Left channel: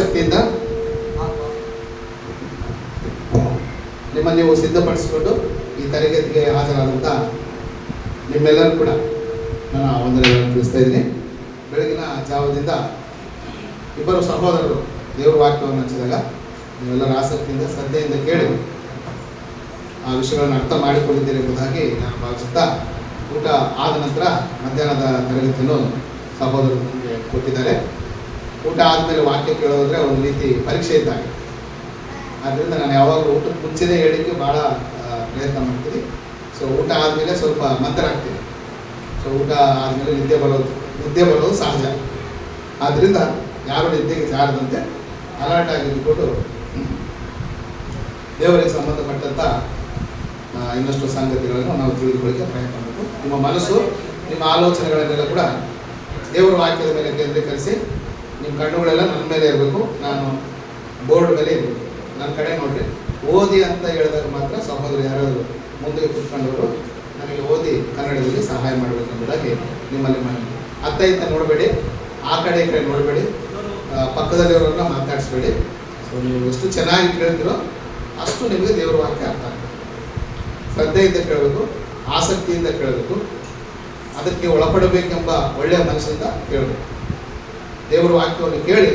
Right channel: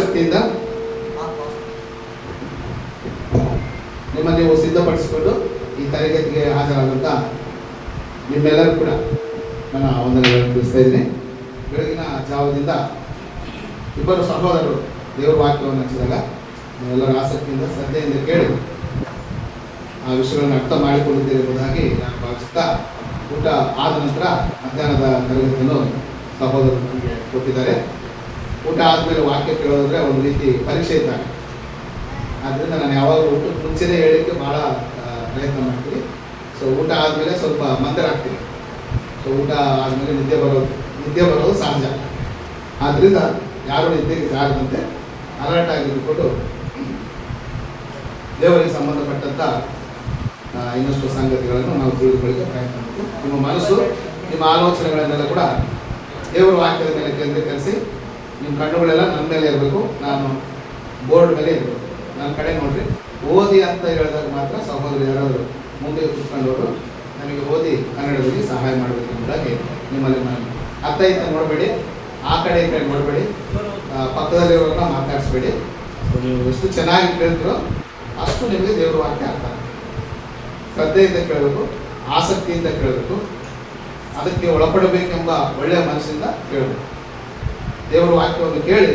ಆಸಕ್ತಿಯಿಂದ ನಿಮ್ಮನ್ನು ನೀವು ಸಿದ್ಧಪಡಿಸಿಕೊಂಡು ಈ ತರಗತಿಗೆ ಹಾಜರಾದಂಥ ನಿಮ್ಮೆಲ್ಲರೂ ಕೂಡ ನಾನು ವಂದನೆಗಳನ್ನು ತಿಳಿಸ್ತಾ ಇದ್ದೀನಿ. ಬೆಳಗಿನ ಜಾವದಿಂದ ಇಬ್ಬರು ಸಹೋದರರು ದೇವರ ವಾಕ್ಯವನ್ನು ಹಚ್ಚಿದಾಗ ನೀವೆಲ್ಲರೂ ಆಸಕ್ತಿಯಿಂದ ಶ್ರದ್ಧೆಯಿಂದ ಕೇಳಿ ಆ ವಿಷಯಗಳನ್ನು ಅರ್ಥ ಮಾಡಿಕೊಂಡಿದ್ದೀರಿ ಎಂಬುದಾಗಿ ನಾನು ಭಾವಿಸುತ್ತಾ, ಊಟ ಆದ ನಂತರ ಮಧ್ಯಾಹ್ನದ ತರಗತಿಯನ್ನು ಸಹೋದರರು ನನಗೆ ಕೊಟ್ಟಿದ್ದಾರೆ. ಊಟ ಆದಮೇಲೆ ವಾಕ್ಯ ಕೇಳೋದ್ರೆ ಒಂದು ರೀತಿ ಪರೀಕ್ಷೆ ಇದ್ದಾಗ, ಆದ್ದರಿಂದ ನಾನು ಯಾವಾಗಲೂ ಊಟಕ್ಕೆ ಮುಂಚೆನೇ ಹೇಳಲಿಕ್ಕೆ ಭಾಳ ಪ್ರಯತ್ನ ಮಾಡ್ತೀನಿ. ಸೊ ಊಟ ಆದಮೇಲೆ ಸ್ವಲ್ಪ ಮಂದರಾಗ್ತೀನಿ. ಸೊ ಊಟ ಆದಮೇಲೆ ನಿದ್ದೆ ಬರೋದು ಸಹಜ. ಆದ್ದರಿಂದ ಯಾರು ನಿದ್ದೆಗೆ ಜಾರದಂತೆ ಅಲರ್ಟ್ ಆಗಿ ಇಟ್ಬಿಟ್ಟು ದೇವರಿಗೆ ಸಂಬಂಧಪಟ್ಟಂಥ ಇನ್ನಷ್ಟು ಸಂಗತಿಗಳನ್ನು ನಾವು ತಿಳಿದುಕೊಳ್ಳಿಕ್ಕೆ ಪ್ರಯತ್ನ ಮಾಡಬೇಕು. ನಿಮ್ಮ ಮನಸ್ಸು, ನಿಮ್ಮ ಆಲೋಚನೆಗಳನ್ನೆಲ್ಲ ಕೂಡ ದೇವರ ವಾಕ್ಯದ ಮೇಲೆ ಕೇಂದ್ರೀಕರಿಸಿ, ನಿಮ್ಮ ಕಣ್ಣುಗಳೆಲ್ಲ ನನ್ನ ಮೇಲೆ ಇರಬೇಕು, ನಾನು ಬೋರ್ಡ್ ಮೇಲೆ ಇರಬೇಕು, ನನ್ನ ಕಡೆ ನೋಡ್ರಿ. ಓದಿ ಅಂತ ಹೇಳಿದಾಗ ಮಾತ್ರ ಸಹೋದರ ಯಾರಾದರೂ ಮುಂದೆ ಕೂತ್ಕೊಂಡವರು ನನಗೆ ಓದಿ ಕನ್ನಡದಲ್ಲಿ ಸಹಾಯ ಮಾಡಬೇಕು ಎಂಬುದಾಗಿ ನಿಮ್ಮಲ್ಲಿ ನಾನು ಅತ್ತ ಇತ್ತ ನೋಡಬೇಡಿ, ಆ ಕಡೆ ಈ ಕಡೆ ನೋಡಬೇಡಿ, ಪಕ್ಕದಲ್ಲಿರೋರನ್ನ ಮಾತಾಡಿಸ್ಬೇಡಿ. ಸೊ ನೀವು ಎಷ್ಟು ಚೆನ್ನಾಗಿ ಕೇಳಿದ್ರೋ ಅಷ್ಟು ನಿಮಗೆ ದೇವರ ವಾಕ್ಯ ಅರ್ಥ ಆಗುತ್ತೆ. ಶ್ರದ್ಧೆಯಿಂದ ಕೇಳಬೇಕು, ಆಸಕ್ತಿಯಿಂದ ಕೇಳಬೇಕು, ಅದಕ್ಕೆ ಒಳಪಡಬೇಕೆಂಬ ಒಳ್ಳೆಯ ಮನಸ್ಸಿಂದ ಕೇಳಬೇಕು. ದೇವರ ವಾಕ್ಯವನ್ನು ಕೇಳಿ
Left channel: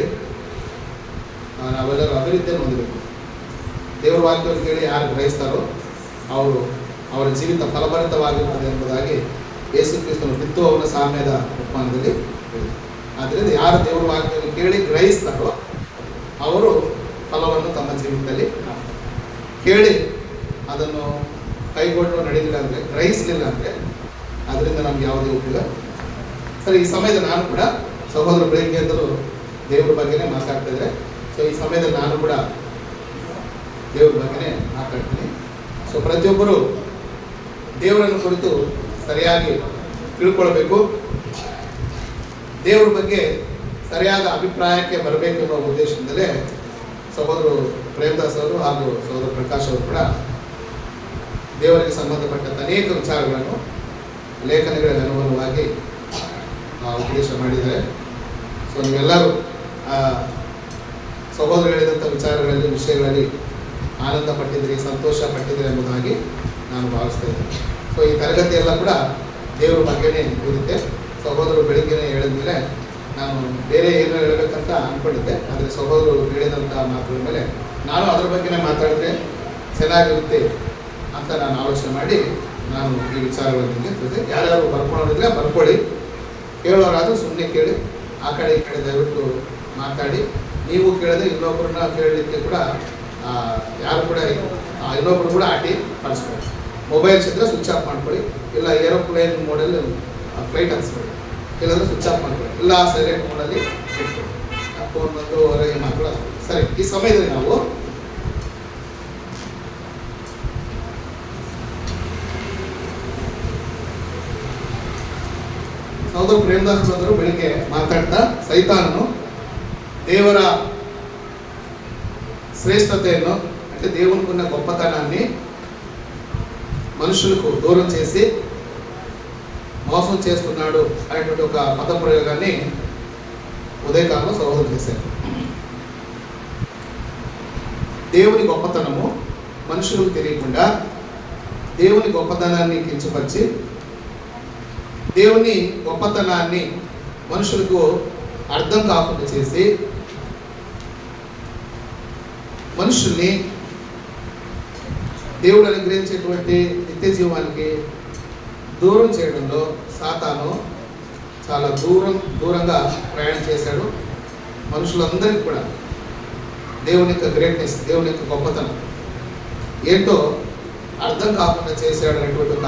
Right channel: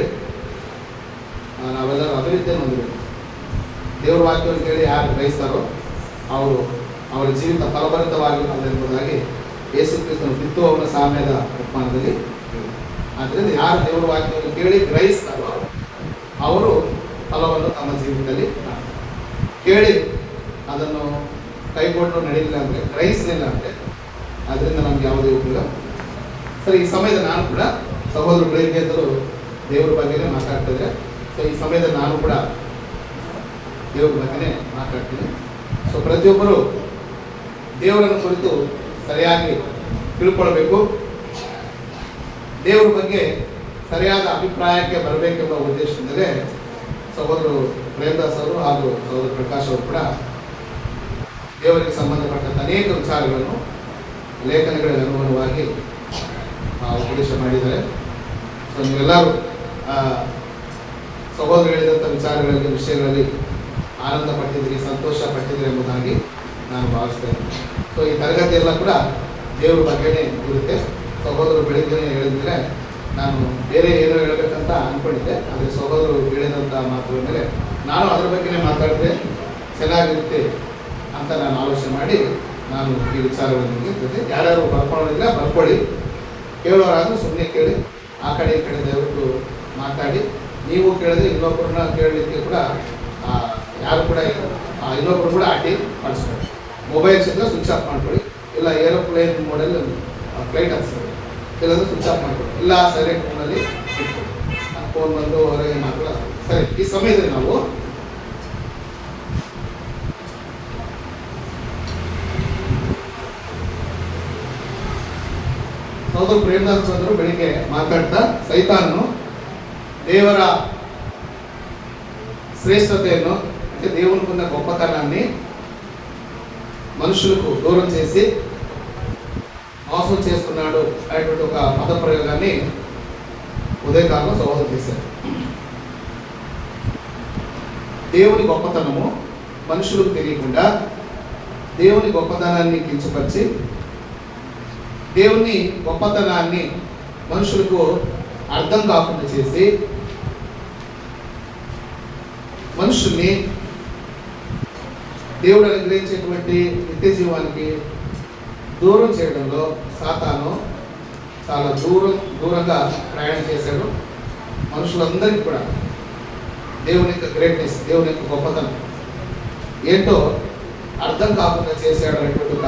ನಾವೆಲ್ಲರೂ ಅಭಿವೃದ್ಧಿಯನ್ನು ಹೊಂದಬೇಕು. ದೇವರ ವಾಕ್ಯವನ್ನು ಕೇಳಿ ಯಾರು ಗ್ರಹಿಸ್ತಾರೋ ಅವರು ಅವರ ಜೀವಿತ ಫಲಭರಿತವಾಗಿರುತ್ತದೆ ಎಂಬುದಾಗಿ ಯೇಸು ಕ್ರಿಸ್ತನ ಬಿತ್ತುವವನ ಸಾಮ್ಯದ ಉಪಮಾನದಲ್ಲಿ ಹೇಳಿದೆ. ಆದ್ದರಿಂದ ಯಾರು ದೇವರ ವಾಕ್ಯವನ್ನು ಕೇಳಿ ಗ್ರಹಿಸ್ತಾರೋ ಅವರು ಫಲವನ್ನು ತಮ್ಮ ಜೀವಿತದಲ್ಲಿ ಕೇಳಿ ಅದನ್ನು ಕೈಗೊಂಡು ನಡೀಲಿಲ್ಲ ಅಂದರೆ, ಗ್ರಹಿಸಲಿಲ್ಲ ಅಂದರೆ ಅದರಿಂದ ನಮ್ಗೆ ಯಾವುದೇ ಉಪಯೋಗ. ಸರಿ, ಈ ಸಮಯದ ನಾನು ಕೂಡ ಸಹೋದರ ಬೆಳಿಗ್ಗೆ ಎದ್ದರು ದೇವರ ಬಗ್ಗೆನೇ ಮಾತಾಡ್ತಿದ್ದೆ. ಸೊ ಈ ಸಮಯದಲ್ಲಿ ನಾನು ಕೂಡ ದೇವರ ಬಗ್ಗೆನೇ ಮಾತಾಡ್ತೀನಿ. ಸೊ ಪ್ರತಿಯೊಬ್ಬರು ದೇವರನ್ನು ಕುರಿತು ಸರಿಯಾಗಿ ತಿಳ್ಕೊಳ್ಬೇಕು, ದೇವರ ಬಗ್ಗೆ ಸರಿಯಾದ ಅಭಿಪ್ರಾಯಕ್ಕೆ ಬರಬೇಕೆಂಬ ಉದ್ದೇಶದಿಂದಲೇ ಸಹೋದರು ಪ್ರೇಮದಾಸ್ ಅವರು ಹಾಗೂ ಸಹೋದರ ಪ್ರಕಾಶ್ ಅವರು ಕೂಡ ದೇವರಿಗೆ ಸಂಬಂಧಪಟ್ಟಂಥ ಅನೇಕ ವಿಚಾರಗಳನ್ನು ಲೇಖನಗಳ ಅನುಗುಣವಾಗಿ ಉಪದೇಶ ಮಾಡಿದ್ದಾರೆ. ಸೊ ನೀವೆಲ್ಲರೂ ಸಹೋದರ ಹೇಳಿದಂಥ ವಿಚಾರಗಳಲ್ಲಿ, ವಿಷಯಗಳಲ್ಲಿ ಆನಂದ ಪಟ್ಟಿದ್ದೀರಿ, ಸಂತೋಷ ಪಟ್ಟಿದ್ದೀರಿ ಎಂಬುದಾಗಿ ನಾನು ಭಾವಿಸ್ತೇನೆ. ಸೊ ಈ ತರಗತಿ ಎಲ್ಲ ಕೂಡ ದೇವರ ಬಗ್ಗೆನೇ ಇರುತ್ತೆ. ಸಹೋದರರು ಬೆಳಿಗ್ಗೆನೇ ಹೇಳಿದ್ಮೇಲೆ ನಾನು ಬೇರೆ ಏನೋ ಹೇಳಬೇಕಂತ ಅಂದ್ಕೊಂಡಿದ್ದೆ, ಆದರೆ ಸಹೋದರರು ಹೇಳಿದಂಥ ಮಾತುಗಳ ಮೇಲೆ ನಾನು ಅದ್ರ ಬಗ್ಗೆನೇ ಮಾತಾಡಿದ್ರೆ ಚೆನ್ನಾಗಿರುತ್ತೆ ಅಂತ ನಾನು ಆಲೋಚನೆ ಮಾಡಿ ನಾನು ಈ ವಿಚಾರಗಳನ್ನು ನಿಮಗೆ ಯಾರ್ಯಾರು ಬರ್ಕೊಳ್ಳೋದಿಲ್ಲ ಬರ್ಕೊಳ್ಳಿ, ಕೇಳೋರಾದರೂ ಸುಮ್ಮನೆ ಕೇಳಿ, ಆ ಕಡೆ ಈ ಕಡೆ ದಯವಿಟ್ಟು ಮಾತಾಡಿ. ನೀವು ಕೇಳಿದ್ರೆ ಇನ್ನೊಬ್ಬರನ್ನ ಕೇಳಲಿಕ್ಕೆ ಕೂಡ ಯಾರು ಕೂಡ ಇನ್ನೊಬ್ಬರು ಕೂಡ ಆಟಿ ಕಳಿಸ್ಕೊಳ್ಳಿ. ಮೊಬೈಲ್ಸ್ ಇದ್ದರೆ ಸ್ವಿಚ್ ಆಫ್ ಮಾಡ್ಕೊಳ್ಳಿ, ಇಲ್ಲ ಏರೋಪ್ಲೇನ್ ಮೋಡಲ್ಲಿ ಫ್ಲೈಟ್ ಹತ್ಸ್ಕೊಳ್ಳಿ, ಇಲ್ಲಾಂದ್ರೆ ಸ್ವಿಚ್ ಆಫ್ ಮಾಡ್ಕೊಳ್ಳಿ, ಇಲ್ಲ ಸೈಲೆಂಟ್ ಮೋಡಲ್ಲಿ ಇಟ್ಕೊಳ್ಳಿ. ಫೋನ್ ಬಂದು ಹೊರಗೆ ಮಾಡ್ಕೊಳ್ಳ. ಸರಿ, ಈ ಸಮಯದಲ್ಲಿ ನಾವು ಸಹೋದರ ಪ್ರೇಮದಾಸ್ ಬಂದರು ಬೆಳಿಗ್ಗೆ ಮಾತಾಡ್ತಾ ಸೈತಾನನು ದೇವರ శ్రేష్టతను అంటే దేవునికున్న గొప్పతనాన్ని మనుషులకు దూరం చేసి మోసం చేస్తున్నాడు అనేటువంటి ఒక పద ప్రయోగాన్ని ఉదయకాలంలో సహోదరు చేశారు. దేవుని గొప్పతనము మనుషులకు తెలియకుండా దేవుని గొప్పతనాన్ని కించపరిచి దేవుని గొప్పతనాన్ని మనుషులకు అర్థం కాకుండా చేసి మనుషుల్ని దేవుడు అనుగ్రహించేటువంటి నిత్య జీవానికి దూరం చేయడంలో సాతాను చాలా దూరంగా ప్రయాణం చేశాడు. మనుషులందరికీ కూడా దేవుని యొక్క గ్రేట్నెస్, దేవుని యొక్క గొప్పతనం ఏంటో అర్థం కాకుండా చేశాడు అనేటువంటి ఒక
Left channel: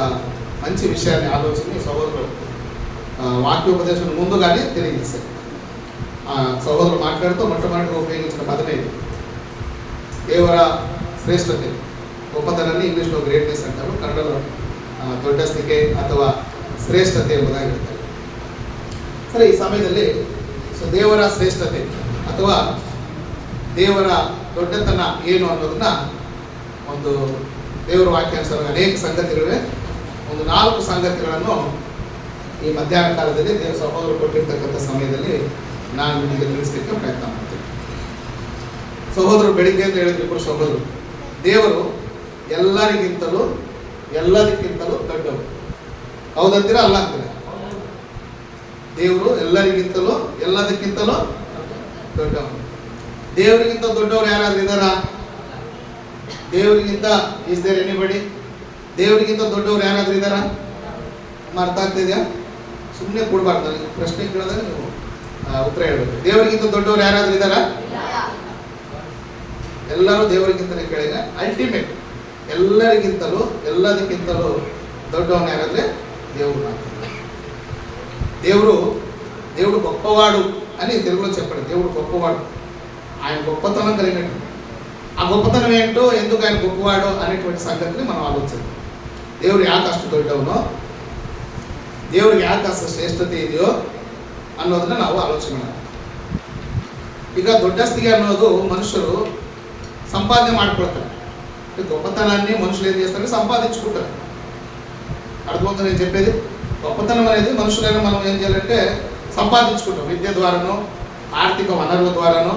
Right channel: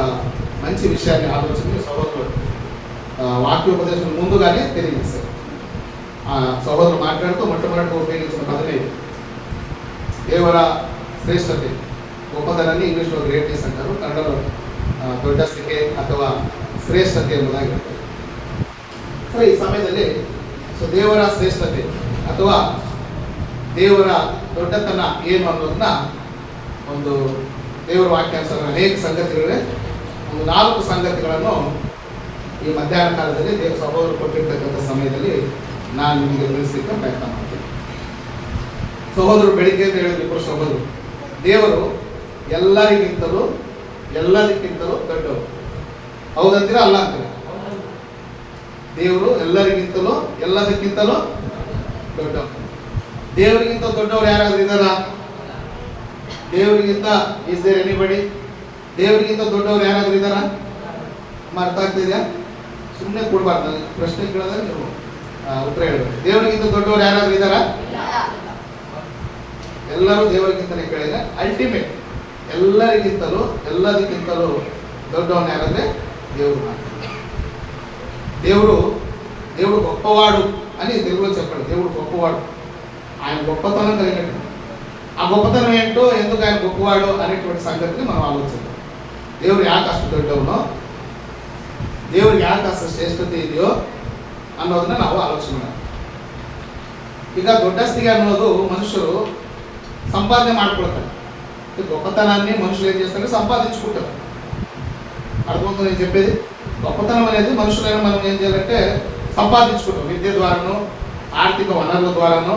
మంచి విషయాన్ని ఆలోచన సహోదరులు వాక్యోపదేశం ముందుగానే తెలియజేశారు. సహోదరులు మాట్లాడుతూ మొట్టమొదటిగా ఉపయోగించిన పదమే ఇది, ದೇವರ ಶ್ರೇಷ್ಠತೆ, ಗొప్పತನಾన్ని ಇಂಗ್ಲೀಷ್లో ಗ್ರೇಟ್ನೆಸ್ ಅಂటారు, ಕನ್ನಡలో ದೊಡ್ಡಸ್ತಿಕೆ ಅಥವಾ ಶ್ರೇಷ್ಠತೆ ಎಂಬುದಾಗಿರುತ್ತೆ. ಸರಿ, ಈ ಸಮಯದಲ್ಲಿ ದೇವರ ಶ್ರೇಷ್ಠತೆ ಅಥವಾ ದೇವರ ದೊಡ್ಡತನ ಏನು ಅನ್ನೋದನ್ನ ಒಂದು ದೇವರ ವಾಕ್ಯಾನುಸಾರ ಅನೇಕ ಸಂಗತಿಗಳಿವೆ. ಒಂದು 4 ಸಂಗತಿಗಳನ್ನು ಈ ಮಧ್ಯಾಹ್ನ ಕಾಲದಲ್ಲಿ ದೇವ ಸಹೋದರರು ಕೊಟ್ಟಿರ್ತಕ್ಕಂಥ ಸಮಯದಲ್ಲಿ ನಾನು ನಿಮಗೆ ತಿಳಿಸಲಿಕ್ಕೆ ಪ್ರಯತ್ನ ಮಾಡ್ತೀನಿ. ಸಹೋದರರು ಬೆಳಿಗ್ಗೆ ಅಂತ ಹೇಳಿದ್ರು ಇಬ್ಬರು ಸಹೋದರರು, ದೇವರು ಎಲ್ಲರಿಗಿಂತಲೂ ಎಲ್ಲದಕ್ಕಿಂತಲೂ ದೊಡ್ಡವರು. ಹೌದಂತೀರಾ ಅಲ್ಲ ಅಂತೀರಾ? ದೇವರು ಎಲ್ಲರಿಗಿಂತಲೂ ಎಲ್ಲದಕ್ಕಿಂತಲೂ ದೊಡ್ಡವರು. ದೇವರಿಗಿಂತ ದೊಡ್ಡವರು ಯಾರಾದ್ರೂ ಇದ್ದಾರಾ? ದೇವರಿಗಿಂತ ಇಸ್ ದೇರ್ ಎನಿಬಡಿ? ದೇವರಿಗಿಂತ ದೊಡ್ಡವರು ಯಾರಾದ್ರೂ ಇದ್ದಾರಾ? ಅರ್ಥ ಆಗ್ತಿದ್ಯಾ? ಸುಮ್ಮನೆ ಕೊಡ್ಬಾರ್ದು, ಪ್ರಶ್ನೆ ಕೇಳಿದ್ರೆ ನೀವು ಉತ್ತರ ಹೇಳ್ಬೇಕು. ದೇವರಿಗಿಂತ ದೊಡ್ಡವರು ಯಾರಾದ್ರೂ ಇದ್ದಾರಾ? ಎಲ್ಲರೂ ದೇವರಿಗಿಂತಲೇ ಕೇಳಿದ್ರೆ ಅಲ್ಟಿಮೇಟ್ ಎಲ್ಲರಿಗಿಂತಲೂ ಎಲ್ಲದಕ್ಕಿಂತಲೂ ದೊಡ್ಡವನು ಯಾರಂದ್ರೆ దేవుడు. దేవుడు దేవుడు గొప్పవాడు అని తెలుగులో చెప్పండి. దేవుడు గొప్పవాడు, ఆయన గొప్పతనం కలిగినట్టు. ఆ గొప్పతనం ఏంటో, ఎందుకు ఆయన గొప్పవాడు అనేటువంటి సంగతిని మనం ఆలోచిద్దాం. దేవుడు ಯಾಕೆ ಅಷ್ಟು ದೊಡ್ಡವನೋ, ದೇವ್ರಿಗೆ ಯಾಕೆ ಅಷ್ಟು ಶ್ರೇಷ್ಠತೆ ಇದೆಯೋ ಅನ್ನೋದನ್ನ ನಾವು ಆಲೋಚನೆ ಮಾಡಿ. ಈಗ ದೊಡ್ಡಸ್ತಿಗೆ ಅನ್ನೋದು మనుషులు సంపాదನೆ ಮಾಡ್ಕೊಳ್ತಾರೆ. ఈ గొప్పతనాన్ని మనుషులు ఏం చేస్తారు? సంపాదించుకుంటారు. అర్థమవుతుంది నేను చెప్పేది? గొప్పతనం అనేది మనుషులైన మనం ఏం చేయాలంటే సంపాదించుకుంటాం. విద్య ద్వారానో, ಆರ್ಥಿಕ ವನರುಗಳ ద్వారానೋ,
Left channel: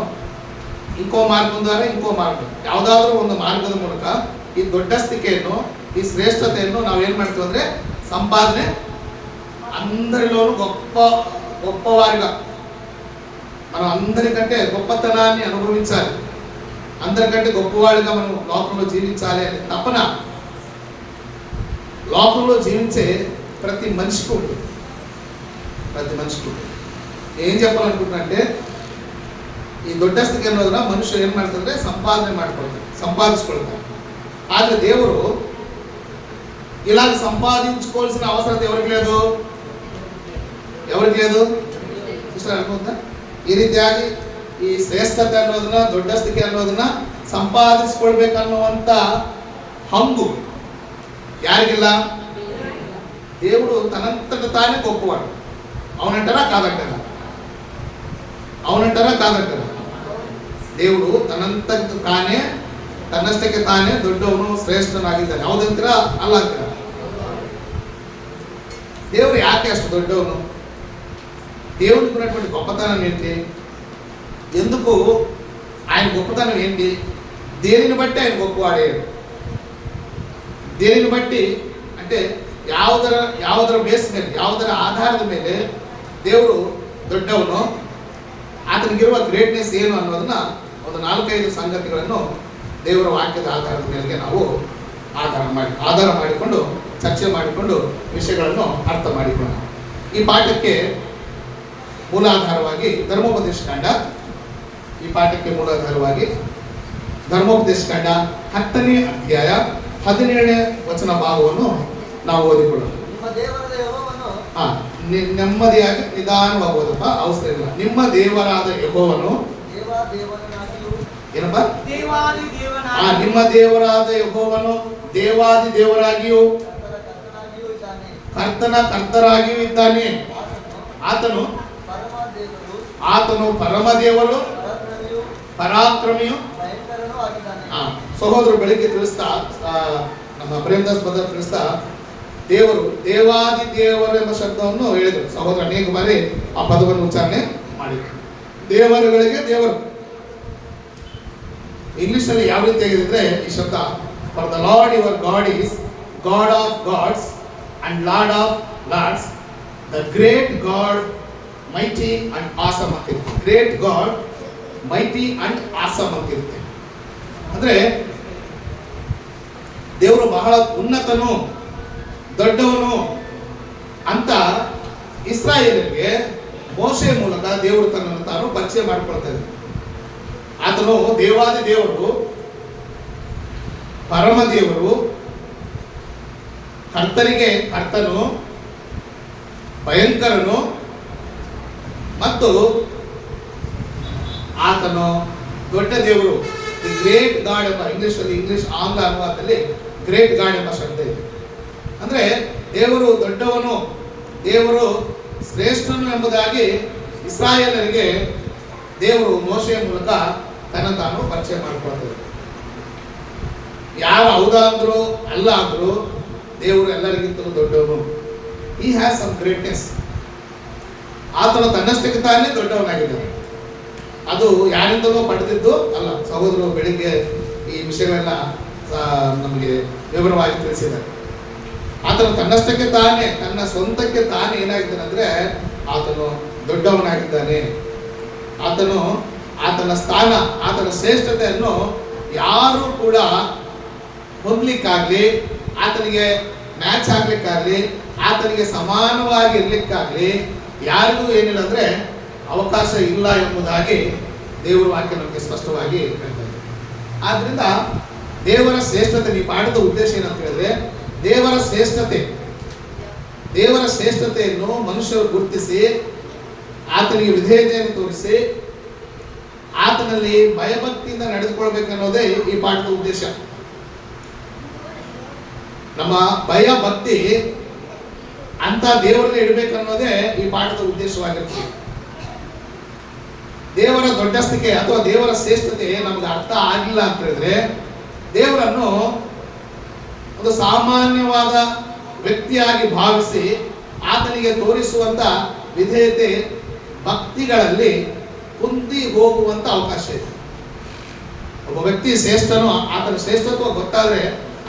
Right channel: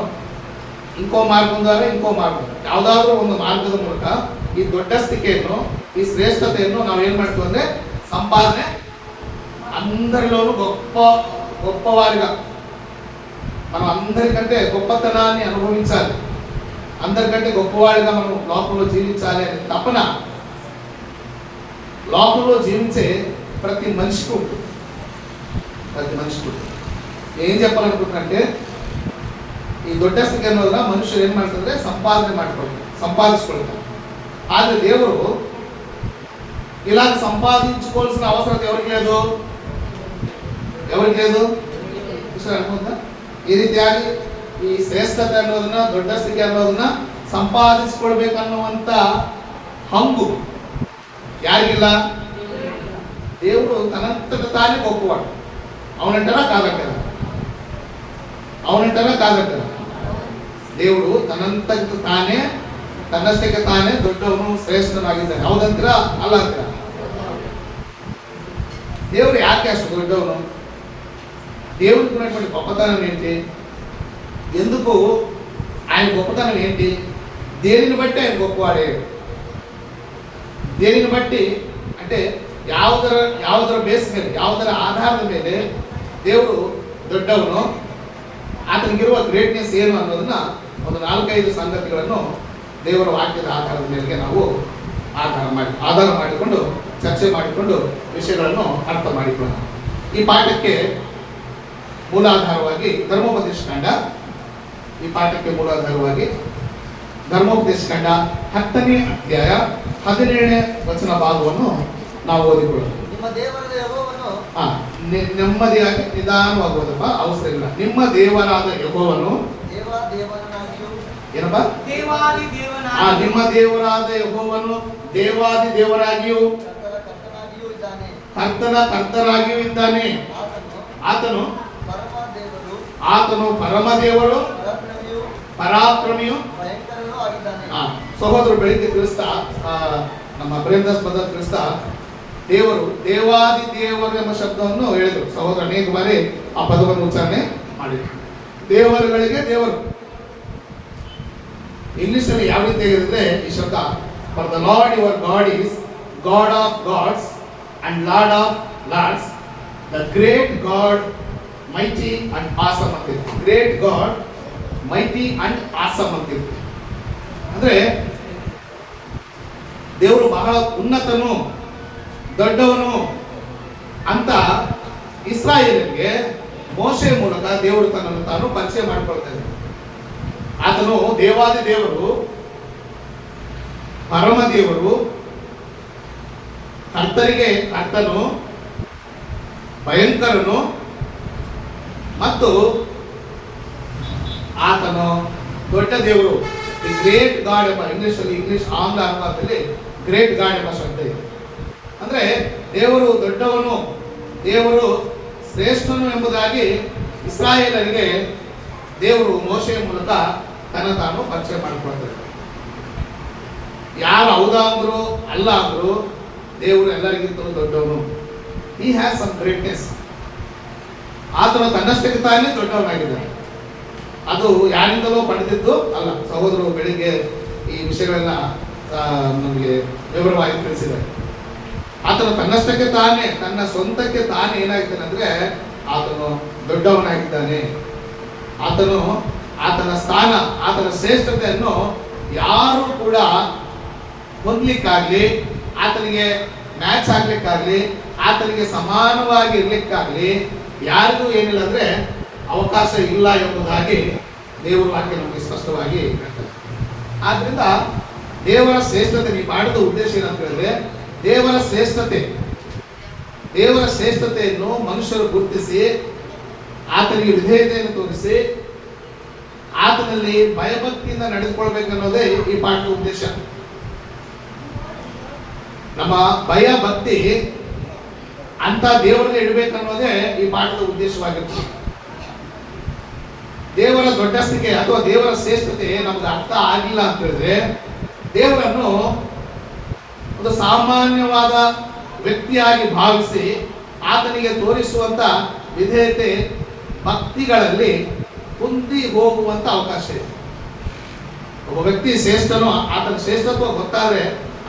ఇంకో మార్గం ద్వారా, ఇంకೋ మార్గం, ಯಾವುದಾದ್ರೂ ಒಂದು ಮಾರ್ಗದ ಮೂಲಕ ಈ ದೊಡ್ಡಸ್ತಿಕೆಯನ್ನು, ಈ ಶ್ರೇಷ್ಠತೆಯನ್ನು ನಾವೇನು ಮಾಡ್ತೀವಿ ಅಂದರೆ ಸಂಪಾದನೆ, అందరిలోనూ గొప్పవారిగా మనం అందరికంటే గొప్పతనాన్ని అనుభవించాలి, అందరికంటే గొప్పవాడిగా మనం లోకంలో జీవించాలి అనే తపన లోకంలో జీవించే ప్రతి మనిషికి ఉంటుంది. ప్రతి మనిషికి ఉంటుంది. ఏం చెప్పాలనుకుంటున్నానంటే, ఈ దೊಡ್ಡಸ್ತಿಕೆ ಅನ್ನೋದನ್ನ ಮನುಷ್ಯರು ಏನು ಮಾಡ್ತಾರೆ? ಸಂಪಾದಿಸ್ಕೊಳ್ತಾರೆ. ಆದರೆ ದೇವರು ఇలా సంపాదించుకోవాల్సిన అవసరం ఎవరికి లేదు? ಅನ್ಬೋದಾ? ಈ ರೀತಿಯಾಗಿ ಈ ಶ್ರೇಷ್ಠತೆ ಅನ್ನೋದನ್ನ, ದೊಡ್ಡಸ್ತಿಕೆ ಅನ್ನೋದನ್ನ ಸಂಪಾದಿಸ್ಕೊಳ್ಬೇಕನ್ನುವಂತ ಹಂಗು ಯಾರಿಗಿಲ್ಲ? దేవుడు తనంతట తానే గొప్పవాడు. అవునంటారా కాదంటారా? అవునంటారా కాదంటారా? దేవుడు ತನ್ನಂತಕ್ಕೆ ತಾನೇ, ತನ್ನಷ್ಟಕ್ಕೆ ತಾನೇ ದೊಡ್ಡವನು, ಶ್ರೇಷ್ಠನಾಗಿದ್ದಾನೆ. ಹೌದಂತೀರಾ ಅಲ್ಲ ಅಂತೀರಾ? దేవుడు ಯಾಕೆ ಅಷ್ಟು దొడ్డవను? దేవుడికి ఉన్నటువంటి గొప్పతనం ఏంటి? ఎందుకు ఆయన గొప్పతనం ఏంటి? దేనిని బట్టి ఆయన గొప్పవాడే? దేనిని ಬಟ್ಟಿ అంటే ಯಾವುದರ ಬೇಸ್ ಮೇಲೆ, ಯಾವುದರ ಆಧಾರದ ಮೇಲೆ ದೇವರು ದೊಡ್ಡವನು, ಆತನಿಗಿರುವ ಗ್ರೇಟ್ನೆಸ್ ಏನು ಅನ್ನೋದನ್ನ ಒಂದು 4-5 ಸಂಗತಿಗಳನ್ನು ದೇವರ ವಾಕ್ಯದ ಆಧಾರದ ಮೇಲೆ ನಾವು ಆಧಾರ ಮಾಡಿಕೊಂಡು ಚರ್ಚೆ ಮಾಡಿಕೊಂಡು ವಿಷಯಗಳನ್ನು ಅರ್ಥ ಮಾಡಿಕೊಳ್ಳೋಣ. ಈ ಪಾಠಕ್ಕೆ ಮೂಲಾಧಾರವಾಗಿ ಧರ್ಮೋಪದೇಶ ಕಾಂಡ, ಈ ಪಾಠಕ್ಕೆ ಮೂಲಾಧಾರವಾಗಿ ಧರ್ಮೋಪದೇಶ ಕಾಂಡ 10ನೇ ಅಧ್ಯಾಯ 17ನೇ ವಚನ ಭಾಗವನ್ನು ನಾವು ಓದಿಕೊಳ್ಳೋಣ. ನೆಮ್ಮದಿಯಾಗಿ ನಿಧಾನವಾಗಿ ಓದಪ್ಪ, ಅವಸ್ಥೆ ಇಲ್ಲ. ನಿಮ್ಮ ದೇವರಾದ ಯೆಹೋವನು, ಏನಪ್ಪ? ನಿಮ್ಮ ದೇವರಾದ ಯೆಹೋವನು ದೇವಾದಿ ದೇವರಾಗಿಯೂ ಕರ್ತರಾಗಿಯೂ ಇದ್ದಾನೆ. ಆತನು ಪರಮ ದೇವರು, ಪರಾಕ್ರಮಿಯು. ಸಹೋದರು ಬೆಳಿಗ್ಗೆ ತಿಳಿಸ್ತಾ, ನಮ್ಮ ಪ್ರೇಮದಾಸ್ ಬದರ್ ತಿಳಿಸ್ತಾ, ದೇವರು ದೇವಾದಿ ದೇವರು ಎಂಬ ಶಬ್ದವನ್ನು ಹೇಳಿದರು. ಸಹೋದರ ಅನೇಕ ಬಾರಿ ಆ ಪದವನ್ನು ಉಚ್ಚಾರಣೆ ಮಾಡಿದರು. ದೇವರುಗಳಿಗೆ ದೇವರು. ಇಂಗ್ಲಿಷಲ್ಲಿ ಯಾವ ರೀತಿ ಆಗಿದ್ರೆ ಈ ಶಬ್ದ, for the Lord your God is God of gods and Lord of lords, the great God mighty and awesome ಅಂತಿರುತ್ತೆ. Great God mighty and awesome ಅಂತಿರುತ್ತೆ. ಅಂದ್ರೆ ದೇವರು ಬಹಳ ಉನ್ನತನು, ದೊಡ್ಡವನು ಅಂತ ಇಸ್ರಾಯೇಲರಿಗೆ ಮೋಶೆ ಮೂಲಕ ದೇವರು ತನ್ನನ್ನು ತಾನು ಪರಿಚಯ ಮಾಡಿಕೊಳ್ತಾ ಇದ್ದ. ಆತನು ದೇವಾದಿ ದೇವರು, ಪರಮ ದೇವರು, ಕರ್ತರಿಗೆ ಕರ್ತನು, ಭಯಂಕರನು ಮತ್ತು ಆತನು ದೊಡ್ಡ ದೇವರು. ದಿ ಗ್ರೇಟ್ ಗಾಡ್ ಎಂಬ ಇಂಗ್ಲಿಷ್ ಆಂಗ್ಲ ಅನುವಾದದಲ್ಲಿ ಗ್ರೇಟ್ ಗಾಡ್ ಎಂಬ ಶಬ್ದ ಇದೆ. ಅಂದ್ರೆ ದೇವರು ದೊಡ್ಡವನು, ದೇವರು ಶ್ರೇಷ್ಠನು ಎಂಬುದಾಗಿ ಇಸ್ರಾಯೇಲರಿಗೆ ದೇವರು ಮೋಶೆಯ ಮೂಲಕ ತನ್ನ ತಾನು ಪರಿಚಯ ಮಾಡಿಕೊಳ್ತಾರೆ. ಯಾರು ಹೌದಾ ಅಂದ್ರು ಅಲ್ಲ ಅಂದ್ರು ದೇವರು ಎಲ್ಲರಿಗಿಂತಲೂ ದೊಡ್ಡವನು. He has some greatness. ಆತನು ತನ್ನಷ್ಟಕ್ಕೆ ತಾನೇ ದೊಡ್ಡವನಾಗಿದ್ದಾನೆ. ಅದು ಯಾರಿಂದಲೂ ಪಡೆದಿದ್ದು ಅಲ್ಲ. ಸಹೋದರರು ಬೆಳಿಗ್ಗೆ ಈ ವಿಷಯಗಳನ್ನ ನಮಗೆ ವಿವರವಾಗಿ ತಿಳಿಸಿದ್ದಾರೆ. ಆತನು ತನ್ನಷ್ಟಕ್ಕೆ ತಾನೇ, ತನ್ನ ಸ್ವಂತಕ್ಕೆ ತಾನೇ ಏನಾಗಿದ್ದಾನೆ ಅಂದ್ರೆ ಆತನು ದೊಡ್ಡವನಾಗಿದ್ದಾನೆ. ಆತನ ಸ್ಥಾನ, ಆತನ ಶ್ರೇಷ್ಠತೆಯನ್ನು ಯಾರು ಕೂಡ ಹೊಂದಲಿಕ್ಕಾಗ್ಲಿ, ಆತನಿಗೆ ಮ್ಯಾಚ್ ಆಗ್ಲಿಕ್ಕಾಗ್ಲಿ, ಆತನಿಗೆ ಸಮಾನವಾಗಿ ಇರ್ಲಿಕ್ಕಾಗ್ಲಿ ಯಾರಿಗೂ ಏನಿಲ್ಲ ಅಂದ್ರೆ ಅವಕಾಶ ಇಲ್ಲ ಎಂಬುದಾಗಿ ದೇವರ ವಾಕ್ಯ ನಮಗೆ ಸ್ಪಷ್ಟವಾಗಿ ಹೇಳ್ತಾರೆ. ಆದ್ರಿಂದ ದೇವರ ಶ್ರೇಷ್ಠತೆ ನೀವು ಮಾಡಿದ ಉದ್ದೇಶ ಏನಂತ ಹೇಳಿದ್ರೆ, ದೇವರ ಶ್ರೇಷ್ಠತೆಯನ್ನು ಮನುಷ್ಯರು ಗುರುತಿಸಿ ಆತನಿಗೆ ವಿಧೇಯತೆಯನ್ನು ತೋರಿಸಿ ಆತನಲ್ಲಿ ಭಯಭಕ್ತಿಯಿಂದ ನಡೆದುಕೊಳ್ಬೇಕನ್ನೋದೇ ಈ ಪಾಠದ ಉದ್ದೇಶ. ನಮ್ಮ ಭಯ ಭಕ್ತಿ ಅಂತ ದೇವರಲ್ಲಿ ಇಡಬೇಕನ್ನೋದೇ ಈ ಪಾಠದ ಉದ್ದೇಶವಾಗಿರ್ತದೆ. ದೇವರ ದೊಡ್ಡಸ್ತಿಕೆ ಅಥವಾ ದೇವರ ಶ್ರೇಷ್ಠತೆ ನಮ್ಗೆ ಅರ್ಥ ಆಗಿಲ್ಲ ಅಂತ ಹೇಳಿದ್ರೆ, ದೇವರನ್ನು ಒಂದು ಸಾಮಾನ್ಯವಾದ ವ್ಯಕ್ತಿಯಾಗಿ ಭಾವಿಸಿ ಆತನಿಗೆ ತೋರಿಸುವಂತ ವಿಧೇಯತೆ ಭಕ್ತಿಗಳಲ್ಲಿ ಕುಂದಿ ಹೋಗುವಂತ ಅವಕಾಶ ಇದೆ. ಒಬ್ಬ ವ್ಯಕ್ತಿ ಶ್ರೇಷ್ಠನೋ, ಆತನ ಶ್ರೇಷ್ಠತ್ವ ಗೊತ್ತಾದ್ರೆ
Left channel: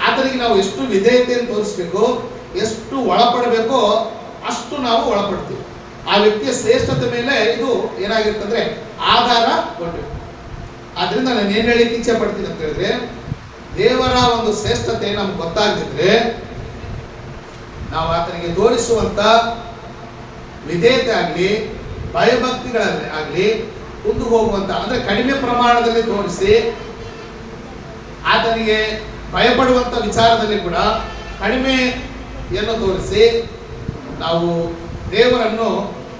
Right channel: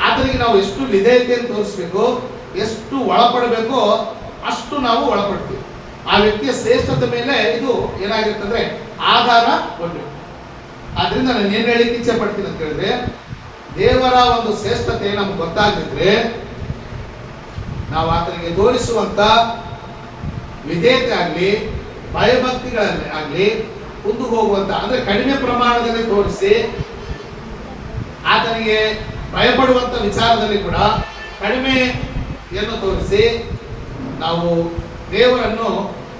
ಆತನಿಗೆ ನಾವು ಎಷ್ಟು ವಿಧೇಯತೆಯನ್ನು ತೋರಿಸ್ಬೇಕು, ಎಷ್ಟು ಒಳಪಡಬೇಕೋ ಅಷ್ಟು ನಾವು ಒಳಪಡ್ತೀವಿ. ಆ ವ್ಯಕ್ತಿಯ ಶ್ರೇಷ್ಠತೆ ಮೇಲೆ ಇದು ಏನಾಗಿರ್ತಂದ್ರೆ ಆಧಾರ ಕೊಟ್ಟು. ಆದ್ರಿಂದ ನಾನು ಏನ್ ಹೇಳಿಕ್ಕೆ ಇಚ್ಛೆ ಪಡ್ತೀನಿ ಅಂತ ಹೇಳಿದ್ರೆ, ದೇವರ ಒಂದು ಶ್ರೇಷ್ಠತೆ ನಮ್ಗೆ ಗೊತ್ತಾಗಿದ್ರೆ ನಾವು ಆತನಿಗೆ ತೋರಿಸುವಂತ ವಿಧೇಯತೆ ಆಗಲಿ, ಭಯಭಕ್ತಿಗಳಲ್ಲಿ ಆಗಲಿ ಮುಂದೆ ಹೋಗುವಂತ, ಅಂದ್ರೆ ಕಡಿಮೆ ಪ್ರಮಾಣದಲ್ಲಿ ತೋರಿಸಿ ಆತನಿಗೆ ಭಯಪಡುವಂತ ವಿಚಾರದಲ್ಲಿ ಕೂಡ ಕಡಿಮೆಯನ್ನು ತೋರಿಸಿ ನಾವು ದೇವರನ್ನು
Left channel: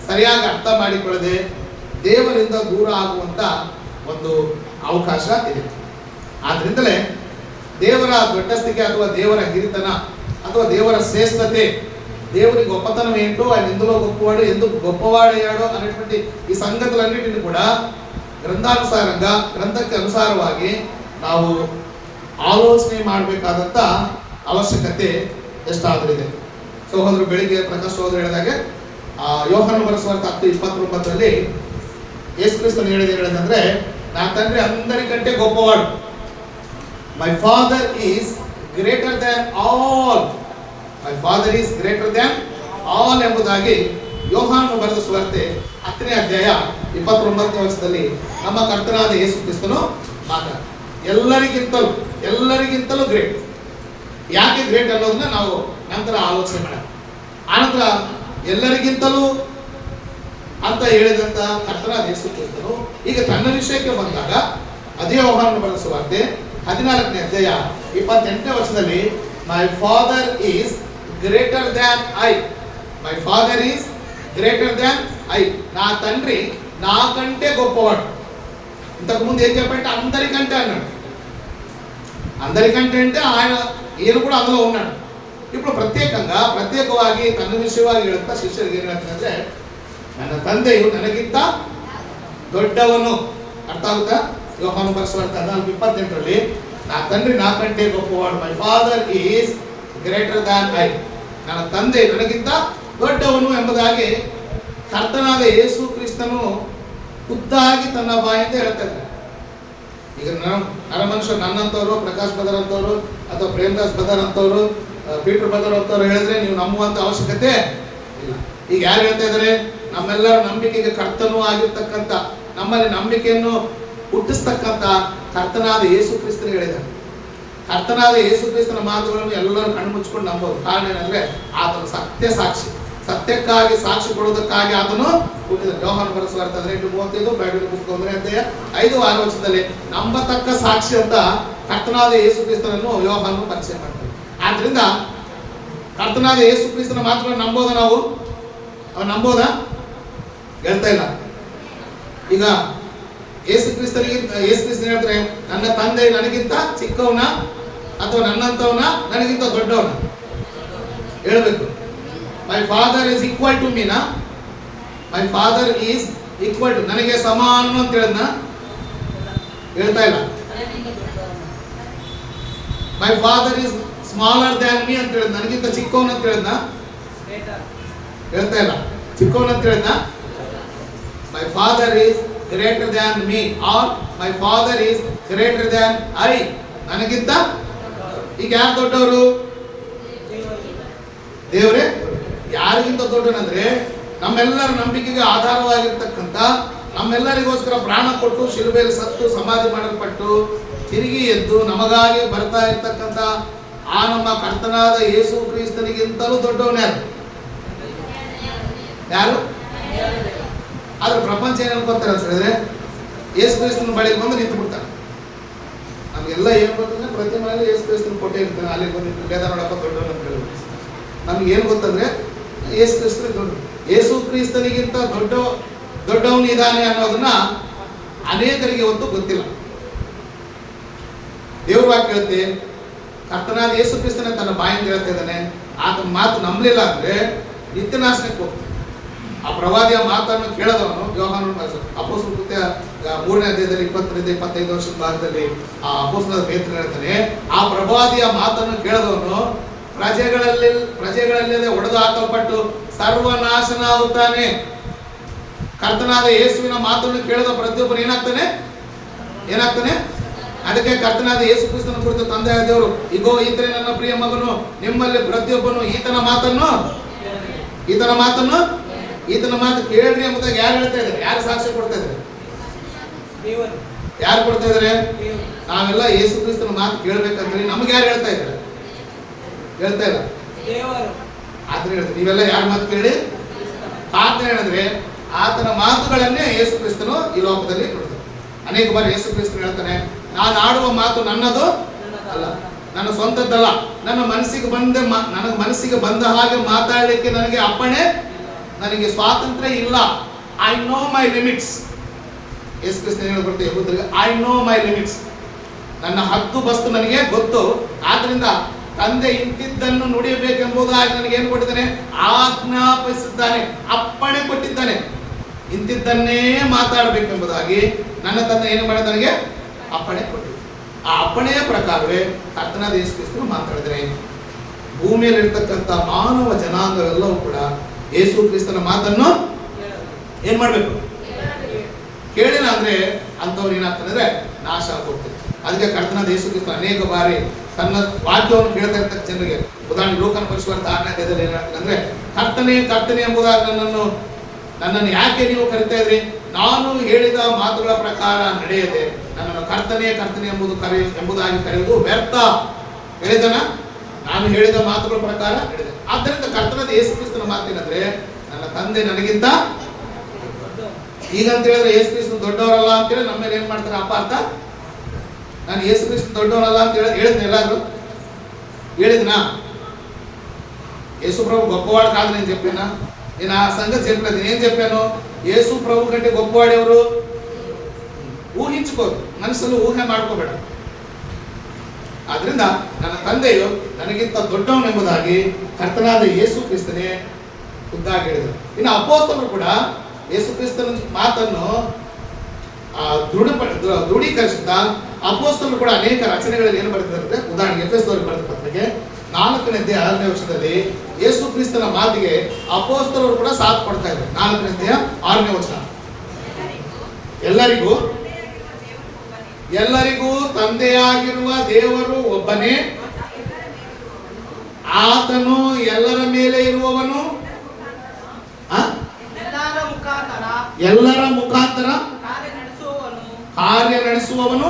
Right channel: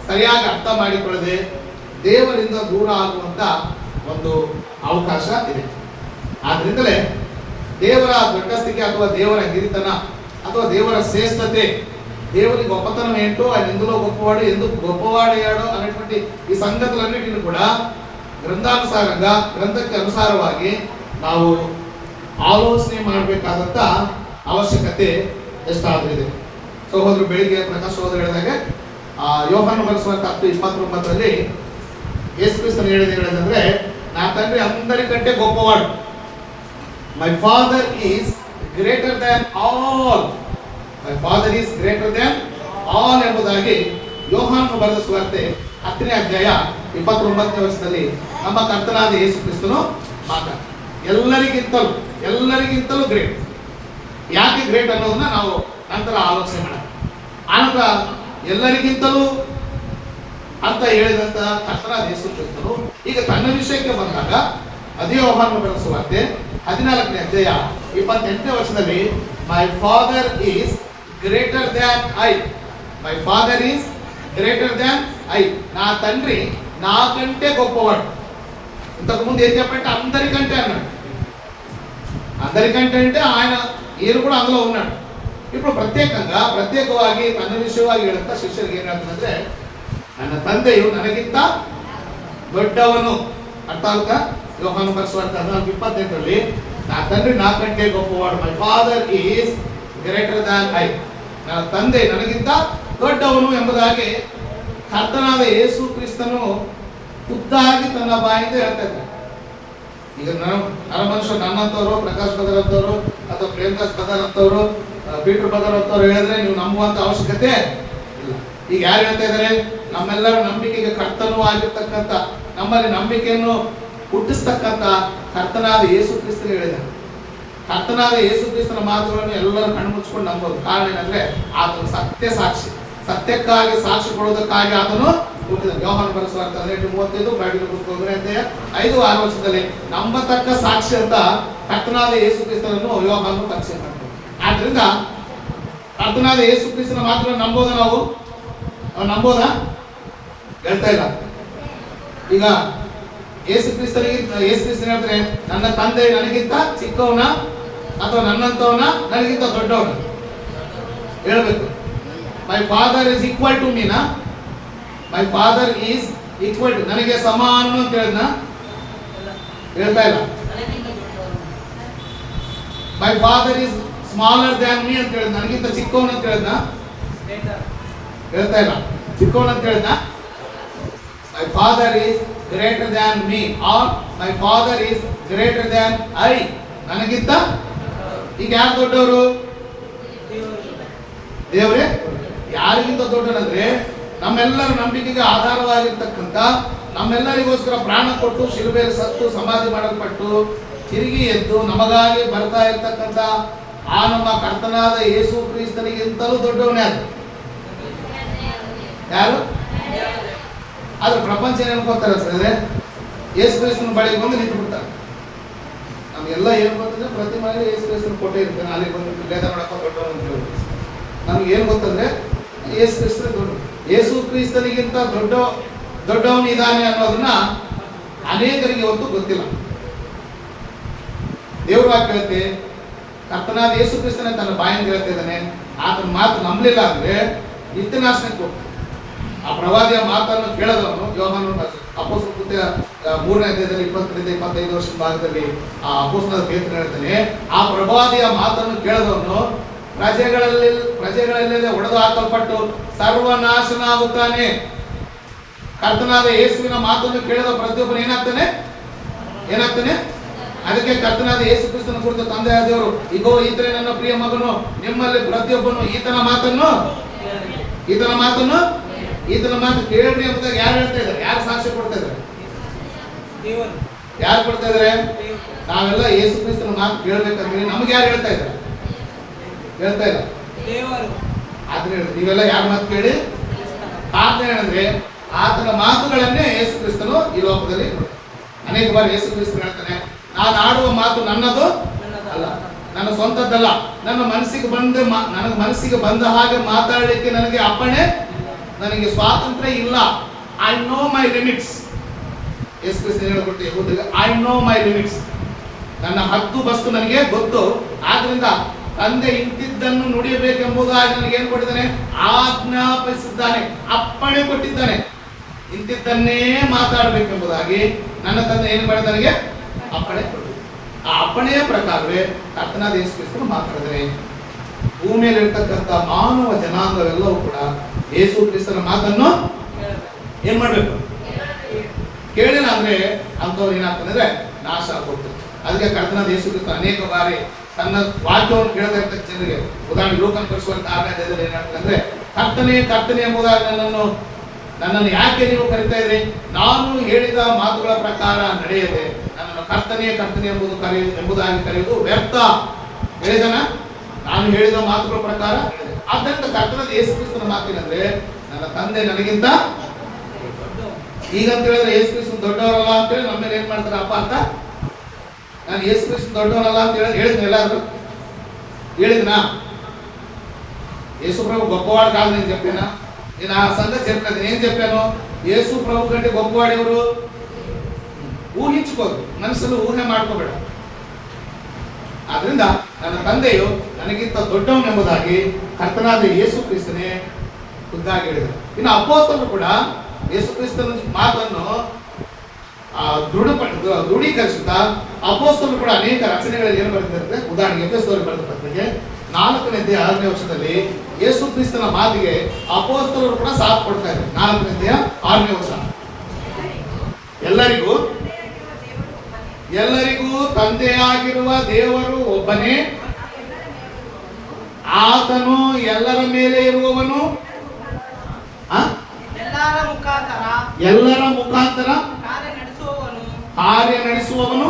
ಸರಿಯಾಗಿ ಅರ್ಥ ಮಾಡಿಕೊಳ್ಳದೆ ದೇವರಿಂದ ದೂರ ಆಗುವಂತ ಒಂದು ಅವಕಾಶ ಇದೆ. ಆದ್ರಿಂದಲೇ ದೇವರ ದೊಡ್ಡಸ್ತಿಕೆ ಅಥವಾ ದೇವರ ಹಿರಿತನ ಅಥವಾ ದೇವರ ಶ್ರೇಷ್ಠತೆ, దేవుని గొప్పతనం ఏంటో ఆయన ఎందులో గొప్పవాడు, ఎందుకు గొప్పవాడయ్యాడో అనేటువంటి ఈ సంగతులన్నిటిని కూడా ಗ್ರಂಥಾನುಸಾರಂగా ಗ್ರಂಥಕ್ಕೆ ಅನುಸಾರವಾಗಿ ನಾವು ಆಲೋಚನೆ ಮಾಡಬೇಕಾದಂತ ಅವಶ್ಯಕತೆ ಎಷ್ಟಾದ್ರಿದೆ. ಸಹೋದರರು ಬೆಳಿಗ್ಗೆ ಪ್ರಕಾಶ್ ಸಹೋದರ ಹೇಳಿದಾಗೆ ಯೋಹಾನ ಬರೆಸುವಂತ 10:29 ಯೇಸು ಕ್ರಿಸ್ತನು ಹೇಳದಂದ್ರೆ, నా తండ్రి అందరికంటే గొప్పవాడు. My father is greater than all. My father is greater than all ಎಂಬುದಾಗಿ ಯೋಹಾನನು ಬರೆದ ಸುವಾರ್ತೆ 10ನೇ ಅಧ್ಯಾಯ 29ನೇ ವರ್ಷದಲ್ಲಿ ನಮ್ಮ ಕರ್ತನಾದ ಯೇಸು ಕ್ರಿಸ್ತನು ಮಾತಾಡ್ತಾರೆ. ಎಲ್ಲರಿಗಿಂತಲೂ ಗ್ರೇಟ್. ಯಾಕೆ ಗ್ರೇಟ್ ಅನ್ನೋದನ್ನ ನಾವು ನಂತರ ಆಲೋಚನೆ ಮಾಡೋಣ. ಆನಂತರ ಎಲ್ಲರಿಗಿಂತಲೂ ಅಂತ ಹೇಳಿದಂತ ಕರ್ತನಾದ ಯೇಸು ಕ್ರಿಸ್ತನು ಈಗ ತನ್ನ ವಿಷಯಕ್ಕೆ ಬಂದಾಗ ಅದೇ ಯೋಹಾನನು ಬರೆದ ಸುವಾರ್ತೆ 14ನೇ ಅಧ್ಯಾಯ 28ನೇ ವರ್ಷದಲ್ಲಿ ಮೈ father is greater than I. My father is greater than I. నా తండ్రి నాకంటే గొప్పవాడు. ఇంతకు ముందు ఏం చెప్పంటే అందరికంటే అన్నాడు. అందరికంటే అంటే ఆయన ఈయన కూడా అందులో ఉన్నాడు. ఇప్పుడు ಪ್ರತ್ಯೇಕವಾಗಿ ತನ್ನ ವಿಷಯವಾಗಿ ಹೇಳುತ್ತಾ ಶಿಷ್ಯರಿಗೆ ಏನ್ ಹೇಳ್ತಂದ್ರೆ, ನನ್ನ ತಂದೆಯು ನನಗಿಂತ ದೊಡ್ಡವನು. ಅರ್ಥ ಆಗುತ್ತಾ? ಯೋಹಾನ ಬರೆಸುವಂತ 14:28ರಲ್ಲಿ నా తండ్రి నాకంటే గొప్పవాడు. My father is greater than I. ನನ್ನ ತಂದೆ ನನಗಿಂತ ದೊಡ್ಡವನು ಎಂಬುದಾಗಿ ಕರ್ತನಾದ ಯೇಸು ಕ್ರಿಸ್ತನು ಖುದ್ದಾಗಿ ತನ್ನ ಬಾಯಿಂದ ಹೇಳ್ತಾ ಇದ್ದಾರೆ. ಈಗ ಮನುಷ್ಯ ನನ್ನಂತವರು, ಪ್ರಕಾಶ್ ಬದರ್ ಅಂತವರು ಅಥವಾ ಪ್ರೇಮದಾಸ್ ಬದರ್ ಅಂತವರು, ಪೀಟರ್ ಬದರ್ ಅಂತವ್ರು ಹೇಳಿದ್ರೆ ನೀವು ನಂಬುವಂತ ಅವಶ್ಯಕತೆ ಇಲ್ಲ. ಈಗ ಯಾರು ಹೇಳ್ತಾ ಇದ್ದಾರೆ? ನಮ್ಮೆಲ್ಲರ ನಂಬಿಕೆಗೆ ಕರ್ತನೂ ಆಗಿರ್ತಕ್ಕಂಥ, ನಮ್ಮಲ್ಲಿ ನಂಬಿಕೆಯನ್ನು ಹುಟ್ಟಿಸ್ತಕ್ಕಂಥ ಕರ್ತನಾದ ಯೇಸು ಕ್ರಿಸ್ತನು ಹೇಳಿದ್ದಾರೆ. ಕರ್ತನಾದ ಯೇಸು ಕ್ರಿಸ್ತನ ಮಾತುಗಳನ್ನು ಎಲ್ಲರೂ ಕಣ್ಣು ಮುಚ್ಚಿಕೊಂಡು ನಂಬೋದು. ಕಾರಣ ಏನಂದ್ರೆ ಆತನು ಸತ್ಯಕ್ಕಾಗಿ ಸಾಕ್ಷಿ ಕೊಡುವುದಕ್ಕಾಗಿ ಆತನು ಹುಟ್ಟಿದ. ಯೋಹಾನ ಬರೆಸುವಾರ್ತೆ 18:35, ಬೈಬಲ್ ಪುಸ್ತಕ 1ನೇ ಅಧ್ಯಾಯ 5-6 ವರ್ಷದಲ್ಲಿ ನಂಬತಕ್ಕ ಸಾಕ್ಷಿ ಅಂತ ಕರ್ತನಾದ ಯೇಸು ಕ್ರಿಸ್ತನನ್ನು ಯೋಹಾನನು ಪರಿಚಯ ಮಾಡ್ತಾರೆ. ಆದ್ರಿಂದ ಕರ್ತನಾದ ಯೇಸು ಕ್ರಿಸ್ತನ ಮಾತುಗಳನ್ನು ನಂಬೋದಾ? ನಾವು ನಂಬೋದಾ? ಹೇಳ್ತಾ ಇಲ್ಲ. ಈಗ ಯೇಸು ಕ್ರಿಸ್ತನ ಹೇಳ್ತಾರೆ, ನನ್ನ ತಂದೆ ನನಗಿಂತ ಚಿಕ್ಕವನ ಅಥವಾ ನನ್ನಂತವನ, ನನಗಿಂತ ದೊಡ್ಡವನ ಹೇಳ್ಬೇಕು. My father is equal to ಮೀನಾ? My father is equal to, ನನಗೆ ಸಮಾನ ಅಂತ ಹೇಳಿದ್ನ? ಹೇಳ್ತಾ ಇಲ್ಲ. My father is smaller than me ಅಂತ ಹೇಳಿದ್, ನನಗಿಂತ ಚಿಕ್ಕವನ ಅಂತ ಹೇಳಿದ್ನ? ಹೇಳ್ತಾ ಇಲ್ಲ. ಚಿಕ್ಕವನ ಅಂತ ಹೇಳಿದ್ನ? My father is greater than me or my father is greater than I. ನನಗಿಂತ ಈಗ ಯಾರು ದೊಡ್ಡವರು? ದೇವರೇ. ಯಾರಿಗಿಂತ ದೊಡ್ಡನಂದ್ರೆ ನಮ್ಮೆಲ್ಲರ ನಂಬಿಕೆಗೆ ಆಧಾರವಾಗಿರ್ತಕ್ಕಂಥ, ನಮ್ಮೆಲ್ಲರಿಗೋಸ್ಕರ ಪ್ರಾಣ ಕೊಟ್ಟು ಶಿಲುಬೆಯಲ್ಲಿ ಸತ್ತು ಸಮಾಧಿ ಮಾಡಲ್ಪಟ್ಟು ತಿರುಗಿ ಎದ್ದು ನಮಗಾಗಿ ಬರ್ತಾ ಇರ್ತಕ್ಕಂಥ ಆ ನಮ್ಮ ಕರ್ತನಾದ ಯೇಸು ಕ್ರಿಸ್ತನಿಗಿಂತಲೂ ದೊಡ್ಡವನೇ ಅದು. ಯಾರು? ಆದ್ರೆ ಪ್ರಪಂಚ ಏನ್ ಅನ್ಕೋತಾರೆ ಹೇಳಿದ್ರೆ, ಯೇಸು ಕ್ರಿಸ್ತನ ಬಳಿಗೆ ಬಂದು ನಿಂತು ಬಿಡ್ತಾರೆ. ನಮಗೆಲ್ಲ ಏನ್ ಗೊತ್ತಂದ್ರೆ ಪ್ರತಿ ಮನೆಯಲ್ಲಿ ಯೇಸು ಕ್ರಿಸ್ತನ ಕೊಟ್ಟೆ ಇರ್ತಾನೆ, ಅಲ್ಲಿ ಬಂದು ವೇದ ನೋಡಪ್ಪ ದೊಡ್ಡವನು ಅಂತ ಹೇಳಿ. ನಮ್ಗೆ ಏನ್ ಗೊತ್ತಂದ್ರೆ ಯೇಸು ಕ್ರಿಸ್ತನ ದೊಡ್ಡ, ಯೇಸು ಕ್ರಿಸ್ತನಿಗಿಂತ ದೊಡ್ಡವನು ಇದ್ದಾನೆ ಅನ್ನೋದನ್ನ ಅನೇಕರಿಗೆ ಹೊತ್ತು ಗೊತ್ತಿಲ್ಲ. ದೇವ್ರ ವಾಕ್ಯ ಹೇಳುತ್ತೆ, ಕರ್ತನಾದ ಯೇಸು ಕ್ರಿಸ್ತನೇ ತನ್ನ ಬಾಯಿಂದ ಹೇಳ್ತಾ ಇದ್ದಾನೆ. ಆತನ ಮಾತು ನಂಬಲಿಲ್ಲ ಅಂದ್ರೆ ನಿತ್ಯನಾಶನಕ್ಕೆ ಹೋಗ್ತಾನೆ. ಆ ಪ್ರವಾದಿಯ ಮಾತನ್ನು ಕೇಳದವನು, ಯೋಹಾನನ ಅಪೊಸ್ತಲ ಕೃತ್ಯ 3ನೇ ಅಧ್ಯಾಯದಲ್ಲಿ 20-25 ವರ್ಷದ ಭಾಗದಲ್ಲಿ ಆ ಅಪೊಸ್ತಲದ ಪೇತ್ರನು ಹೇಳ್ತಾನೆ, ಆ ಪ್ರವಾದಿಯ ಮಾತನ್ನು ಕೇಳದವನು ಪ್ರಜೆಗಳಲ್ಲದೆ ಒಡೆದು ಹಾಕಲ್ಪಟ್ಟು ಸರ್ವನಾಶನಾಗುತ್ತಾನೆ. ಕರ್ತನಾದ ಯೇಸುವಿನ ಮಾತನ್ನು ಕೇಳದ ಪ್ರತಿಯೊಬ್ಬನು ಏನಾಗ್ತಾನೆ? ಅದಕ್ಕೆ ಕರ್ತನಾದ ಯೇಸು ಕ್ರಿಸ್ತನ ಕುರಿತು ತಂದೆಯ ದೇವರು, ಇಗೋ ಈತನೇ ನನ್ನ ಪ್ರಿಯ ಮಗನು, ನಿಮ್ಮಲ್ಲಿ ಪ್ರತಿಯೊಬ್ಬನು ಈತನ ಮಾತು ಕೇಳ್ರಿ ಎಂಬುದಾಗಿ ಯಾರು ಹೇಳ್ತಾ ಇದ್ದಾರೆ? ಯಾರು ಸಾಕ್ಷ್ಯ ಕೊಡ್ತಾ ಇದ್ದಾರೆ? ಯಾರು ಕೊಡ್ತಾ ಇದ್ದಾರೆ? ನಾವೆಲ್ಲ ಯೇಸು ಕ್ರಿಸ್ತನ ಮಾತು ಕೇಳ್ಬೇಕಂದ್ರೆ ನಮ್ಗೆ ಯಾರು ಹೇಳ್ತಾ ಇದ್ದಾರೆ? ಹೇಳ್ತಾ ಇಲ್ಲ. ಆದ್ರೆ ನೀವೆಲ್ಲ ಯಾರ ಮಾತು ಕೇಳಿ? ಆತನ ಹೇಳಿದ್ರೆ ಆತನ ಮಾತುಗಳನ್ನೇ ಯೇಸು ಕ್ರಿಸ್ತನು ಈ ಲೋಕದಲ್ಲಿ ನೋಡ್ತಾರೆ. ಅನೇಕ ಬಾರಿ ಯೇಸು ಕ್ರಿಸ್ತನು ಹೇಳ್ತಾನೆ, ನಾನು ಆಡುವ ಮಾತು ನನ್ನದು ಅಲ್ಲ, ನನ್ನ ಸ್ವಂತದ್ದಲ್ಲ, ನನಗೆ ಮನಸ್ಸಿಗೆ ಬಂದ ಹಾಗೆ ಮಾತಾಡಲಿಕ್ಕೆ ನನಗೆ ಅಪ್ಪಣೆ, ನನಗೆ ಸ್ವಾತಂತ್ರ್ಯ ಇಲ್ಲ. I know my limits. Yesu ಕ್ರಿಸ್ತನು ಹೇಳ್ಕೊಡ್ತೇವೆ ಯಹೂದರಿಗೆ, ಐ ನೋ ಮೈ ಲಿಮಿಟ್ಸ್. ನನ್ನ ಹದ್ದು ಬಸ್ತು ನನಗೆ ಗೊತ್ತು. ಆದ್ರಿಂದ ತಂದೆ ಇಂತಿದ್ದನ್ನು ನುಡಿಯಬೇಕೆಂಬುದಾಗಿ ನನಗೆ ಏನು ಕೊಟ್ಟಿದ್ದಾನೆ? ಆಜ್ಞಾಪಿಸಿದ್ದಾನೆ, ಅಪ್ಪಣೆ ಕೊಟ್ಟಿದ್ದಾನೆ. ಇಂತಿದ್ದನ್ನೇ ಮಾತಾಡಬೇಕೆಂಬುದಾಗಿ ನನ್ನ ತಂದೆ ಏನು ಮಾಡಿ ನನಗೆ ಅಪ್ಪಣೆ ಕೊಟ್ಟಿದ್ದಾನೆ. ಆ ಅಪ್ಪಣೆಯ ಪ್ರಕಾರವೇ ಕರ್ತನಾದ ಯೇಸು ಕ್ರಿಸ್ತನು ಮಾತಾಡಿದರೆ ಭೂಮಿಯಲ್ಲಿರ್ತಕ್ಕಂಥ ಮಾನವ ಜನಾಂಗವೆಲ್ಲವೂ ಕೂಡ ಯೇಸು ಕ್ರಿಸ್ತನ ಮಾತನ್ನು ಏನ್ ಮಾಡ್ಬೇಕು? ಕೇಳಿಲ್ಲ ಅಂದ್ರೆ ಅಂಥವ್ರು ಏನಾಗ್ತದೆ? ನಾಶ ಆಗ್ಬೋದು. ಅದಕ್ಕೆ ಕರ್ತನಾದ ಯೇಸು ಕ್ರಿಸ್ತ ಅನೇಕ ಬಾರಿ ತನ್ನ ವಾಕ್ಯವನ್ನು ಕೇಳ್ತಾ ಇರ್ತಕ್ಕ ಜನರಿಗೆ, ಉದಾಹರಣೆ ಲೋಕನ ಪರಿಶುದ್ಧ 6ನೇ ಅಧ್ಯಾಯದಲ್ಲಿ ಏನಾಗ್ತದೆ ಅಂದ್ರೆ, ಕರ್ತನೆ ಎಂಬುದಾಗಿ ನನ್ನನ್ನು ಯಾಕೆ ನೀವು ಕರಿತಾ ಇದ್ರಿ? ನಾನು ಹೇಳಿದ ಮಾತುಗಳ ಪ್ರಕಾರ ನಡೆಯದೆ ನನ್ನನ್ನು ಕರ್ತನೆ ಎಂಬುದಾಗಿ ಕರೆಯುವುದು ವ್ಯರ್ಥ. ಹೇಳಿದನ? ನಾನು ಹೇಳಿದ ಮಾತುಗಳ ಪ್ರಕಾರ ಹೇಳಿದೆ. ಆದ್ದರಿಂದ ಕರ್ತನಾದ ಯೇಸು ಕ್ರಿಸ್ತನ ಮಾತೇನಂದ್ರೆ, ನನ್ನ ತಂದೆ ನನಗಿಂತ, ಈಗಂತ ಹೇಳಿದ್ರೆ ಯೇಸು ಕ್ರಿಸ್ತ ದೊಡ್ಡವರಲ್ಲ ಅಂತೇಳಿ ನಮ್ಮ ಮೇಲೆ ಏನ್ ಮಾಡ್ತಾರೆ ಅಪಾರ್ಥ. ನಾನು ಯೇಸು ಕ್ರಿಸ್ತ ದೊಡ್ಡವನಲ್ಲ ಅಂತ ಹೇಳಿದ್ನ? ಎಲ್ಲಾದ್ರು ಹೇಳಿದ್ನಾ? ಯೇಸು ಪ್ರಭು గొప్పవాడు కాదు నేను చెప్పానా? నేను ఆ సంగతి చెప్పలేదు. నేను చెప్పాను యేసు ప్రభు కంటే గొప్పవాడు ఎవరు? ಊಹಿಂచుಕೋದು, ಮನಸ್ಸಲ್ಲಿ ಊಹೆ ಮಾಡ್ಕೋಬೇಡ. ಆದ್ರಿಂದ ನನ್ನ ತಂದೆಯು ನನಗಿಂತ ದೊಡ್ಡವನೆಂಬುದಾಗಿ ಕರ್ತನಾದ ಯೇಸು ಕ್ರಿಸ್ತನೇ ಖುದ್ದಾಗಿ ಹೇಳಿದರು. ಇನ್ನು ಅಪೊಸ್ತಲರು ಕೂಡ ಯೇಸು ಕ್ರಿಸ್ತನ ಮಾತನ್ನು ದೃಢೀಕರಿಸುತ್ತಾ ಅಪೊಸ್ತಲರು ಕೂಡ ಅನೇಕ ರಚನೆಗಳಲ್ಲಿ ಏನು ಬರೆದಿದ್ದಾರೆ? ಉದಾಹರಣೆಗೆ ಎಫೆಸದವರಿಗೆ ಬರೆದ ಪತ್ರಿಕೆ 4ನೇ ಅಧ್ಯಾಯ 6ನೇ ವರ್ಷದಲ್ಲಿ ಯೇಸು ಕ್ರಿಸ್ತನ ಮಾತಿಗೆ ಅಪೊಸ್ತಲರು ಕೂಡ ಸಾಥ್ ಕೊಡ್ತಾ ಇದ್ದಾರೆ. 4ನೇ ಅಧ್ಯಾಯ 6ನೇ ವಚನ, ಎಲ್ಲರಿಗೂ ತಂದೆಯಾಗಿರುವ ದೇವರು ಒಬ್ಬನೇ, ಆತನು ಎಲ್ಲರ ಮೇಲೆ ಇರುವವನು, ಎಲ್ಲರ ಮುಖಾಂತರ ಕಾರ್ಯ ನಡೆಸುವವನು,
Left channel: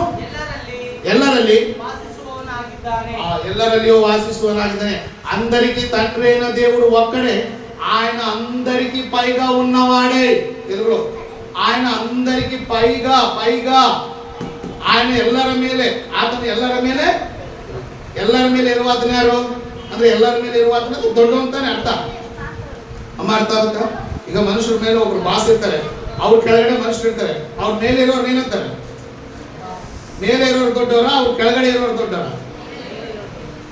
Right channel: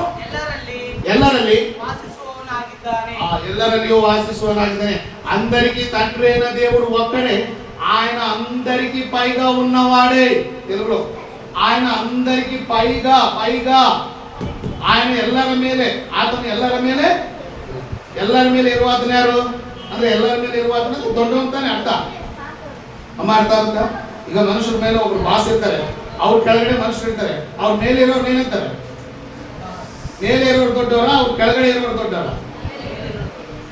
ಎಲ್ಲರಲ್ಲಿಯೂ వాసిಸುವನಾಗಿದ್ದಾನೆ. అందరికీ తండ్రి అయిన దేవుడు ఒక్కడే, ఆయన అందరికీ పైగా ఉన్నవాడే. తెలుగులో ఆయన అందరికీ పైగా ఆయన ಎಲ್ಲರ ಮೇಲೆ, ಆತನು ಎಲ್ಲರ ಮೇಲೆ ಇರುವಾತನ ಯಾರು ಅಂದ್ರೆ ಎಲ್ಲರ ಮೇಲೆ ಇರುವಾತನ ದೊಡ್ಡವಂತಾನೆ ಅರ್ಥ. ಅಮ್ಮ ಅರ್ಥ ಆಗುತ್ತಾ? ಈಗ ಮನುಷ್ಯರ ಮೇಲೆ ಒಬ್ರು ಬಾಸ್ ಇರ್ತಾರೆ, ಅವ್ರ ಕೆಳಗಡೆ ಮನುಷ್ಯರು ಇರ್ತಾರೆ. ಅವ್ರ ಮೇಲೆ ಇರೋರು ಏನಂತಾರೆ? ಮೇಲೆ ಇರೋರು ದೊಡ್ಡವರ, ಅವ್ರ ಕೆಳಗಡೆ ಇರೋರು ದೊಡ್ಡವರ?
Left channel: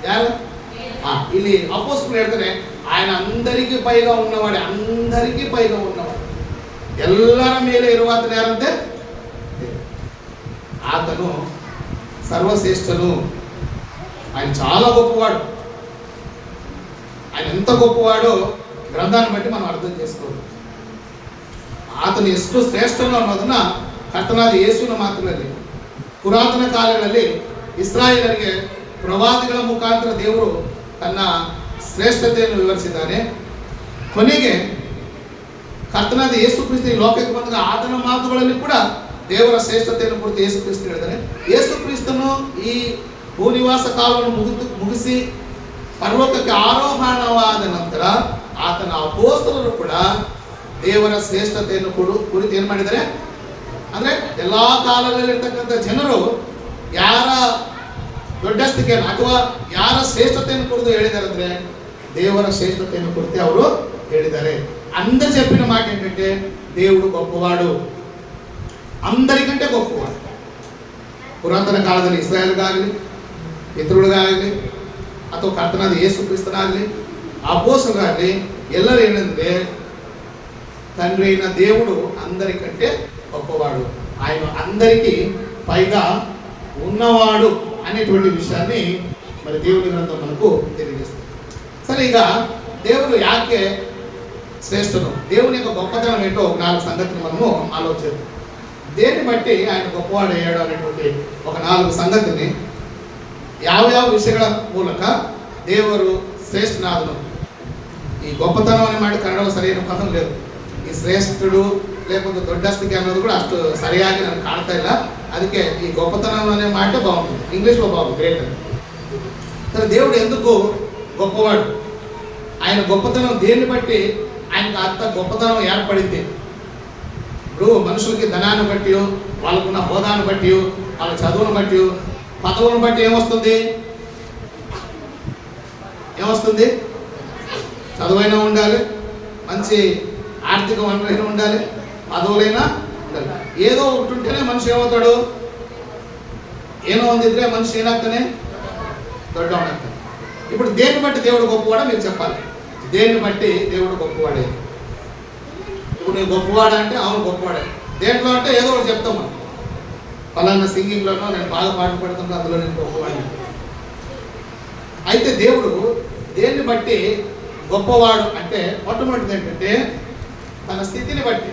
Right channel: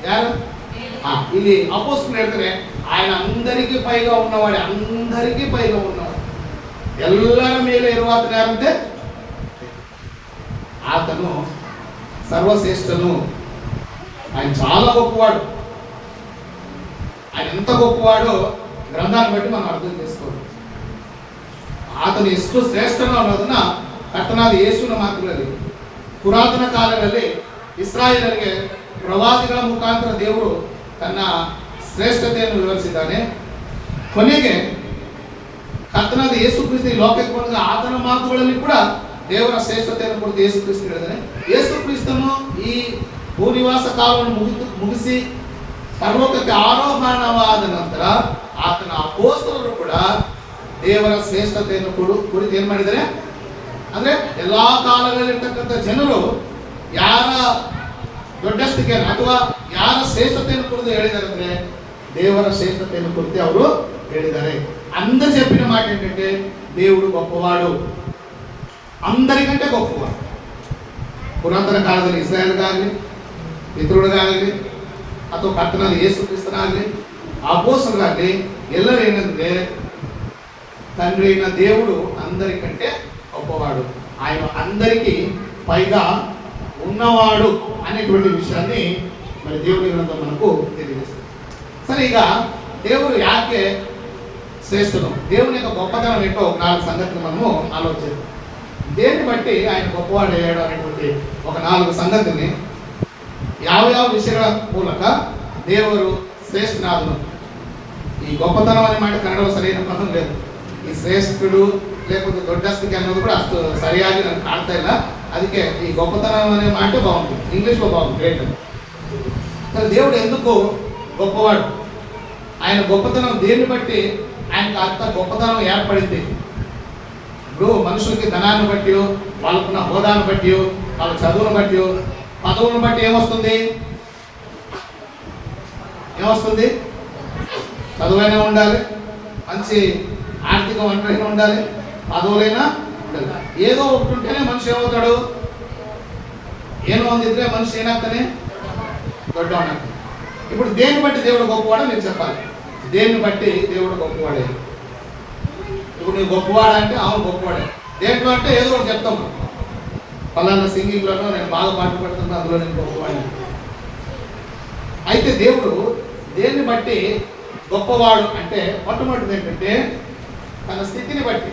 ಯಾರು? ಇಲ್ಲಿ ಅಪೊಸ್ತಲರು ಹೇಳ್ತಾರೆ, ఆయన అందరికీ పైగా ఉన్నవాడే, అందరికీ పైగా ఉన్నవాడు, ಎಲ್ಲರ ಮೇಲೆ ಇರುವಾತನ ಯಾರಂತೆ? ఆతను సర్వశ్రేష్ఠను. ఆయన చాలా గొప్పవాడు. ఆయన ఎంత గొప్పవాడో గ్రంథాన్ని బట్టి మనం అర్థం చేసుకోవాలి. ఆతను ಎಷ್ಟು ಶ್ರೇಷ್ಠನು ಅನ್ನೋದನ್ನ ಕರ್ತನಾದ ಯೇಸುವಿನ ಮಾತುಗಳಲ್ಲಿ ಪುರಾತನ ಕಾಲಗಳಲ್ಲಿ ಇಸ್ರಾಯೇಲರಿಗೆ ಪ್ರವಾದಿಗಳ ಮುಖಾಂತರ ದೇವರು ತನ್ನ ಶ್ರೇಷ್ಠತೆಯನ್ನು ವಿವರಿಸಿದ್ದಾನೆ. ಕೊನೆಗೆ ಕರ್ತನಾದ ಯೇಸು ಕ್ರಿಸ್ತ ಈ ಲೋಕಕ್ಕೆ ಬಂದಾಗ ಆತನ ಮಾತುಗಳಲ್ಲಿ ಕೂಡ ದೇವರ ಶ್ರೇಷ್ಠತೆಯನ್ನು ಕುರಿತು ಯೇಸು ಕ್ರಿಸ್ತ ಹೇಳಿದ್ದಾನೆ. ಯೇಸು ಕ್ರಿಸ್ತನು ಈ ಭೂನಿವಾಸ ಕಾಲವನ್ನು ಮುಗಿಸಿ ಪರಲೋಕಕ್ಕೆ ಆರೋಹಣವಾದ ನಂತರ ಆತನ ಅಪೊಸ್ತಲರು ಕೂಡ ದೇವರ ಶ್ರೇಷ್ಠತೆಯನ್ನು ಕುರಿತು ಏನು ಮಾಡಿದ್ದಾರೆ ಅಂದ್ರೆ ಎಲ್ಲಾ ಕಾಲದಲ್ಲಿರ್ತಕ್ಕಂಥ ಜನರು ಯಾರ ದೊಡ್ಡಸ್ತಿಕೆಯನ್ನು ಅಥವಾ ಯಾರ ಶ್ರೇಷ್ಠತೆಯನ್ನು ಕುರಿತು ಹೇಳಿದ್ದಾರೆ ಅಂದ್ರೆ ದೇವರ ಶ್ರೇಷ್ಠತೆಯನ್ನು ಕುರಿತು ಅವರು ಹೇಳಿದ್ದಾರೆ. అందరు చెప్పిన మాట ఏంటంటే దేవుడు గొప్పవాడు, అందరికంటే గొప్పవాడు. ಪುರಾತನ ಕಾಲದಲ್ಲಿ ಇಸ್ರಾಯೇಲ್ಗಾಗಲಿ ಪಿತೃಗಳಿಗಾಗಲಿ ಅಥವಾ ಕರ್ತನಾದ ಯೇಸು ಕ್ರಿಸ್ತನಾಗಲಿ ಅಪೊಸ್ತಲರಾಗಲಿ ಎಲ್ಲರೂ ಏನಂದ್ರೆ తండ్రి అయిన దేవుడు అందరికంటే గొప్పవాడు, ఆయన అందరికీ పైగా ఉన్నవాడు అనేటువంటి విషయాన్ని మరి దేవుని గ్రంథం మనకు తెలియజేస్తుంది. సరే, ఇక దేవుడు యాకే శ్రేష్ఠను, దేవుని యొక్క గొప్పతనం ఏంటో ఒక 4 సంగతులు మనము ఆలోచిద్దాం. దేన్ని బట్టి ఆయన గొప్పవాడు అయ్యాడు అనేటువంటి ఒక 4 సంగతిని ಯಾವ ವಿಷಯಗಳ ಮೂಲಕ ದೇವರು ಶ್ರೇಷ್ಠನಾದನು. ಈ గొప్పతనం అనే మాట కన్నడలో సరైన పదం లేదు. ಈ ಶ್ರೇಷ್ಠుడు లేకపోతే దొడ్డస్తికి అన్నది కూడా అಷ್ಟು సరిಯಾಗಿ ನನಗೆ ಕಾಣ್ತಾ ಇಲ್ಲ. ಅದಕ್ಕೆ ఈ గొప్పతనం అనే మాట బాగుంటుంది, ఇంగ్లీష్లో బాగుంది, గ్రేట్ అని. దేవుడు ఎందుకు గొప్పవాడు, ఆయన గొప్పతనం దేన్ని బట్టి ఆయనకు అంత గొప్పతనం ఏర్పడింది. ఇప్పుడు మనుషులకి ధనాన్ని బట్టి, వాళ్ళకున్న హోదాను బట్టి, వాళ్ళ చదువును బట్టి, పదవులను బట్టి ఏమొస్తుంది? చదువైనా ఉండాలి, మంచి ఆర్థిక వనరైనా ఉండాలి, పదవులైనా ఉండాలి. ఏదో ఒకటి ఉంటేనే మనిషి ఏమవుతాడు? ಏನೋ ಒಂದಿದ್ರೆ ಮನುಷ್ಯ ಏನಾಗ್ತಾನೆ? ದೊಡ್ಡವನಾಗ್ತಾನೆ. ఇప్పుడు దేన్ని బట్టి దేవుడు గొప్పవాడో మీరు చెప్పాలి. దేన్ని బట్టి దేవుడు గొప్పవాడే? ఇప్పుడు నేను గొప్పవాడా అంటే అవును గొప్పవాడే. దేంట్లో అంటే ఏదో ఒకటి చెప్తాము, పలానా సింగింగ్లోనో నేను బాగా పాట పడుతున్నా, అందులో నేను గొప్పవాడిని. అయితే దేవుడు దేన్ని బట్టి గొప్పవాడు అంటే మొట్టమొదటిది ఏంటంటే తన స్థితిని బట్టి.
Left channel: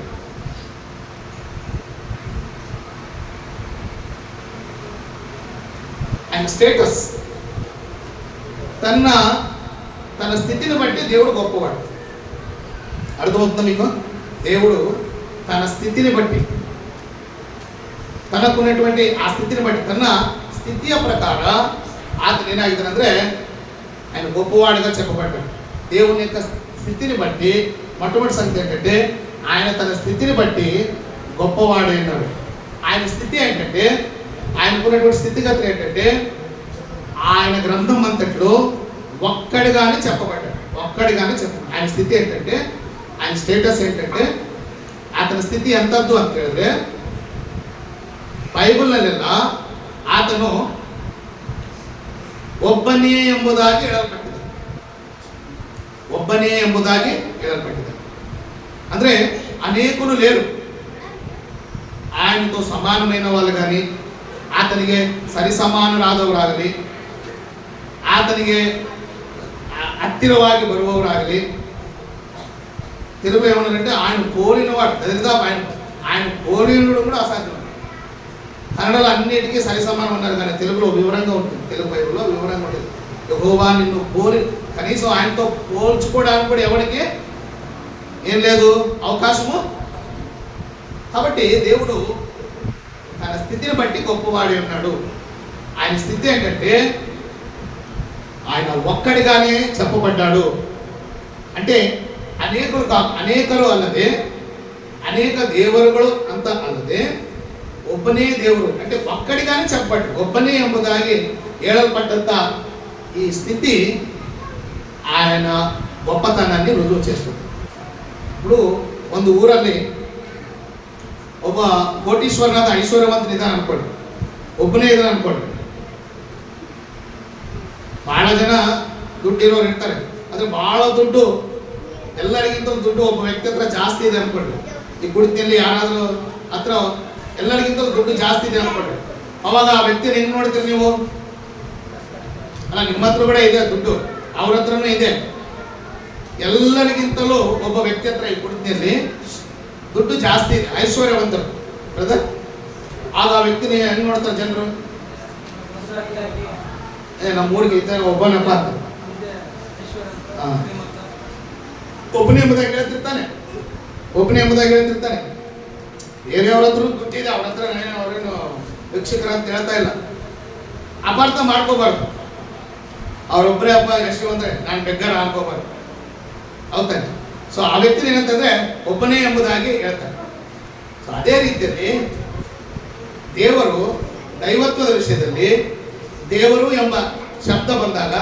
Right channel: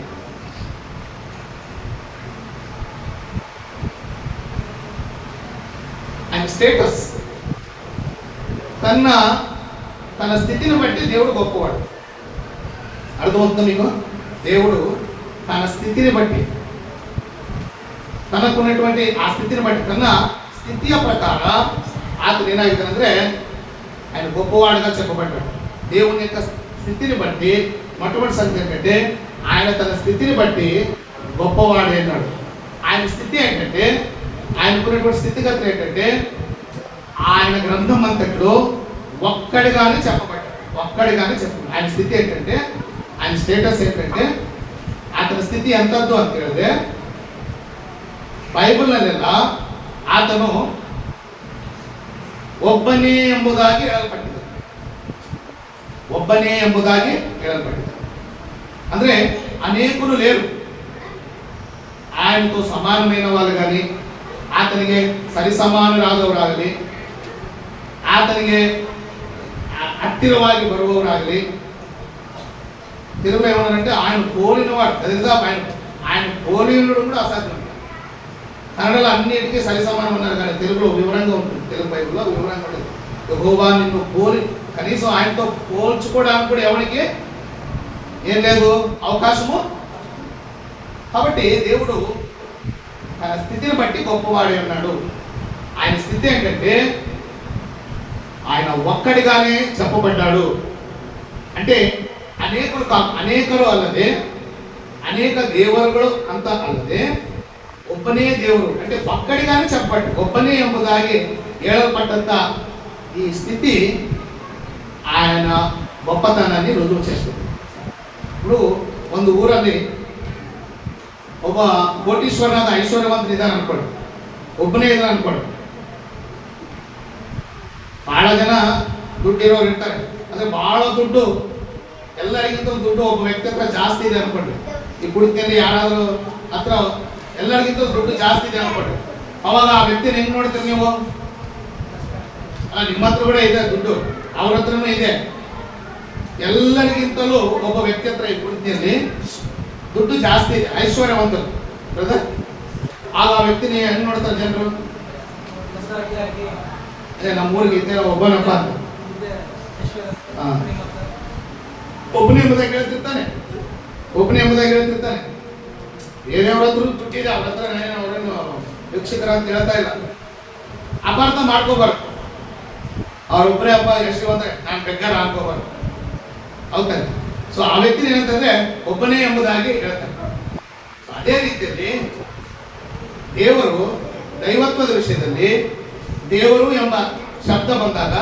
అండ్ స్టేటస్, తన స్థితిని బట్టి దేవుడు గొప్పవాడు. అర్థమవుతుందా మీకు? దేవుడు తన స్థితిని బట్టి, తనకున్నటువంటి ఆ స్థితిని బట్టి, తన స్థితిಯ ప్రకార ఆతను ఏనాగితానంದ್ರೆ ఆయన గొప్పవాడిగా చెప్పబడ్డాడు. దేవుని యొక్క స్థితిని బట్టి మొట్టమొదటి సంగతి ఏంటంటే ఆయన తన స్థితిని బట్టి గొప్పవాడు అన్నాడు. ఆయన స్థితి ఏంటంటే, ఆయనకున్నటువంటి స్థితిగతులు ఏంటంటే ఆయన గ్రంథం అంతట్లో ఒక్కడిగానే చెప్పబడ్డాడు. ఆయన స్థితి ఏంటంటే, ఆయన స్టేటస్ ఏంటంటే, ಆತನ ಸ್ಥಿತಿ ಎಂಥದ್ದು ಅಂತ ಹೇಳಿದ್ರೆ ಬೈಬಲ್ನಲ್ಲೆಲ್ಲ ಆತನು ಒಬ್ಬನೇ ಎಂಬುದಾಗಿ ಹೇಳಲ್ಪಟ್ಟಿದ್ದಾನೆ. ಅಂದ್ರೆ అనేకులు లేరు ఆయనతో సమానమైన వాళ్ళు కానీ, ఆతనికి సరి సమాನರಾದವರಾಗಲಿ, ಆತನಿಗೆ ಹತ್ತಿರವಾಗಿ ಬರುವವರಾಗಲಿ. తెలుగు ఏమన్నారంటే ఆయన పోలినవాడు, అదేదా ఆయన పోలినడు కూడా అసాధ్యం. కన్నడలో అన్నిటికీ సరి సమానం అన్నారు, కానీ తెలుగులో వివరంగా ఉంటుంది. తెలుగు బైబిల్లో వివరంగా ఉంటుంది. యెహోవా నిన్ను కనీసం ఆయనతో పోల్చుకోవడానికి కూడా ఎవరికి ఏం లేదు అవకాశము. కాబట్టి దేవుడు తన స్థితిని బట్టి గొప్పవాడే ఉన్నాడు. ఆయన స్థితి ఏంటంటే ఆయన ఒక్కడిగానే చెప్పబడ్డాడు. అంటే ಅನೇಕರು ಅಲ್ಲದೆ, ಅನೇಕ ದೇವರುಗಳು ಅಂತ ಅಲ್ಲದೆ ಒಬ್ಬನೇ ದೇವರು అంటే ఒక్కడిగానే చెప్పబడ్డాడు. ಒಬ್ಬನೇ ಎಂಬುದಾಗಿ ಹೇಳಲ್ಪಟ್ಟಂತ ఈ స్థితి ఆయన గొప్పతనాన్ని రుజువు చేస్తుంది. ఇప్పుడు ಒಂದು ಊರಲ್ಲಿ ಒಬ್ಬ ಕೋಟೀಶ್ವರನಾದ ಐಶ್ವರ್ಯವಂತನಿದ್ದಾನೆ ಅನ್ಕೊಳ್ಳಿ, ಒಬ್ಬನೇ ಇದ್ದಾನೆ ಅನ್ಕೊಳ್ಳಿ. ಬಹಳ ಜನ ದುಡ್ಡಿರೋರು ಇರ್ತಾರೆ, ಅಂದ್ರೆ ಬಹಳ ದುಡ್ಡು, ಎಲ್ಲರಿಗಿಂತಲೂ ದುಡ್ಡು ಒಬ್ಬ ವ್ಯಕ್ತಿ ಹತ್ರ ಜಾಸ್ತಿ ಇದೆ ಅನ್ಕೊಂಡ್ರಿ. ಈ ಕುಡಿತಲ್ಲಿ ಯಾರಾದರೂ ಹತ್ರ ಎಲ್ಲರಿಗಿಂತಲೂ ದುಡ್ಡು ಜಾಸ್ತಿ ಇದೆ ಅನ್ಕೊಂಡ್ರಿ, ಅವಾಗ ಆ ವ್ಯಕ್ತಿನ ಹೆಂಗ್ ನೋಡ್ತೀರಿ ನೀವು? ಅಲ್ಲ, ನಿಮ್ಮ ಹತ್ರ ಕೂಡ ಇದೆ ದುಡ್ಡು, ಅವ್ರ ಹತ್ರನೂ ಇದೆ. ಎಲ್ಲರಿಗಿಂತಲೂ ಒಬ್ಬ ವ್ಯಕ್ತಿ ಹತ್ರ ಈ ಕುಡಿತಲ್ಲಿ ದುಡ್ಡು ಜಾಸ್ತಿ ಇದೆ, ಐಶ್ವರ್ಯವಂತರು ಬ್ರದರ್. ಆಗ ಆ ವ್ಯಕ್ತಿನ ಹೆಂಗ್ ನೋಡ್ತಾರೆ ಜನರು? ನಮ್ಮ ಊರಿಗೆ ಇದ್ದ ಒಬ್ಬನಪ್ಪ ಅಂತ ಒಬ್ಬನೇ ಎಂಬುದಾಗಿ ಹೇಳ್ತಿರ್ತಾನೆ, ಒಬ್ಬನೇ ಎಂಬುದಾಗಿ ಹೇಳ್ತಿರ್ತಾನೆ. ಬೇರೆಯವ್ರ ಹತ್ರ ದುಡ್ಡಿದೆ, ಅವ್ರ ಹತ್ರ ಅವರೇನು ಭಿಕ್ಷುಕರ ಅಂತ ಹೇಳ್ತಾ ಇಲ್ಲ. ಅಪಾರ್ಥ ಮಾಡ್ಕೋಬಾರ್ದು. ಅವ್ರೊಬ್ಬರೇ ಹಬ್ಬ ಎಷ್ಟು ಅಂದ್ರೆ ನಾನು ಬೆಗ್ಗರ ಅನ್ಕೋಬಾರ್ದು. ಹೌದಾನೆ? ಸೊ ಆ ವ್ಯಕ್ತಿ ಏನಂತಂದ್ರೆ ಒಬ್ಬನೇ ಎಂಬುದಾಗಿ ಹೇಳ್ತಾನೆ. ಸೊ ಅದೇ ರೀತಿಯಲ್ಲಿ ದೇವರು ದೈವತ್ವದ ವಿಷಯದಲ್ಲಿ ದೇವರು ಎಂಬ ಶಬ್ದ ಬಂದಾಗ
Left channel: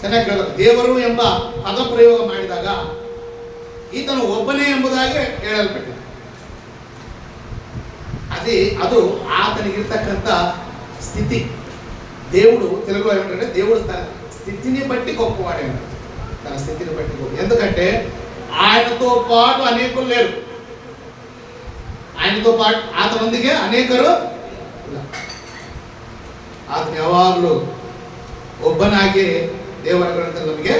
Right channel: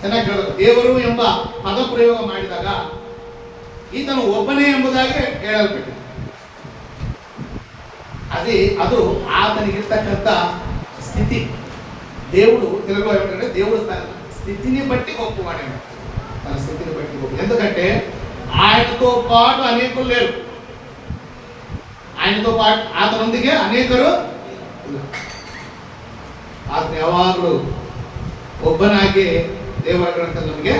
ಚೆನ್ನಾಗಿ ಹೇಳಬೇಕು. ದೇವರು ಎಂಬ ಪದ ಪ್ರಯೋಗ ಮಾಡಿದಾಗ ಈತನು ಒಬ್ಬನೇ ಎಂಬುದಾಗಿ ಹೇಳಲ್ಪಟ್ಟಿದೆ. ಅದು ಆತನಿಗಿರ್ತಕ್ಕಂಥ ಸ್ಥಿತಿ. దేవుడు తెలుగులో ఏమంటారంటే దేవుడు తన స్థితిని బట్టి గొప్పవాడే, తన స్థితిని బట్టి గొప్ప. ఎందుకంటే ఆయనతో పాటు అనేకులు లేరు, ఆయనతో పాటు ಆತನೊಂದಿಗೆ ಅನೇಕರು ಇಲ್ಲ. ಆತನ ಯಾವಾಗಲೂ ಒಬ್ಬನಾಗಿ ದೇವರ ಗ್ರಂಥದಲ್ಲಿ ನಮಗೆ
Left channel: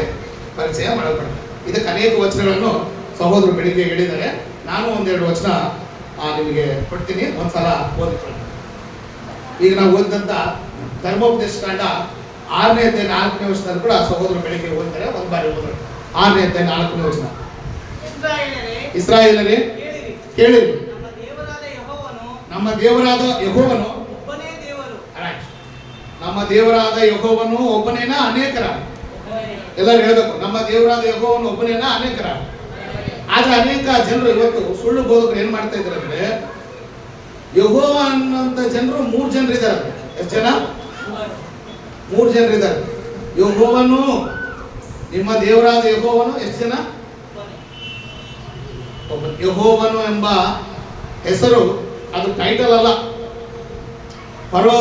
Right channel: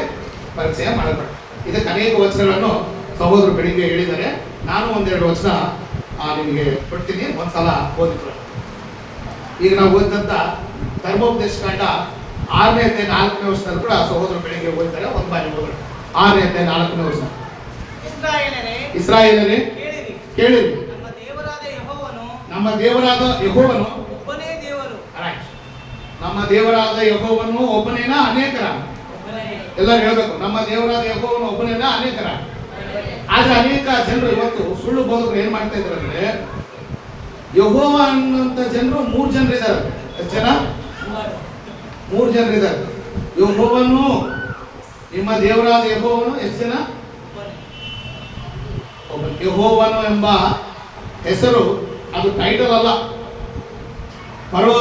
ಪರಿಚಯ ಮಾಡಲ್ಪಟ್ಟ. ಇದಕ್ಕೆ ಅನೇಕ ವಚನಗಳನ್ನು ಸಹೋದರರು ಬೆಳಿಗ್ಗೆ ಹೇಳಿದ್ದಾರೆ. ನಾನು ಒಂದೆರಡು ವಚನ ನಿಮಗೆ ಕೊಡ್ತೀನಿ, ಒಂದ್ಸಲ ಓದಿಕೊಳ್ಳಿ. ಈಗ ನಾವು ಓದಿದಂಥ ಧರ್ಮೋಪದೇಶ ಕಾಂಡ 6ನೇ ಅಧ್ಯಾಯ 4ನೇ ವಚನದಲ್ಲಿ ಕೂಡ ಸಹೋದರರು ಬೆಳಿಗ್ಗೆ ಓದಿದ್ದಾರೆ. ಒಂದು ಬಾರಿ ಓದೋಣ. 6ನೇ ಅಧ್ಯಾಯ 4ನೇ ವಚನ. ಇಸ್ರಾಯೇಲರೇ ಕೇಳಿರಿ, ನಮ್ಮ ದೇವರಾದ ಯೆಹೋವನು ಒಬ್ಬನೇ ದೇವರು. ನಮ್ಮ ದೇವರಾದ ಯೆಹೋವನು ಒಬ್ಬನೇನ ಅನೇಕರ? ಎಲ್ಲರೂ ಹೇಳ್ಬೇಕು, ನಮ್ಮ ದೇವರಾದ ಯೆಹೋವನು ಒಬ್ಬನೇನ ಅನೇಕರ? ಆದ್ರೆ ಅನೇಕ ಜನರು ಇವತ್ತು ಸುಳ್ಳು ಬೋಧಕರು ಏನ್ ಮಾಡ್ತಾ ಇದ್ದಾರೆ ಅಂದ್ರೆ, ಯೆಹೋವ ಅನ್ನೋಂಥ ಜನರು 3 ಜನರು ಇದ್ದಾರೆ. ಎಷ್ಟು ಜನ? 3 ಜನರು ಇದ್ದಾರೆ. ಯೆಹೋವನು, ನಿಮ್ಮ ದೇವರಾದ ಯೆಹೋವನು ಎಷ್ಟು ಜನ? ಯೆಹೋವನು ಎಂಬ ಹೆಸರು ಅದು ಟೈಟಲ್ ಅಲ್ಲ. ಫರೋ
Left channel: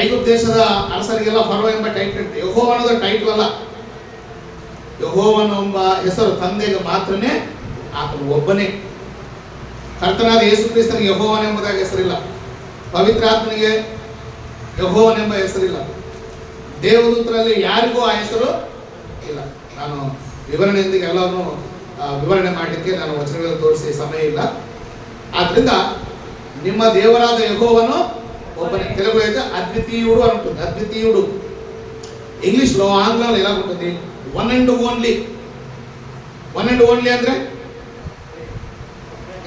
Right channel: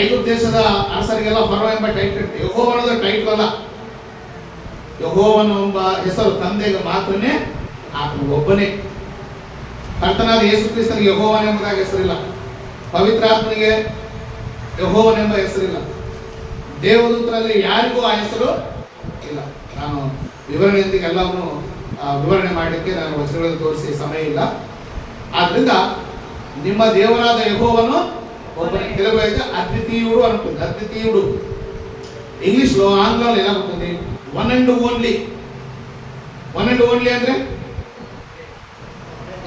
ಐಗುಪ್ತ ದೇಶದ ಅರಸರಿಗೆಲ್ಲ ಫರೋ ಎಂಬ ಟೈಟಲ್. ಯೆಹೋವ ಅನ್ನೋದು ಟೈಟಲ್ ಅಲ್ಲ. ಯೆಹೋವನು ಎಂಬ ಹೆಸರು ತಂದೆಗೆ ಮಾತ್ರನೇ, ಆತನು ಒಬ್ಬನೇ. ಕರ್ತನಾದ ಯೇಸು ಕ್ರಿಸ್ತನಿಗೆ ಯೆಹೋವನ ಎಂಬುದಾಗಿ ಹೆಸರಿಲ್ಲ. ಪವಿತ್ರಾತ್ಮನಿಗೆ ಯೆಹೋವನ ಎಂಬ ಹೆಸರಿಲ್ಲ. ದೇವದೂತರಲ್ಲಿ ಯಾರಿಗೂ ಆ ಹೆಸರು ಇಲ್ಲ. ನಾನು ವಿವರಣೆಯೊಂದಿಗೆ ಎಲ್ಲವನ್ನೂ ವಿವರಣೆ ಮಾಡಲಿಕ್ಕೆ ನಾನು ವಚನಗಳನ್ನು ತೋರಿಸಿ ಸಮಯ ಇಲ್ಲ. ಆದ್ರಿಂದ ನಿಮ್ಮ ದೇವರಾದ ಯೆಹೋವನು ಒಬ್ಬನೇ. ಕೆಲವು అయితే అద్వితీయుడు అనుంటుంది. అద్వితీయుడు ఇంగ్లీష్లో, ఆంగ్లంలో ఎలా ఉంటుంది? One and only. One and only ಅಂದ್ರೆ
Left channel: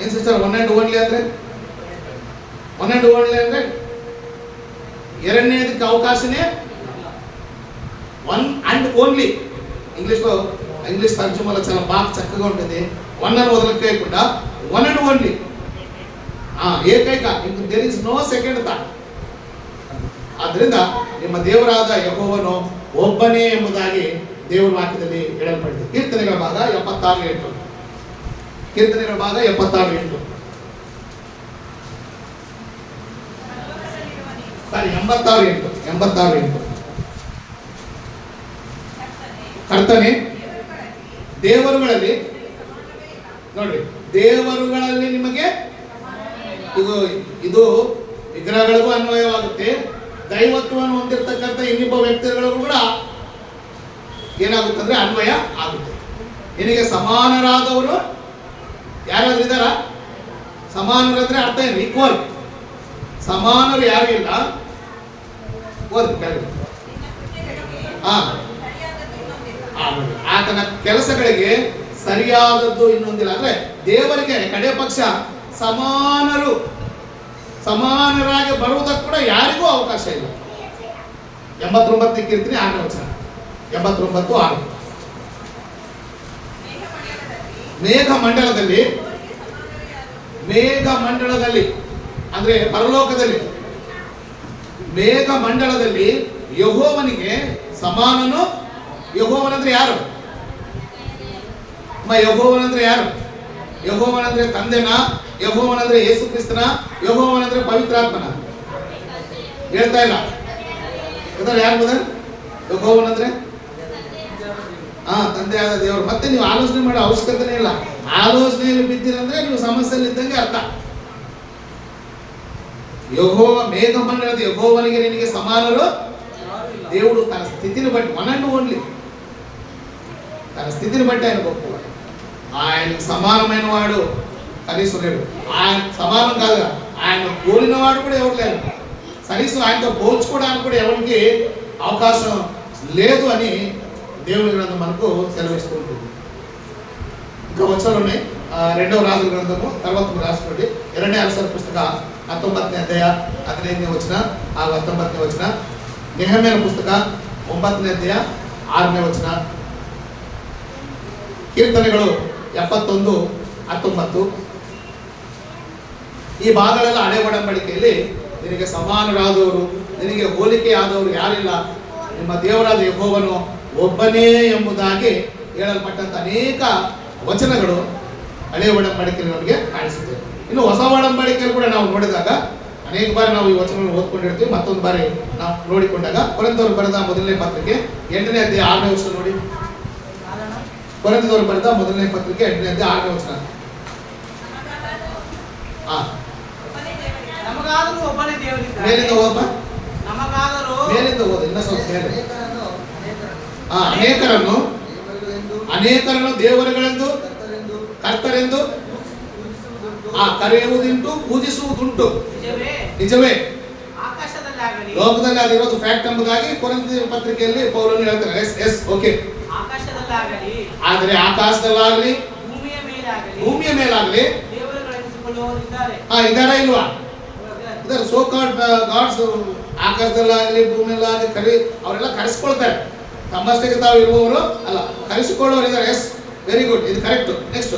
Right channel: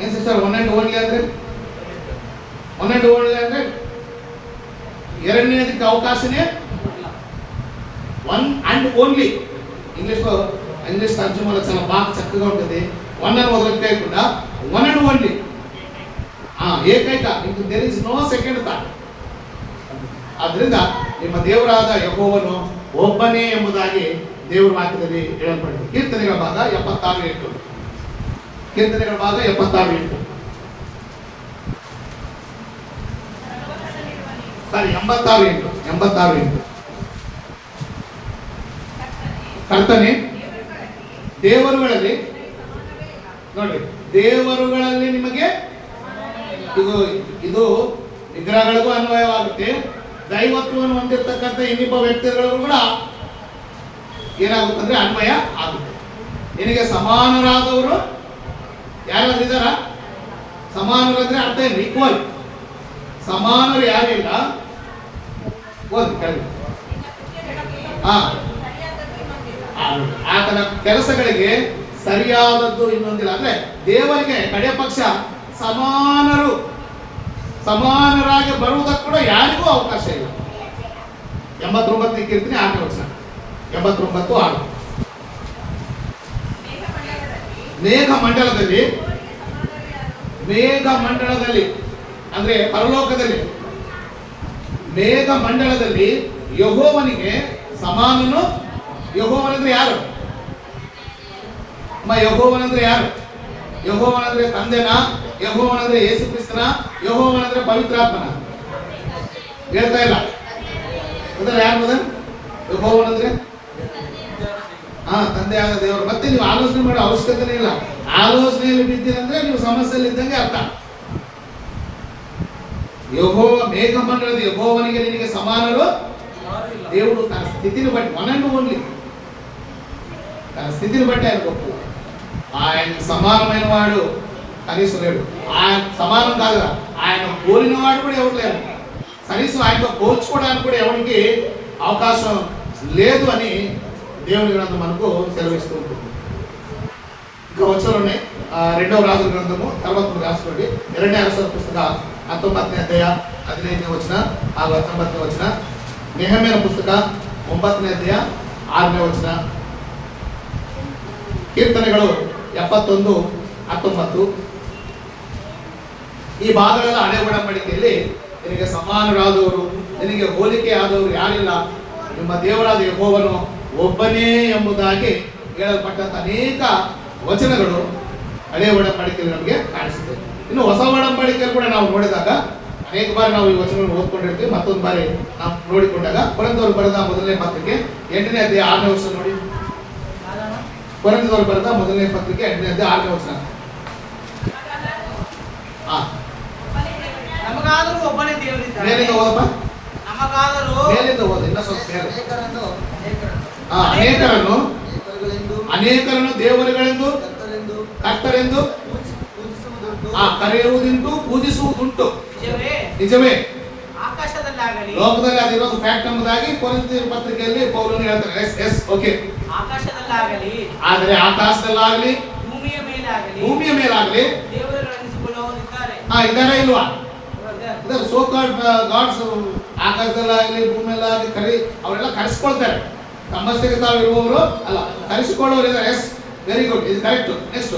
ಏನ್ ಸಿಸ್ಟರ್? ಒನ್ ಅಂಡ್ ಓನ್ಲಿ ಅಂದ್ರೆ, ಒನ್ ಅಂಡ್ ಓನ್ಲಿ ಅಂದ್ರೆ ಎರಡನೇದಕ್ಕೆ ಅವಕಾಶನೇ వన్ అండ్ ఓన్లీ. ఇంగ్లీష్ తర్జుమాలో చాలా బాగా చక్కగా ఉంటుంది. వన్ అని వదలకుండా వన్ అండ్ ఓన్లీ, ಏಕೈಕ. There is no second thought. ಆದ್ರಿಂದ ನಿಮ್ಮ ದೇವರಾದ ಯೆಹೋವನು ಒಬ್ಬನೇ ಎಂಬುದಾಗಿ ದೇವರ ವಾಕ್ಯದಲ್ಲಿ ಹೇಳಲ್ಪಟ್ಟಿದೆ. ಕೀರ್ತನೆಗಳ ಭಾಗ 76:8. ಕೀರ್ತನೆಗಳ ಭಾಗ 76:8. ಸಾರಿ 86:8. 86:8. ಕರ್ತನೆ ದೇವರುಗಳಲ್ಲಿ, ನೋಡ್ರಿ, ದೇವರುಗಳಲ್ಲಿ ನಿಮಗೆ, ಇದು ವಿಗ್ರಹಗಳಿಗೂ ಅನ್ವಯವಾಗುತ್ತೆ. ದೈವತ್ವವನ್ನು ಹೊಂದಿರತಕ್ಕಂಥ ಇನ್ನಿಬ್ಬ ವ್ಯಕ್ತಿಗಳಿಗೂ ಕೂಡ ಏನಾಗುತ್ತೆ ಅಂದ್ರೆ ಅನ್ವಯ ಆಗುತ್ತೆ. ನಿನಗೆ ಸಮಾನರಾದವರು ಯಾರಾದ್ರೂ ಇದ್ದಾರ? ಸಮಾನರಾದ್ರೆ ಅರ್ಥ ಏನು? ಈಕ್ವಲ್. ಸಮಾನರು ಯಾರು ಇಲ್ಲ. ಆತನ ಕೆಲಸಗಳಿಗೆ ಸರಿಯಾದದ್ದು ಇನ್ನೊಂದಿಲ್ಲ. ಅಂದ್ರೆ ದೇವರಿಗೆ ಕಡೆ ಪಕ್ಷ ಸಮಾನರಾಗಿ ಬರುವುದಕ್ಕೆ ಕೂಡ ಯಾರಿಗೂ ಅವಕಾಶ ಇಲ್ಲ. 89ನೇ ಕೀರ್ತನೆ 6ನೇ ವಚನ. 89:6. ಮೇಘಮಂಡಲದಲ್ಲಿ ಅಂದ್ರೆ ಪರಲೋಕದಲ್ಲಿ, ಮೇಘಮಂಡಲದಲ್ಲಿ ಯೆಹೋವನಿಗೆ ಸಮಾನನು. ಯೆಹೋವನಂದ್ರೆ ಯಾರು? ಯೆಹೋವನಂದ್ರೆ ಯಾರು? ಯೆಹೋವನಂದ್ರೆ ತಂದೆನ? ಯೆಹೋವನಂದ್ರೆ ಯೇಸು ಕ್ರಿಸ್ತನ? ಯೆಹೋವನಂದ್ರೆ ಪವಿತ್ರಾತ್ಮನ? ಹೇಳ್ತಾ ಇಲ್ಲ. ಇದರ ಯಾರು ಮೊದಲು? ಯೆಹೋವನಂದ್ರೆ ತಂದೆ ಆದ ದೇವರು. ಮತ್ತೆ ನೀವು ಆಲೋಚನೆ ಮಾಡೋ ಅವಶ್ಯಕತೆನೇ ಇಲ್ಲ. ಆಲೋಚನೆಯಲ್ಲಿ ಬಿದ್ದಿರಂದ್ರೆ ನೀವು ಸಮಸ್ಯೆಯಲ್ಲಿ ಇದ್ದಂಗೆ ಅರ್ಥ. ಯೆಹೋವ, ಮೇಘಮಂಡಲದ ಯೆಹೋವನಿಗೆ ನಿನಗೆ ಸಮಾನರು. దేవుడు తన స్థితిని బట్టి, వన్ అండ్ ఓన్లీ, తన స్థితిని బట్టి ఆయన గొప్ప. ఆయన సమానమైన వాడు కనీసం లేడు. ఆయన సమానం కాదుగా, ఆయన పోలిన వాడు కూడా ఎవరు లేరు, కనీసం ఆయనతో పోల్చుకోవడానికి కూడా ఎవరికి అవకాశం లేదు అని దేవుని గ్రంథం మనకు సెలవిస్తూ ఉంటుంది. ఇంకా వచ్చలోనే 2వ రాజుల గ్రంథము తర్వాత రాసుకోండి. 2వ అరసల పుస్తక 19ನೇ ಅಧ್ಯಾಯ 15ನೇ ವಚನ 19ನೇ ವಚನ. ನೆಹೆಮೀಯನ ಪುಸ್ತಕ 9ನೇ ಅಧ್ಯಾಯ 6ನೇ ವಚನ. ಕೀರ್ತನೆಗಳು 71:19. ಈ ಭಾಗಗಳೆಲ್ಲ ಹಳೆ ಒಡಂಬಡಿಕೆಯಲ್ಲಿ ನಿನಗೆ ಸಮಾನರಾದವರು, ನಿನಗೆ ಹೋಲಿಕೆ ಆದವರು ಯಾರಿಲ್ಲ, ನಿಮ್ಮ ದೇವರಾದ ಯೆಹೋವನು ಒಬ್ಬನೇ ಎಂಬುದಾಗಿ ಹೇಳಲ್ಪಟ್ಟಂತ ಅನೇಕ ವಚನಗಳು ಹಳೆ ಒಡಂಬಡಿಕೆಯಲ್ಲಿ ನಮಗೆ ಕಾಣಿಸುತ್ತೆ. ಇನ್ನು ಹೊಸ ಒಡಂಬಡಿಕೆಯಲ್ಲಿ ಕೂಡ ನಾವು ನೋಡಿದಾಗ ಅನೇಕ ಬಾರಿ ನಾವು ಈ ವಚನವನ್ನು ಓದ್ಕೊಂಡಿರ್ತೀವಿ. ಮತ್ತೊಂದು ಬಾರಿ ನಾವು ನೋಡಿಕೊಂಡಾಗ ಕೊರಿಂಥದವರು ಬರೆದ ಮೊದಲನೇ ಪತ್ರಿಕೆ 8ನೇ ಅಧ್ಯಾಯ 6ನೇ ವಚನ ನೋಡಿ. ಕೊರಿಂಥದವರು ಬರೆದ ಮೊದಲನೇ ಪತ್ರಿಕೆ 8ನೇ ಅಧ್ಯಾಯ 6ನೇ ವಚನ. ನಮಗಾದರೂ ಒಬ್ಬನೇ ದೇವರಿದ್ದಾನೆ. ಮೇಲಿಂದ ಓದಪ್ಪ, ನಮಗಾದರೂ ಮೇಲಿಂದ ಓದು, ಇನ್ನ ಸ್ವಲ್ಪ ಮೇಲೆ. ಅನೇಕರನ್ನು ದೇವರುಗಳೆಂದು ಕರ್ತರೆಂದು ಕರೆಯುವುದುಂಟು, ಪೂಜಿಸುವುದುಂಟು. ನಿಜವೇ, ಆಕಾಶದಲ್ಲಾಗಲಿ, ಲೋಕದಲ್ಲಿ ಅದಿರೋದು ಫ್ಯಾಕ್ಟ್ ಎಂಬುದಾಗಿ ಕೊರಿಂಥ ಪತ್ರಿಕೆಯಲ್ಲಿ ಪೌಲನು ಹೇಳ್ತಾರೆ. Yes okay. ಆಕಾಶದಲ್ಲಾಗಲಿ, ಆದರೆ ಆಕಾಶದಲ್ಲಾಗಲಿ, ಭೂಮಿಯ ಮೇಲಾಗಲಿ ದೇವರುಗಳೆನಿಸಿಕೊಳ್ಳುವವರು ಇದ್ದಾರೆ. ಇದಾರೆ ಇಲ್ವಾ? ಇದರ ಸೋ ಕಾಲ್ಡ್ ಗಾಡ್ಸ್ ಆಕಾಶದಲ್ಲಾಗಲಿ ಭೂಮಿಯಲ್ಲಾಗಲಿ ಅವರೆಲ್ಲ ಕರೆಸ್ಕೊಳ್ತಾರೆ. ತಮ್ಮಷ್ಟಕ್ಕೆ ತಾವು ಇರುವವರು ಅಲ್ಲ, ಕರೆಸಿಕೊಳ್ಳುವವರು ಇದ್ದಾರೆ. ಎಸ್, ವೆರಿ ಗುಡ್, ಇದು ಕರೆಕ್ಟ್. ನೆಕ್ಸ್ಟ್,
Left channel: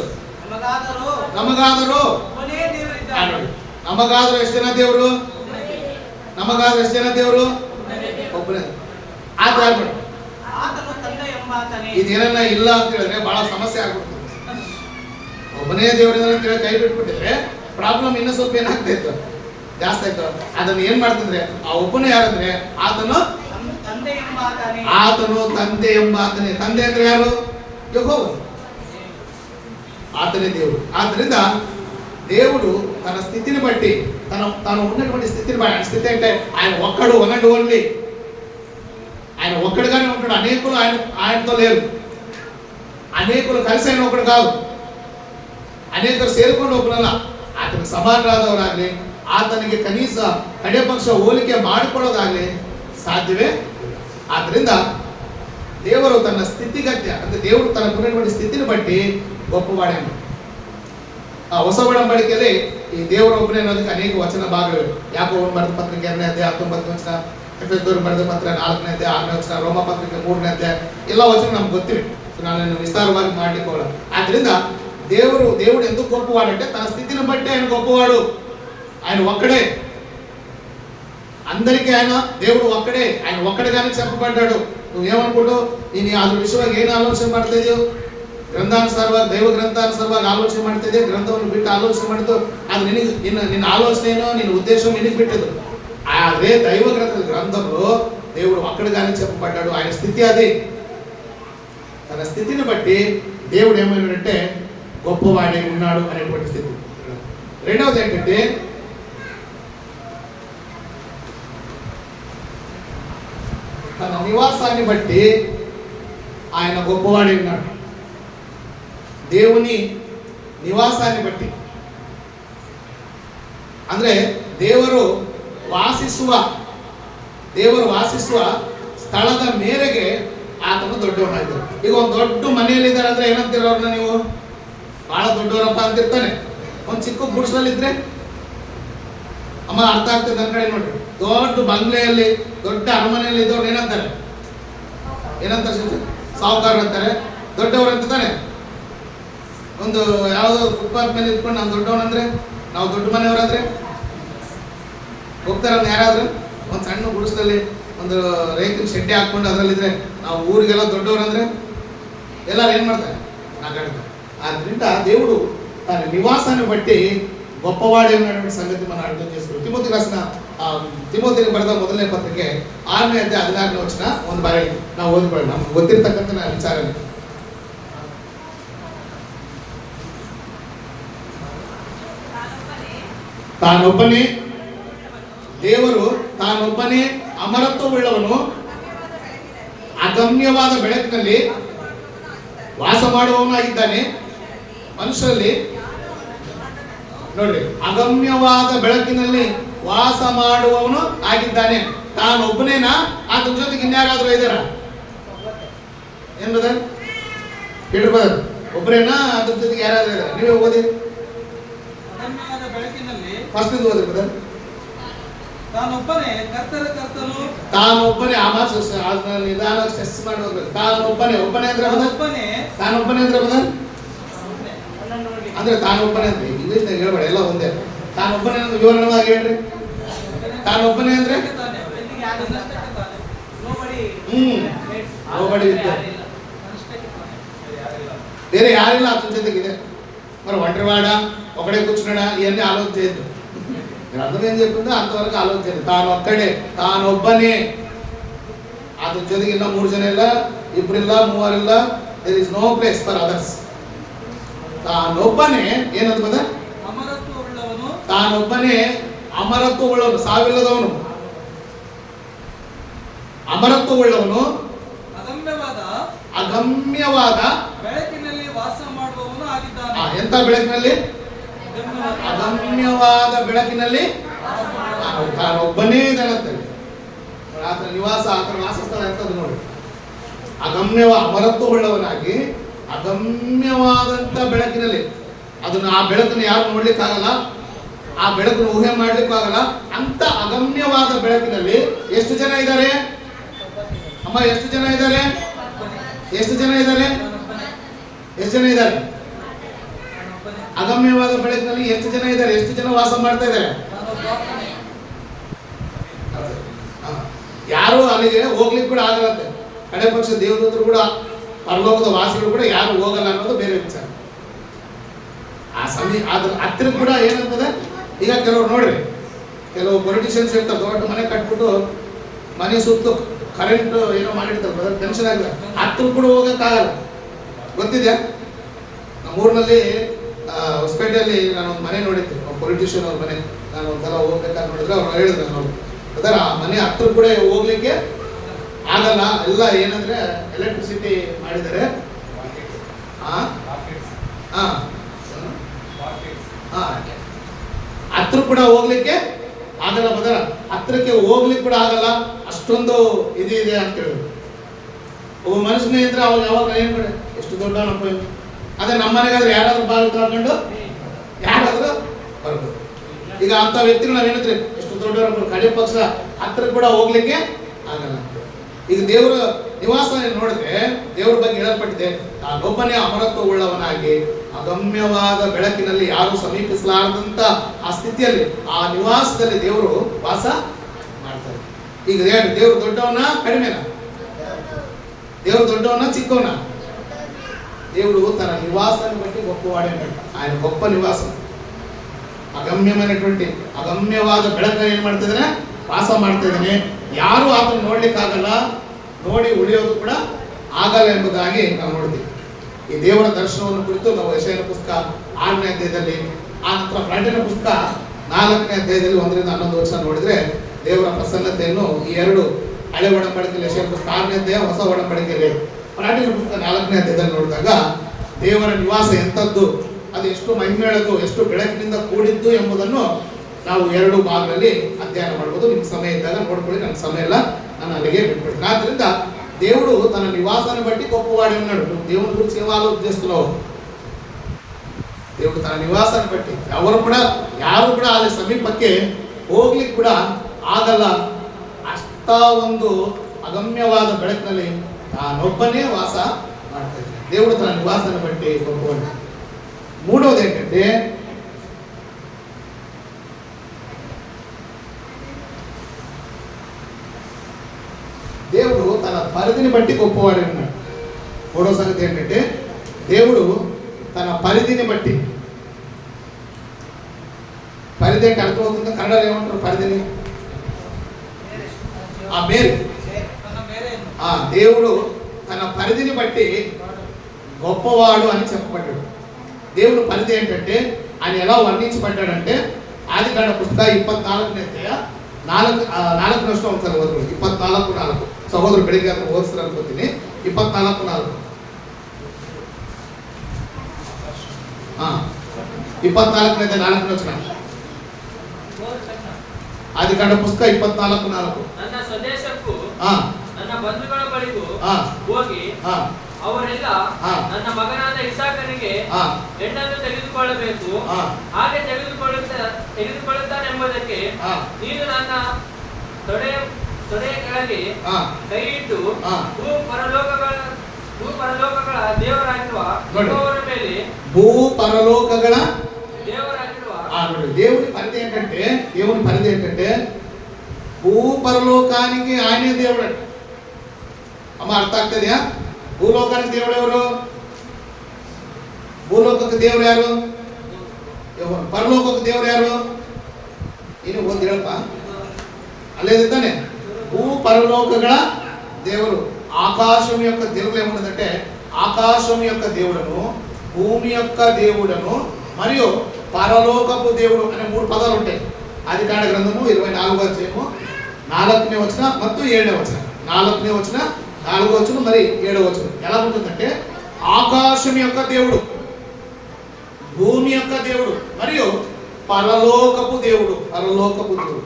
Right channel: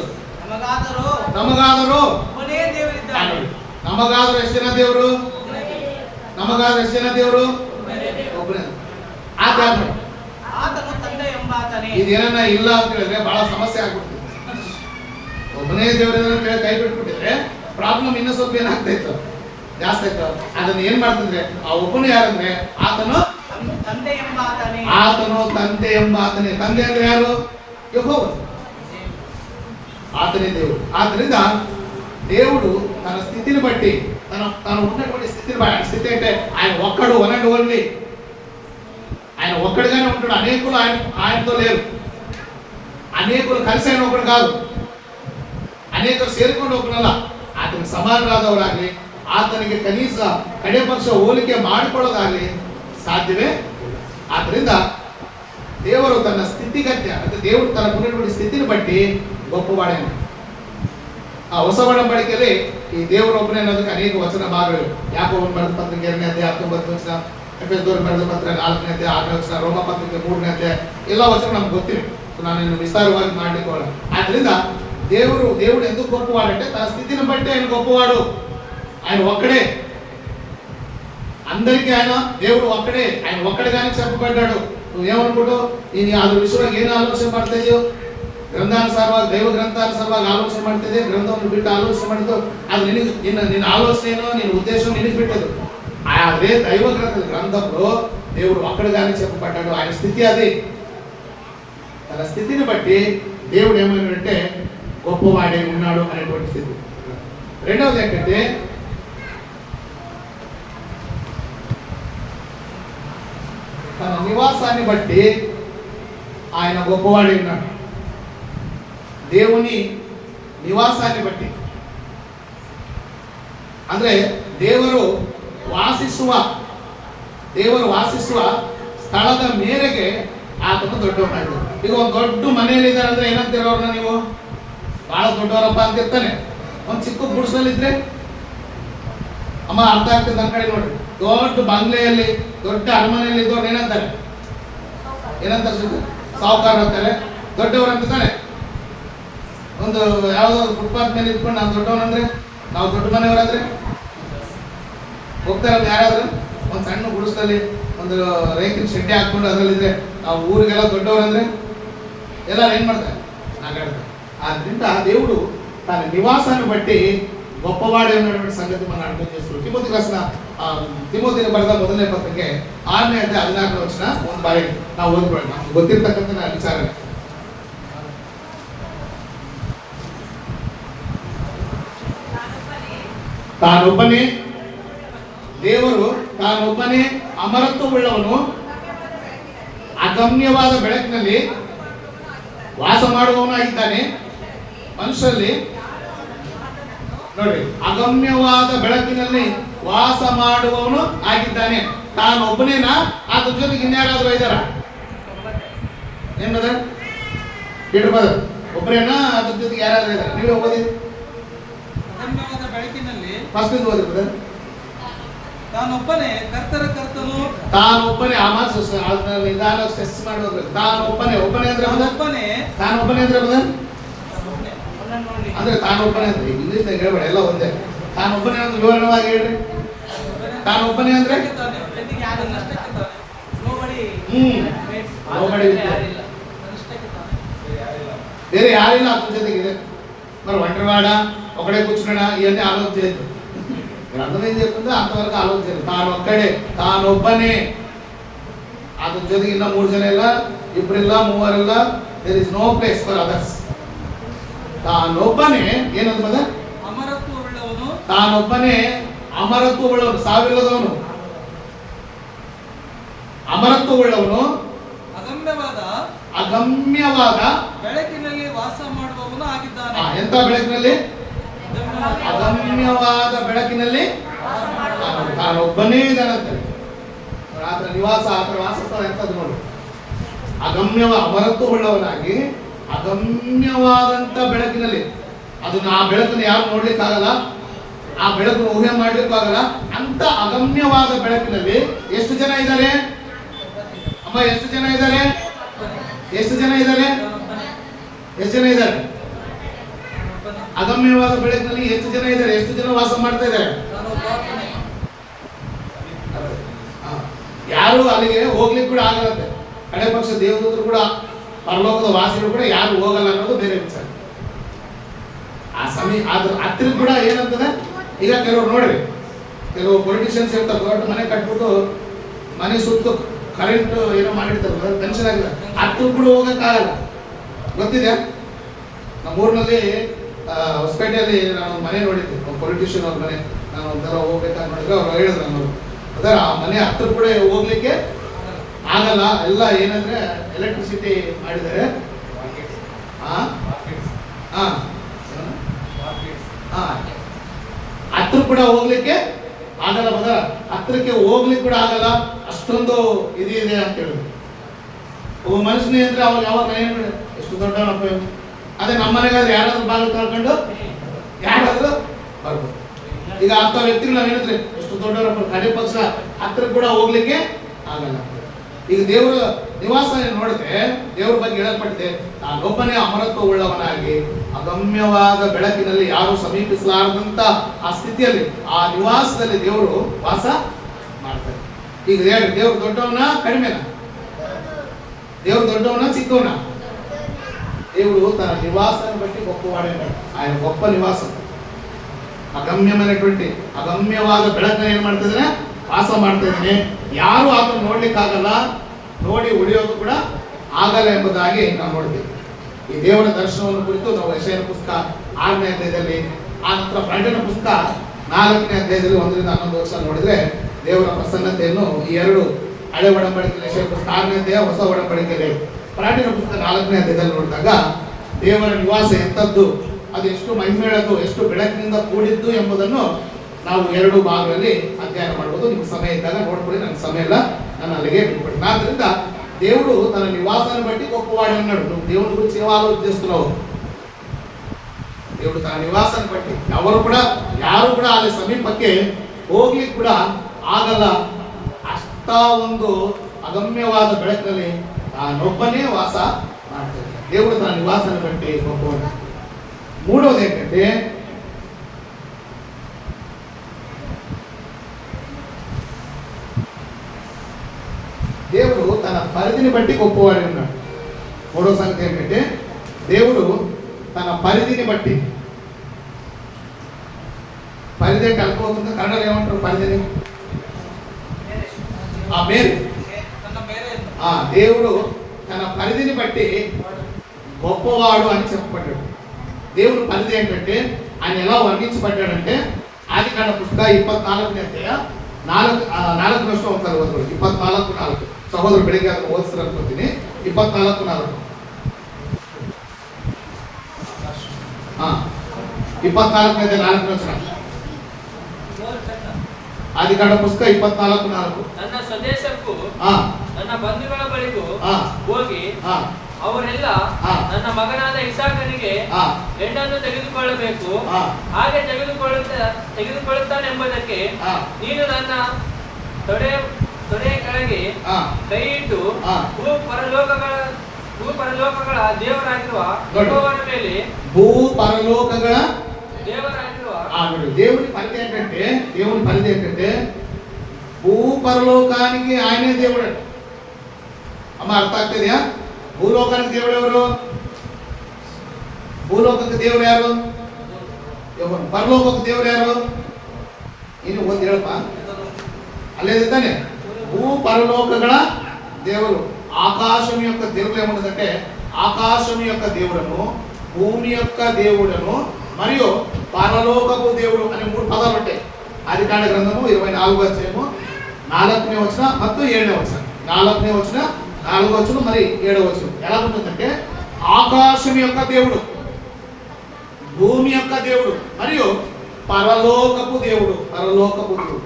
ನಮಗಾದರೂ ನಮಗಾದರೂ ಎಷ್ಟು ಜನ ದೇವರು? ನಮಗಾದರೂ ಎಷ್ಟು ಜನ ದೇವರು? ಒಬ್ಬನೇ. ಇದೇನ ಇಲ್ಲ ಅಂತ ಹೇಳಿದ್ರೆ ಬಹಳ ಸಮಸ್ಯೆ ಆಗ್ಬಿಡ್ತದೆ. ಒಬ್ಬನೇ ದೇವರಿಂದ ಅಂತ ಹೇಳಿ ಕೈ ಬಿಟ್ಬಿಟ್ಟಿದ್ರೆ ಪ್ರಾಬ್ಲಮ್ ಇನ್ನೂ ಸ್ವಲ್ಪ ಏನಾಗ್ತಾ ಇತ್ತು, ಜಾಸ್ತಿ ಆಯ್ತು. ಅದನ್ನ ಏನ್ ಮಾಡ್ತಿದ್ರೆ ಆ ಒಬ್ಬನೇ ಯಾರಂದ್ರೆ ಆತನು ತಂದೆ ಎಂಬ ಆತನೇ. ತಂದೆ ಅಂದ್ರೆ ಯಾರು? ಯೆಹೋವ, ಆತನೇ ದೇವರು. ಆದ್ದರಿಂದ దేవుడు తన స్థితిని బట్టి తను ఉన్నటువంటి స్థితిని బట్టి, స్థితి అంటే ఆయన ఒక్కడు, వన్ అండ్ ఓన్లీ ఆయన ఒక్కడిగానే ఉంటాడు. అనేకులు ఆయనతో లేరు. అనేకులు కలిసి ఆయన ఒకడు కాదు, అనేಕರು ಸೇರಿಕೊಂಡು ಒಬ್ಬರಲ್ಲ. ಆತನಿಗೆ ಸಮಾನರಾದವರಾಗಲಿ, ಆತನಿಗೆ ಕನೀಸ ಕಡೆ ಪಕ್ಷ ಹೋಲಿಕೆ ಮಾಡಿಕೊಳ್ಳೋದಾಗಲಿ ಸಾಧ್ಯವೇ? ಆದ್ದರಿಂದ ದೇವರು ತನ್ನ ಸ್ಥಿತಿಗತ್ಯ ಅಂದ್ರೆ ದೇವರು ತನ್ನ ಗುಣటువంటి ಸ್ಥಿತಿని ಬట్టి గొప్పవాడే. ಹೊಸ ಒಡಂಬಡಿಕೆಯಲ್ಲಿ ಈ ದೇವರ ಒಬ್ಬನೇ ಅನ್ನೋದಕ್ಕೆ ಅನೇಕ ವಚನ ಭಾಗಗಳಿವೆ. ಯಾಕೋಬನ ಬರೆದ ಪತ್ರಿಕೆ 2ನೇ ಅಧ್ಯಾಯ 19ನೇ ವಚನ, ಎಫೆಸದವರಿಗೆ ಬರೆದ ಪತ್ರಿಕೆ 4ನೇ ಅಧ್ಯಾಯ 6ನೇ ವಚನ, ರೋಮ ಪತ್ರಿಕೆ 3ನೇ ಅಧ್ಯಾಯ, ಎಲ್ಲ ವಚನ ನಮ್ಗೆ ಗೊತ್ತಿವೆ. ನಾನು ವಿಸ್ತಾರವಾಗಿ ಮಾಡಲಿಕ್ಕೆ. ಆದ್ದರಿಂದ దేవుడు ఎందుకు గొప్పవాడంటే తన స్థితిని బట్టి ఆయన గొప్పవాడు. ఆయన ఒక్కడే, అందరికీ ఆయన దేవుడు ఒక్కడే, ఆయన ఒక్కడిగానే చెప్పబడ్డాడు. నువ్వేమనుకుంటావు? ನೀನು ಅದ್ರ ವಿಷಯವಾಗಿ ಏನು ಆಲೋಚನೆ ಮಾಡ್ತಾ ಇದೆಯೋ, ಗ್ರಂಥಾನುಸಾರವಾಗಿ ದೈವ ಗ್ರಂಥಾನುಸಾರವಾಗಿ ಆಲೋಚನೆ ಮಾಡ್ತಿದ್ದೆ, ಗ್ರಂಥವನ್ನು ಬಿಟ್ಟು ಆಲೋಚನೆ ಮಾಡಿದ್ದು ಅದು ನಿನ್ನ ಆಲೋಚನೆ ಏನೋ, ನಿನ್ನ ಉದ್ದೇಶ ನಿನಗೆ ಬಿಟ್ಟದು. ಆದ್ರೆ దైవ గ్రంథంలో దేవుడు ఒక్కడిగానే చెప్పబడ్డాడు. ఆయన స్థితి అది. తన స్థితిని బట్టి దేవుడు ఏమైనాడంటే గొప్పవాడే ఉన్నాడు అనేటువంటి స్థితి. రెండవది ఏంటంటే తన నివాసాన్ని బట్టి ఆయన గొప్పవాడే ఉన్నాడు. దేవుని ನಿವಾಸಾన్ని ಬಟ್ಟಿ ಅಂದ್ರೆ ದೇವರು ವಾಸಿಸುವ ಸ್ಥಳದ ಮೇರೆಗೆ ಆತನು ದೊಡ್ಡವನಾಗಿದ್ದಾನೆ. ಈಗ ಒಂದು ದೊಡ್ಡ ಮನೆಯಲ್ಲಿದ್ದಾರೆ ಅಂದ್ರೆ ಏನಂತೀರ ಅವ್ರನ್ನ ನೀವು? ಬಹಳ ದೊಡ್ಡವರಪ್ಪ ಅಂತಿರ್ತಾನೆ. ಒಂದು ಚಿಕ್ಕ ಗುಡಿಸಲಿದ್ರೆ ಅಮ್ಮ ಅರ್ಥ ಆಗ್ತದೆ ನನ್ನ ಕಡೆ ನೋಡ್ರಿ. ದೊಡ್ಡ ಬಂಗ್ಲೆಯಲ್ಲಿ ದೊಡ್ಡ ಅರಮನೆಯಲ್ಲಿ ಇದ್ದವ್ರು ಏನಂತಾರೆ? ಸಾಹುಕಾರ ಅಂತಾರೆ, ದೊಡ್ಡವರು ಅಂತ ತಾನೆ. ಒಂದು ಯಾವುದೋ ಫುಟ್ಪಾತ್ ಮೇಲೆ ಇಟ್ಕೊಂಡು ನಾನು ದೊಡ್ಡವನಂದ್ರೆ, ನಾವು ದೊಡ್ಡ ಮನೆಯವರಾದ್ರೆ ಹೋಗ್ತಾರಲ್ಲ ಯಾರಾದ್ರೂ ಒಂದು ಸಣ್ಣ ಗುಡಿಸದಲ್ಲಿ ಒಂದು ರೇಖೆ ಶೆಡ್ಡೆ ಹಾಕೊಂಡು ಅದರಲ್ಲಿದ್ರೆ ನಾವು ಊರಿಗೆಲ್ಲ ದೊಡ್ಡವರಂದ್ರೆ ಎಲ್ಲರೂ ಏನ್ ಮಾಡ್ತಾರೆ? ನಾಗಾಡ್ತಾರೆ. ಆದ್ರಿಂದ దేవుడు తన నివాసాన్ని బట్టి గొప్పవాడే ఉన్నటువంటి సంగతి మనం అర్థం చేసుకోవాలి. తిమోతికి రాసిన ತಿಮೋತಿಗೆ ಬರೆದ ಮೊದಲನೇ ಪತ್ರಿಕೆ 6ನೇ ಅಧ್ಯಾಯ 16ನೇ ವಚನ ಒಂದು ಬಾರಿ ನಾವು ಓದ್ಕೊಳ್ಳಿ. ನಮ್ಗೆ ಗೊತ್ತಿರ್ತಕ್ಕಂಥ ವಿಚಾರ. ತಾನೊಬ್ಬನೇ ದೇವರು, ತಾನೊಬ್ಬನೇ ಅಮರತ್ವವುಳ್ಳವನು, ಅಗಮ್ಯವಾದ ಬೆಳಕಿನಲ್ಲಿ ವಾಸ ಮಾಡುವವನಾಗಿದ್ದಾನೆ. ಮನುಷ್ಯರಲ್ಲಿ ನೋಡ್ರಿ, ಅಗಮ್ಯವಾದ ಬೆಳಕಿನಲ್ಲಿ ವಾಸ ಮಾಡುವವನು ಆಗಿದ್ದಾನೆ. ತಾನು ಒಬ್ಬನೇನಾ? ಅದ್ರ ಜೊತೆಗೆ ಇನ್ಯಾರಾದ್ರೂ ಇದ್ದಾರ? ಏನ್ ಬ್ರದರ್ ಹೇಳ್ಬೋದು? ಒಬ್ಬರೇನಾ? ಅದ್ರ ಜೊತೆಗೆ ಯಾರಾದ್ರೂ ಇದಾರೆ? ನೀವೇ ಓದಿ, ಅಗಮ್ಯವಾದ ಬೆಳಕಿನಲ್ಲಿ ಫಸ್ಟ್ ಓದಿ ಬ್ರದರ್. ತಾನೊಬ್ಬನೇ ಕರ್ತರ ಕರ್ತನು. ತಾನೊಬ್ಬನೇ, ಆ ಮಾತು ನಿಧಾನ ಸ್ಟ್ರೆಸ್ ಮಾಡಿ ಹೋಗ್ಬೇಕು. ತಾನೊಬ್ಬನೇ, ಒಬ್ಬನೇ ಅಂದ್ರೆ ಒಬ್ಬನೇ, ತಾನೊಬ್ಬನೇ ಅಂದ್ರೆ ಬ್ರದರ್ ಅವನನ್ನು ನೋಡಿ. ಅಂದ್ರೆ ತಾನೊಬ್ಬನೇ ಅಂದ್ರೆ ಇಂಗ್ಲಿಷ್ನಾಗ ಹೇಳ್ಬೇಡ, ಎಲ್ಲ ಒಂದೇ. ತಾನೊಬ್ಬನೇ ಅಂದ್ರೆ ವಿವರಣವಾಗಿ ಹೇಳ್ರಿ. ತಾನೊಬ್ಬನೇ ಅಂದ್ರೆ ಜೊತೆಗೆ ಯಾರು ಇಲ್ಲ. Nobody mates. Nobody is there. ಯಾರಿಲ್ಲ. ಬೇರೆ ಯಾರಿಲ್ಲ ಆತನ ಜೊತೆಗಿದೆ. మరి ఒంటరివాడ ఒకడే కూర్చున్నాడా ఇవన్నీ ఆలోచన చేయొద్దు. మీరు అర్థం ఏం చెప్తుందో అంతవరకు ఆలోచన చేయదు. తాను ఒక్కడే, తానొಬ್ಬನೇ. అతని జೊತೆಗೆ ಇನ್ನ 3 ಜನ ಇಲ್ಲ, ಇಬ್ಬರಿಲ್ಲ, ಮೂವರಿಲ್ಲ. There is no place for others. ತಾನೊಬ್ಬನೇ ಏನಂತ ಬದ? ಅಮರತ್ವವುಳ್ಳವನು. ತಾನೊಬ್ಬನೇ ಅಮರತ್ವವುಳ್ಳವನು, ಸಾವಿಲ್ಲದವನು, ಅಮರತ್ವವುಳ್ಳವನು, ಅಗಮ್ಯವಾದ ಬೆಳಕಿನಲ್ಲಿ ವಾಸ ಮಾಡುವವನು ಆಗಿದ್ದಾನೆ. ಎಂತ ಬೆಳಕಿನಲ್ಲಿ? ಅಗಮ್ಯವಾದ ಬೆಳಕಿನಲ್ಲಿ ತಾನೊಬ್ಬನೇ ಇದ್ದಾನಂತೆ. ಆತನ ನಿವಾಸ, ಆತನ ವಾಸಸ್ಥಳ ಎಂತದ್ದು ನೋಡಿ. ಅಮರತ್ವವುಳ್ಳವನಾಗಿ ಅಗಮ್ಯವಾದಂತ ಬೆಳಕಿನಲ್ಲಿ, ಅದನ್ನ ಆ ಬೆಳಕನ್ನು ಯಾರು ನೋಡ್ಲಿಕ್ಕಾಗಲ್ಲ, ಆ ಬೆಳಕನ್ನು ಊಹೆ ಮಾಡ್ಲಿಕ್ಕೂ ಆಗಲ್ಲ. ಅಂತ ಅಗಮ್ಯವಾದ ಬೆಳಕಿನಲ್ಲಿ ಎಷ್ಟು ಜನ ಇದ್ದಾರೆ ಅಮ್ಮ? ಎಷ್ಟು ಜನ ಇದ್ದಾರೆ? ಎಷ್ಟು ಜನ ಇದ್ದಾರೆ? ಎಷ್ಟು ಜನ ಇದ್ದಾರೆ? ಅಗಮ್ಯವಾದ ಬೆಳಕಿನಲ್ಲಿ ಎಷ್ಟು ಜನ ಇದ್ದಾರೆ? ಎಷ್ಟು ಜನ ವಾಸ ಮಾಡ್ತಾ ಇದ್ದಾರೆ? ಯಾರು ಅಲ್ಲಿಗೆ ಹೋಗ್ಲಿಕ್ಕೆ ಕೂಡ ಆಗಲ್ಲಂತೆ. ಕಡೆ ಪಕ್ಷ ದೇವದೂತರು ಕೂಡ, ಪರಲೋಕದ ವಾಸಿಗಳು ಕೂಡ ಯಾರು ಹೋಗಲ್ಲ ಅನ್ನೋದು ಬೇರೆ ವಿಚಾರ. ಆ ಸಮಯ ಅದ್ರ ಹತ್ತಿರ ಕೂಡ ಏನಂತದೆ, ಈಗ ಕೆಲವರು ನೋಡ್ರಿ, ಕೆಲವು ಪೊಲಿಟಿಷಿಯನ್ಸ್ ಇರ್ತಾರೆ, ದೊಡ್ಡ ಮನೆ ಕಟ್ಬಿಟ್ಟು ಮನೆ ಸುತ್ತು ಕರೆಂಟ್ ಏನೋ ಮಾಡಿರ್ತಾರೆ, ಟೆನ್ಷನ್ ಆಗಿದೆ, ಹತ್ತಿರ ಕೂಡ ಹೋಗಕ್ಕಾಗಲ್ಲ. ಗೊತ್ತಿದ್ಯಾ? ನಮ್ಮೂರಿನಲ್ಲಿ ಹೊಸಪೇಟೆಯಲ್ಲಿ ನಾನು ಒಂದು ಮನೆ ನೋಡಿದ್ದೆ, ಪೊಲಿಟಿಷಿಯನ್ ಅವ್ರ ಮನೆ. ನಾನು ಒಂಥರ ಹೋಗ್ಬೇಕಾದ್ರೆ ನೋಡಿದ್ರೆ ಅವ್ರು ಹೇಳಿದ್ರು, ನಾನು ಅದರ ಆ ಮನೆ ಹತ್ತಿರ ಕೂಡ ಹೋಗ್ಲಿಕ್ಕೆ ಆಗಲ್ಲ. ಎಲ್ಲ ಏನಂದ್ರೆ ಎಲೆಕ್ಟ್ರಿಸಿಟಿ ಮಾಡಿದ್ದಾರೆ. ಹತ್ರ ಕೂಡ ಹೋಗ್ಲಿಕ್ಕೆ ಆಗಲ್ಲ ಬದರ, ಹತ್ರಕ್ಕೆ ಹೋಗ್ಲಿಕ್ಕೆ ಕೂಡ ಆಗಲ್ಲ, ಅಷ್ಟೊಂದು ಇದೆ ಅಂತ ಹೇಳಿದ್ರು. ಒಬ್ಬ ಮನುಷ್ಯನೇ ಅಂದ್ರೆ ಅವಾಗ ಯಾವಾಗ ಏನ್ ಮಾಡಿ ಎಷ್ಟು ದೊಡ್ಡವನಪ್ಪ. ಅದೇ ನಮ್ಮ ಮನೆಗಾದ್ರೆ ಯಾರಾದ್ರೂ ಬಾಗಿಲು ತಗೊಂಡು ಯಾರಾದ್ರೂ ಬರ್ಬೋದು. ಈಗ ಅಂತ ವ್ಯಕ್ತಿಗಳು ನಾವೇನಿದ್ರೆ ಎಷ್ಟು ದೊಡ್ಡವರಪ್ಪ, ಕಡೆ ಪಕ್ಷ ಹತ್ರ ಕೂಡ ಹೋಗ್ಲಿಕ್ಕೆ ಆಗಲ್ಲ. ಈಗ ದೇವರ ನಿವಾಸ ನೋಡಿದ್ರೆ ದೇವರ ಬಗ್ಗೆ ಹೇಳಲ್ಪಟ್ಟಿದೆ, ತಾನೊಬ್ಬನೇ ಅಮರತ್ವ ಉಳ್ಳವನಾಗಿ ಅಗಮ್ಯವಾದ ಬೆಳಕಿನಲ್ಲಿ ಯಾರು ಸಮೀಪಿಸಲಾರದಂತ ಆ ಸ್ಥಿತಿಯಲ್ಲಿ, ಆ ನಿವಾಸದಲ್ಲಿ ದೇವರು ವಾಸ ಮಾಡ್ತಾರೆ. ಈಗ ದೇವರು ದೊಡ್ಡವನ ಕಡಿಮೆನ? ದೇವರು ದೊಡ್ಡವನ ಚಿಕ್ಕವನ? ದೇವರು ತನ್ನ ನಿವಾಸನ ಬಟ್ಟಿ ಗొప్పవాడే. ఆయన గొప్ప నివాసం, ಅಗಮ್ಯమైనటువంటి ಅಗಮ್ಯವಾದ ಬೆಳಕನ್ನು ಏನ್ ಮಾಡ್ತಾ ಇದ್ದಾನೆ? ವಾಸ ಮಾಡ್ತಾ ಇದ್ದಾನೆ. ಯಾರು ಆತನ ನೋಡ್ಲಿಕ್ಕಾಗಲ್ಲ, ನೋಡಿ ಉಳಿಯೋದು ಕೂಡ ಆಗಲ್ಲ ಎಂಬುದಾಗಿ ನಾವು ನೋಡ್ತೀವಿ. ಈ ದೇವರ ದರ್ಶನವನ್ನು ಕುರಿತು ನಾವು ಯೆಶಾಯನ ಪುಸ್ತಕ 6ನೇ ಅಧ್ಯಾಯದಲ್ಲಿ, ಆ ನಂತರ ಪ್ರಕಟಣೆ ಪುಸ್ತಕ 4ನೇ ಅಧ್ಯಾಯದಲ್ಲಿ 1-11 ವರ್ಷ ನೋಡಿದ್ರೆ ದೇವರ ಪ್ರಸನ್ನತೆಯನ್ನು ಈ ಎರಡು ಹಳೆ ಒಡಂಬಡಿಕೆಯಲ್ಲಿ, ಯೆಶಾಯನ ಪುಸ್ತಕ 6ನೇ ಅಧ್ಯಾಯ, ಹೊಸ ಒಡಂಬಡಿಕೆಯಲ್ಲಿ ಪ್ರಕಟಣೆ ಪುಸ್ತಕ 4ನೇ ಅಧ್ಯಾಯದಲ್ಲಿ ನೋಡಿದಾಗ ದೇವರ ನಿವಾಸ ಎಂಥದ್ದು, ಅದು ಎಷ್ಟು ಮಹಿಮೇಳದ್ದು, ಎಷ್ಟು ಬೆಳಕಿನಿಂದ ಕೂಡಿದ್ದು ಎಂಬುದನ್ನು ನಾವು 2 ಭಾಗದಲ್ಲಿ ಅಧ್ಯಯನ ಮಾಡಬಹುದು. ನಿಮ್ಗೆ ಸಮಯ ಇದ್ದಾಗ ನೋಡ್ಕೊಳ್ಳಿ, ನನಗೆ ಸಮಯ ಇಲ್ಲ, ನಾನು ಅಲ್ಲಿಗೆ ಬಿಟ್ಬಿಡ್ತೀನಿ. ಆದ್ರಿಂದ దేవుడు తన నివాసాన్ని బట్టి గొప్పవాడు అన్నాడు. నువ్వు దేవుని గురించి ఏం ఆలోచిస్తున్నావు? దేవుడు తన నివాసాన్ని బట్టి ಯಾರು ಕೂಡ ಅಲ್ಲಿ ಸಮೀಪಕ್ಕೆ ಹೋಗ್ಲಿಕ್ಕೆ ಕೂಡ ಆಗಲ್ಲ. ಅಷ್ಟ ಒಂದು ಅಗಮ್ಯವಾದ ಬೆಳಕಿನಲ್ಲಿ ತಾನೊಬ್ಬನೇ ವಾಸ ಮಾಡ್ತಾರೆ. దేవుడు తన నివాసాన్ని బట్టి గొప్పవాడు. మూడవది ఏంటంటే దేవుడు తన పరిధిని బట్టి గొప్పవాడు ఉన్నాడు. మూడో సంగతి ఏంటంటే దేవుడు తన పరిధిని బట్టి, పరిధి అంటే అర్థమవుతుందో? కన్నడలో ఏమంటారు పరిధిని? మేరు. దేవుడు తన పరిధిని బట్టి గొప్పవాడు అని చెప్పబడ్డాడు. దేవుడు పరిధి ఏంటంటే ఆయన ఎలా వర్ణించబడ్డాడంటే, ఆదికాండ పుస్తక 24ನೇ ಅಧ್ಯಾಯ 4 ಒಂದ್ಸಲ ಓದ್ರು. 24:4 ಸಹೋದರ ಬೆಳಿಗ್ಗೆ ಅದನ್ನು ಓದಿಸ್ತಾರೆ ಅನ್ಕೋತೀನಿ. 24:4 24ನೇ ಅಧ್ಯಾಯ 4ನೇ ವಚನ. ಆದಿಕಾಂಡ ಪುಸ್ತಕ 24:4. ನನ್ನ ಸ್ವದೇಶಕ್ಕೂ ಹಾ ನನ್ನ ಬಂಧುಗಳ ಬಳಿಗೂ ಹಾ ಹೋಗಿ ಹಾ ಅವರೆಲ್ಲ ಹಾ. ನನ್ನ ಮಗನಾದ ಇಸಾಕನಿಗೆ ಹಾ ಹೆಣ್ಣನ್ನು ತೆಗೆದುಕೊಳ್ಳಬೇಕು, ಹಾ ಹಾಗೆ ತೆಗೆದುಕೊಳ್ಳುತ್ತಾನೆಂಬುದಕ್ಕೆ ಹಾ ನೀನು ನನ್ನ ತೊಡೆಯ ಕೆಳಗೆ ಹಾ ಕೈ ಇಟ್ಟು ಹಾ. ಭೂಪರಲೋಕಗಳ ದೇವರಾಗಿರುವ ನೋಡಿ. ಯೆಹೋವನ ಮೇಲೆ ಭೂ ಪರಲೋಕಗಳ ದೇವರಾಗಿರುವ ನೋಡಿ దేవుని పరిధి ఏంటంటే దేవుని పరిధి ఏంటంటే భూ పరలోకానికి ఆయనే దేవుడు. అమ్మ అర్థ ಆಗ್ತದೆಯా? భూలోకానికి దేవుడు ఎవరు? భూలోಕಕ್ಕೆ ದೇವರು ಯಾರು? ಯೆಹೋವ. ಪರಲೋಕಕ್ಕೆ ದೇವರು ಯಾರು? ಇನ್ನು ಓದಿ ಹೇಳಪ್ಪ. ಅಲ್ಲೇ ಇದ್ದಾನೆ. భూ పరలోకಗಳ దేవుడు. ఆకాశం యొక్క దేవుడు ఏముంటుందంటే ఆకాశం యొక్క దేవుడను, భూమి యొక్క దేవుడను మరియు పరలోకపు దేవుడు అనే 3 పదాలు ఉంటాయి. ఆదికాండ గ్రంథము 24వ అధ్యాయము 4ನೇ వచన ಮತ್ತು 7ನೇ వచన. 4ನೇ వచన 4వ వచన మరి 7వ వచన. ఎలా ఉంటుందంటే ఆకాశం యొక్క దేవుడు, భూమి యొక్క దేవుడు మరియు పరలోకపు దేవుడు. పరలోకపు దేవుడు.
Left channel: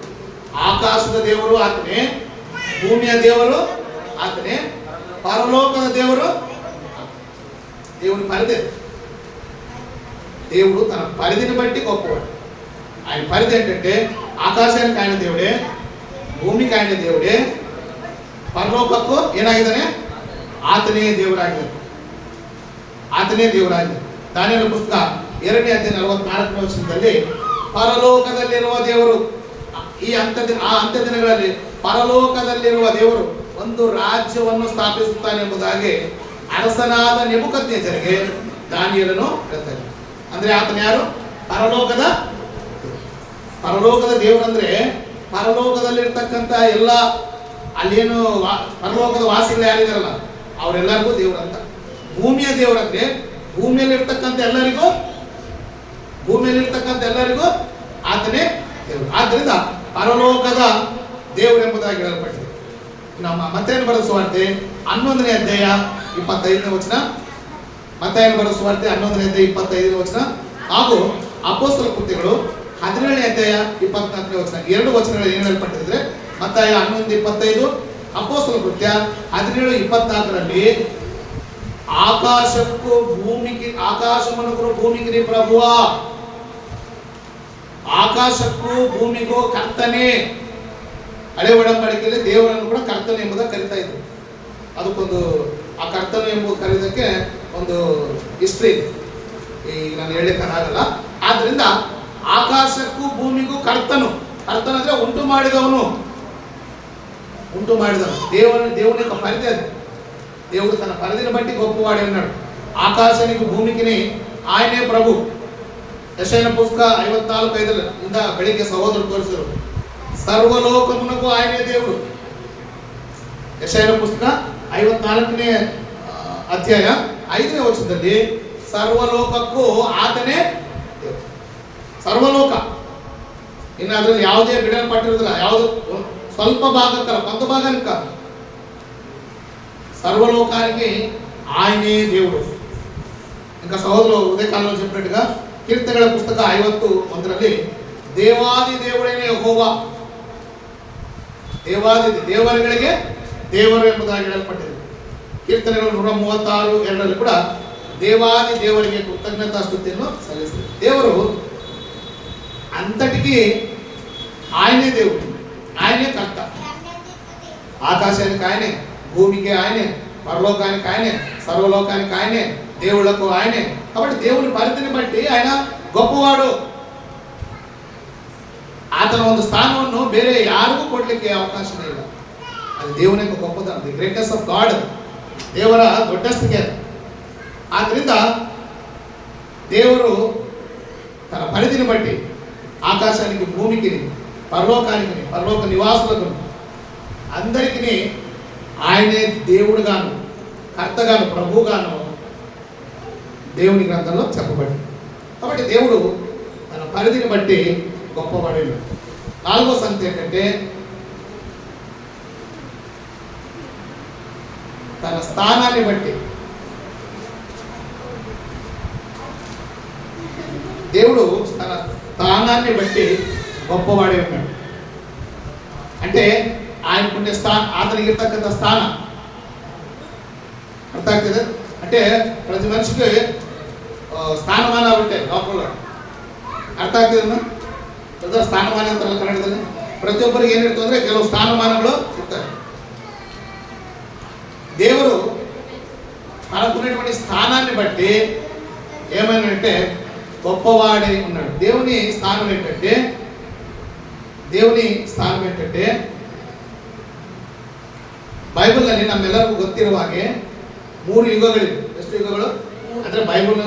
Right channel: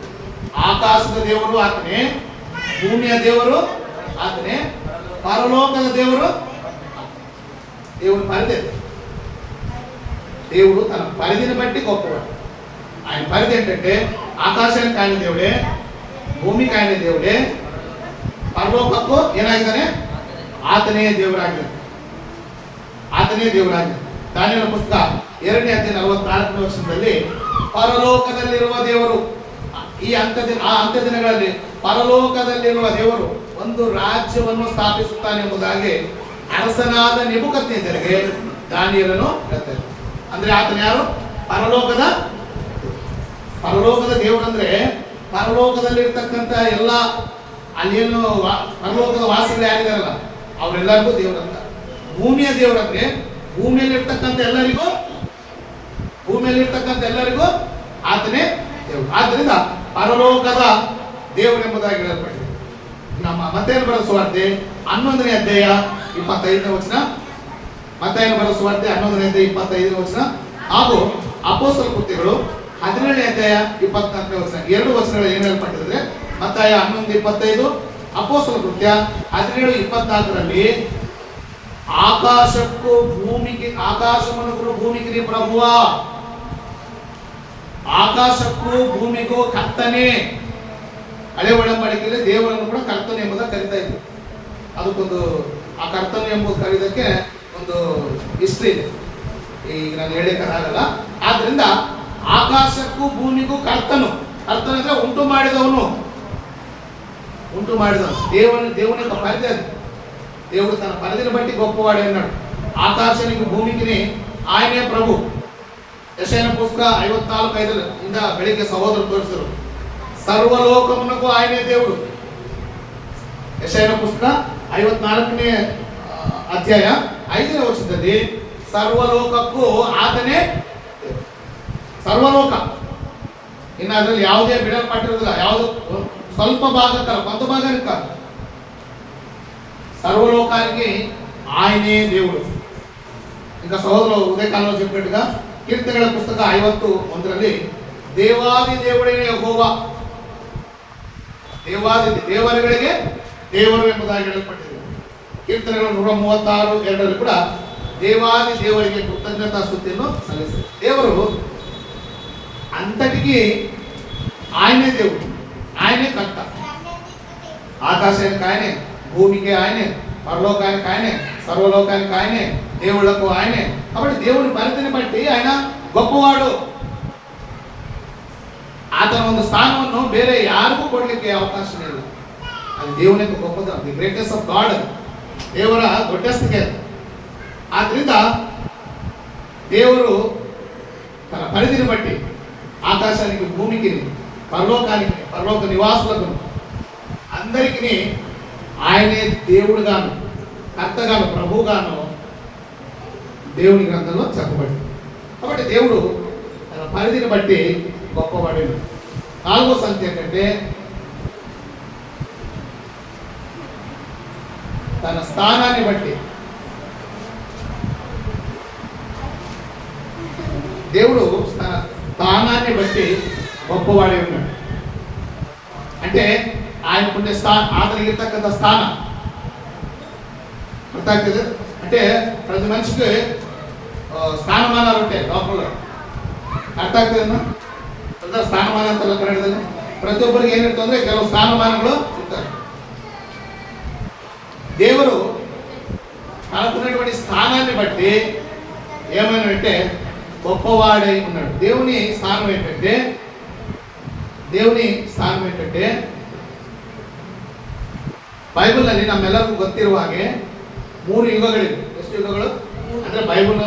ఆకాశದ ದೇವರು ಆತನೇ, ಭೂಮಿಯ ದೇವರು ಆತನೇ, పరలోకದ ದೇವರು దేవుని పరిధి. దేవుడు తన పరిధిని బట్టి గొప్పవాడు. ఆయన పరిధి ఏంటంటే ఆకాశానికి ఆయన దేవుడే, ಭೂಮಿಗೆ ఆయన దేవుడే, ಪರಲೋಕಕ್ಕೂ ಏನಾಗಿದ್ದಾನೆ? ಆತನೇ ದೇವರಾಗಿದ್ದಾನೆ. ಆತನೇ ದೇವರಾಗಿದ್ದಾನೆ. ದಾನಿಯೇಲನ ಪುಸ್ತಕ 2ನೇ ಅಧ್ಯಾಯ 44ನೇ ವಚನದಲ್ಲಿ ಪರಲೋಕದಲ್ಲಿರುವ ದೇವರು ಈ ಅಂತ್ಯ ದಿನಗಳಲ್ಲಿ ಪರಲೋಕದಲ್ಲಿರುವ ದೇವರು ಒಂದು ರಾಜ್ಯವನ್ನು ಸ್ಥಾಪಿಸುತ್ತಾನೆ ಎಂಬುದಾಗಿ ಅರಸನಾದ ನೆಬೂಕದ್ನೆಚ್ಚರನಿಗೆ ದಾನಿಯೇಲನು ಹೇಳ್ತಾರೆ. ಅಂದ್ರೆ ಆತನ ಯಾರು? ಪರಲೋಕದ ದೇವರು. ಅಂದ್ರೆ ಪರಲೋಕದಲ್ಲಿರ್ತಕ್ಕಂಥ ಎಲ್ಲ ಅಲ್ಲೇನು ಪರಲೋಕದ ವಾಸಿಗಳು ಯಾರಿದಾರಲ್ಲ ಅವರೆಲ್ಲರಿಗೂ ದೇವರಂತ. ಭೂಮಿಯ ದೇವರಂದ್ರೆ ಭೂಮಿಯಲ್ಲಿರ್ತಕ್ಕಂಥ ಎಲ್ಲರಿಗೂ ಆತನೇ ದೇವರು. ಆದ್ದರಿಂದ ಪರಲೋಕದ ದೇವರು ಎಂಬುದಾಗಿ ಹೇಳಲ್ಪಟ್ಟಿದೆ. ನಮ್ಮ ಮತ್ತೇನು ಬರೆದ ಸುವಾರ್ತೆ 11ನೇ ಅಧ್ಯಾಯ 25ನೇ ವಚನ. ಮತ್ತೇನು ಬರೆದ ಸುವಾರ್ತೆ 11ನೇ ಅಧ್ಯಾಯ 25ನೇ ವಚನ ಹಾಗೂ ಅಪೊಸ್ತಲ ಕೃತ್ಯಗಳು 17ನೇ ಅಧ್ಯಾಯ 24ನೇ ವಚನ. 2 ವಚನಗಳು ಏನು ಹೇಳಲ್ಪಟ್ಟಿದ್ರೆ ಮತ್ತಾಯ 11:25, ಅಪೊಸ್ತಲ ಕೃತ್ಯ 17:24ರಲ್ಲಿ ಆಕಾಶವನ್ನು ಭೂಮಿಗೆ ಪ್ರಭುವ, ಆಕಾಶಕ್ಕೂ ಭೂಮಿಗೂ ಕರ್ತನೆ. ಹಳೆ ಒಡಂಬಡಿಕೆಯಲ್ಲಿ ದೇವರನ್ನು ಕೂಡ ಕರ್ತನೆ ಎಂಬುದನ್ನು ಕರೀತಾ ಇದ್ರು. ಅದಕ್ಕೊಂದು ಆ ಕರ್ತನೆ ಎಂಬುದು ಕರೀದಕ್ಕೆ ಒಂದು ಹಿಸ್ಟ್ರಿ ಇದೆ, ಈಗ ನಾನು ಹೇಳಕ್ಕಾಗಲ್ಲ. ಆದ್ರಿಂದ ಆಕಾಶಕ್ಕೂ ಭೂಮಿಗೂ ಕರ್ತನು ಅಂದ್ರೆ ಉಂಟು ಮಾಡಿದವನು. దేవుని యొక్క పరిధి అది. దేవుడు తన పరిధిని బట్టి గొప్పవాడే అన్నాడు. ఆకాశానికి భూమికి ఆయనే ప్రభు. ಯೆಶಾಯನ ಪುಸ್ತಕ 54:5 ಇಂದ ಬೆಳಿಗ್ಗೆ ಸಹೋದರರು ತೋರಿಸಿದರು. ಸರ್ವಲೋಕమునకు ఆయనే దేవుడు. ಯೆಶಾಯನ ಪುಸ್ತಕ 54ನೇ ಅಧ್ಯಾಯ 5ನೇ ವಚನದಲ್ಲಿ ಸರ್ವಲೋಕಕ್ಕೂ ಆತನೇ ದೇವರು. ಸರ್ವಲೋಕ ಇನ್ನು ಅದರಲ್ಲಿ ಯಾವುದೇ ಬಿಡಲ್ಪಟ್ಟಿರೋದಿಲ್ಲ, ಯಾವುದು ಸ್ವಲ್ಪ ಭಾಗಕ್ಕಲ್ಲ, కొంత భాగానికి కాదు. సర్వలోకానికి ఆయనే దేవుడు. ఇంకా సహోదరులు ఉదయకాలంలో చెప్పినట్టుగా కీర్తనల పుస్తక 51ರಲ್ಲಿ ದೇವಾದಿ ದೇವರೇ ಯೆಹೋವಾ, ದೇವರುಗಳಿಗೆ ದೇವರು ಎಂಬುದಾಗಿ ಹೇಳಲ್ಪಟ್ಟಿದೆ. ಕೀರ್ತನೆಗಳು 136:2ರಲ್ಲಿ ಕೂಡ ದೇವಾದಿ ದೇವರಿಗೆ ಕೃತಜ್ಞತಾ ಸ್ತುತಿಯನ್ನು ಸಲ್ಲಿಸಿದೆ. ದೇವರು అంతటికి ఆయనే దేవుడు, ఆయనే కర్త. ఆకాశానికి ఆయనే, భూమికి ఆయనే, పరలోకానికి ఆయనే, సర్వలోకానికి ఆయనే, దేవుళ్లకు ఆయనే. కాబట్టి దేవుని పరిధిని బట్టి ఆయన గొప్పవాడు. ಆತನ ಒಂದು ಸ್ಥಾನವನ್ನು ಬೇರೆ ಯಾರಿಗೂ ಕೊಡ್ಲಿಕ್ಕೆ ಅವಕಾಶ ಇಲ್ಲ. ಅದು ದೇವನ ಗొప్పತನ, ದಿ ಗ್ರೇಟೆಸ್ಟ್ ಆಫ್ ಗಾಡ್, ದೇವರ ದೊಡ್ಡಸ್ತಿಗೆ. ಆದ್ರಿಂದ ದೇವರು తన పరిధిని బట్టి ఆకాశానికి, భూమికి, పరలోకానికి, పరలోక నివాసులకు అందరికీ ఆయనే దేవుడుగాను, కర్తగాను, ప్రభువుగాను దేవుని గ్రంథంలో చెప్పబడి. కాబట్టి దేవుడు తన పరిధిని బట్టి గొప్పవాడు. 4వ సంగతి ఏంటంటే తన స్థానాన్ని బట్టి దేవుడు తన స్థానాన్ని బట్టి గొప్పవాడే ఉన్నాడు. అంటే ఆయనకుండే అతనికి ఇರ್ತಕ್ಕಂಥ స్థానం అర్థ ಆಗ್ತದೆ. అంటే ప్రతి మనిషికి స్థానమానాలు ఉంటాయి లోపల. ಅರ್ಥ ಆಗ್ತಿದೆನಾ? ಸ್ಥಾನಮಾನ ಅಂತಲ್ಲ ಕನ್ನಡದಲ್ಲಿ. ಪ್ರತಿಯೊಬ್ಬರಿಗೆ ಏನಿರ್ತದೆ ಅಂದ್ರೆ ಕೆಲವು ಸ್ಥಾನಮಾನಗಳು ಇರ್ತವೆ. దేవుడు తనకున్నటువంటి స్థానాన్ని బట్టి ఏమైనంటే గొప్పవాడై ఉన్నాడు. దేవుని స్థానం ఏంటంటే ಬೈಬಲ್ನಲ್ಲಿ ನಮ್ಮೆಲ್ಲರಿಗೂ ಗೊತ್ತಿರುವ ಹಾಗೆ 3 ಯುಗಗಳಿವೆ. ಎಷ್ಟು ಯುಗಗಳು ಅಂದ್ರೆ ಬೈಬಲ್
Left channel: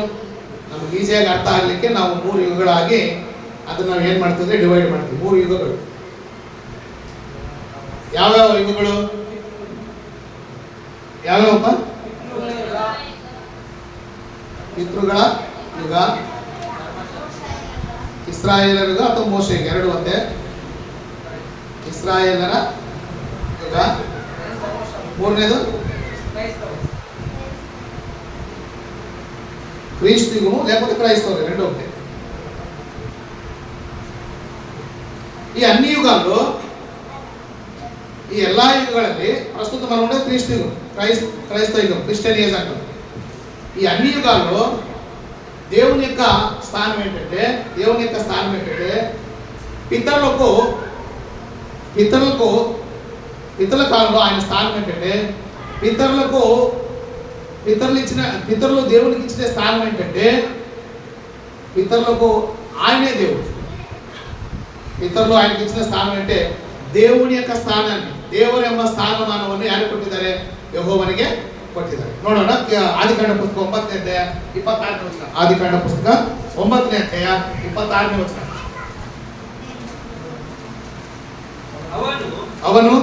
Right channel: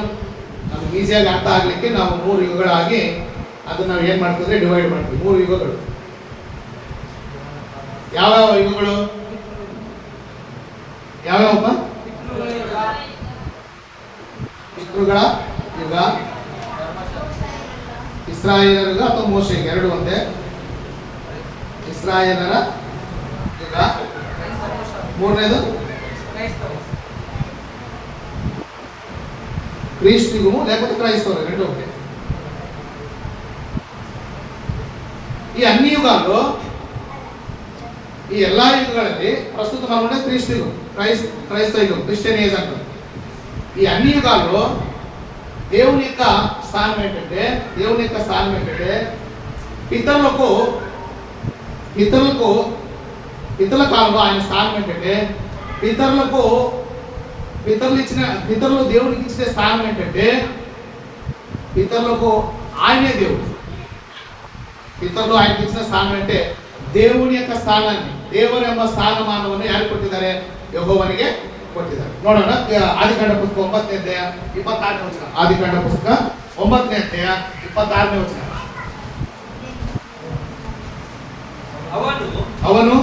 ನಮ್ಗೆ ಈಸಿಯಾಗಿ ಅರ್ಥ ಆಗ್ಲಿಕ್ಕೆ ನಾವು 3 ಯುಗಗಳಾಗಿ ಅದನ್ನ ನಾವು ಏನ್ ಮಾಡ್ತಿದ್ರೆ ಡಿವೈಡ್ ಮಾಡ್ತೀವಿ. 3 ಯುಗಗಳು. ಯಾವ್ಯಾವ ಯುಗಗಳು? ಯಾವ್ಯಾವಪ್ಪ? ಪಿತೃಗಳ ಯುಗ, ಇಸ್ರಾಯೇಲರ ಯುಗ ಅಥವಾ ಮೋಶೆ ಯುಗ, ಎರಡು ಒಂದೇ. ಇಸ್ರಾಯೇಲರ ಯುಗ, ಮೂರನೇದು ಕ್ರಿಸ್ತಿಗೂ లేకపోతే క్రైస్తవులు రెండు ఒకటే. ఈ అన్ని యుగాల్లో ఈ ಎಲ್ಲಾ ಯುಗಗಳಲ್ಲಿ ಪ್ರಸ್ತುತ మనం ఉండే క్రీస్తు క్రైస్తవ యుగం, క్రిస్టియన్ ఏజ్ అంటారు. ఈ అన్ని యుగాల్లో దేవుని యొక్క స్థానం ఏంటంటే పితరుల కాలంలో ఆయన స్థానం ఏంటంటే పితరులు దేవునికి ఇచ్చిన స్థానం ఏంటంటే పితరులకు ఆయనే దేవుడు. పితరులు ఆయనకి ఇచ్చిన స్థానం అంటే దేవుని యొక్క ಸ್ಥಾನವನ್ನು, ದೇವರ ಎಂಬ ಸ್ಥಾನಮಾನವನ್ನು ಯಾರು ಕೊಟ್ಟಿದ್ದಾರೆ? ಯೆಹೋವನಿಗೆ ಕೊಟ್ಟಿದ್ದಾರೆ. ನೋಡೋಣ. ಆದಿಕಾಂಡ ಪುಸ್ತಕ 9ನೇ ಅಧ್ಯಾಯ 26ನೇ ವಚನ. ಆದಿಕಾಂಡ ಪುಸ್ತಕ 9ನೇ ಅಧ್ಯಾಯ 26ನೇ ವಚನ. ಅವನು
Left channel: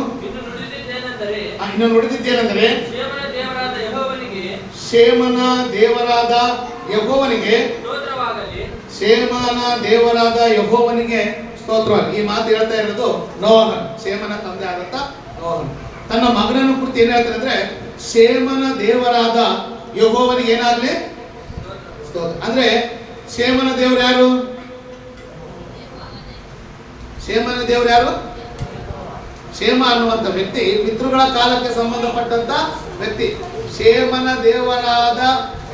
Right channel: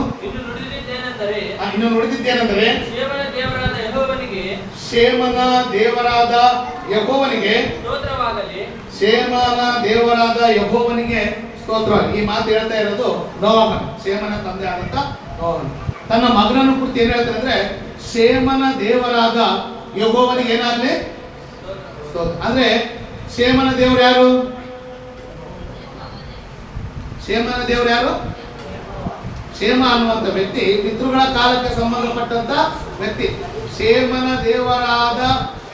ಇನ್ನು ನುಡಿದಿದ್ದೇನೆಂದರೆ ಶೇಮನ ದೇವರಾದ ಯೆಹೋವನಿಗೆ ಸ್ತೋತ್ರ. ಈ ಮಾತು ಹೇಳ್ತಾ ಇರೋದು ನೋಹನು, ಶೇಮನ ತಂದೆ ಆದಂತ ನೋಹನು. ತನ್ನ ಮಗನನ್ನು ಕುರಿತು ಏನ್ ಹೇಳ್ತಾರೆ ಅಂದ್ರೆ ಶೇಮನ ದೇವರಾದ ಯೆಹೋವನಿಗೆ ಏನಾಗ್ಲಿ ಸ್ತೋತ್ರ. ಅಂದ್ರೆ ಶೇಮನ ದೇವರು ಯಾರು? ಶೇಮ ಅನ್ನುವಂಥ ವ್ಯಕ್ತಿ ಪಿತೃಗಳ ಕಾಲಕ್ಕೆ ಸಂಬಂಧಪಟ್ಟಂತ ವ್ಯಕ್ತಿ. ಶೇಮನ ದೇವರಾದ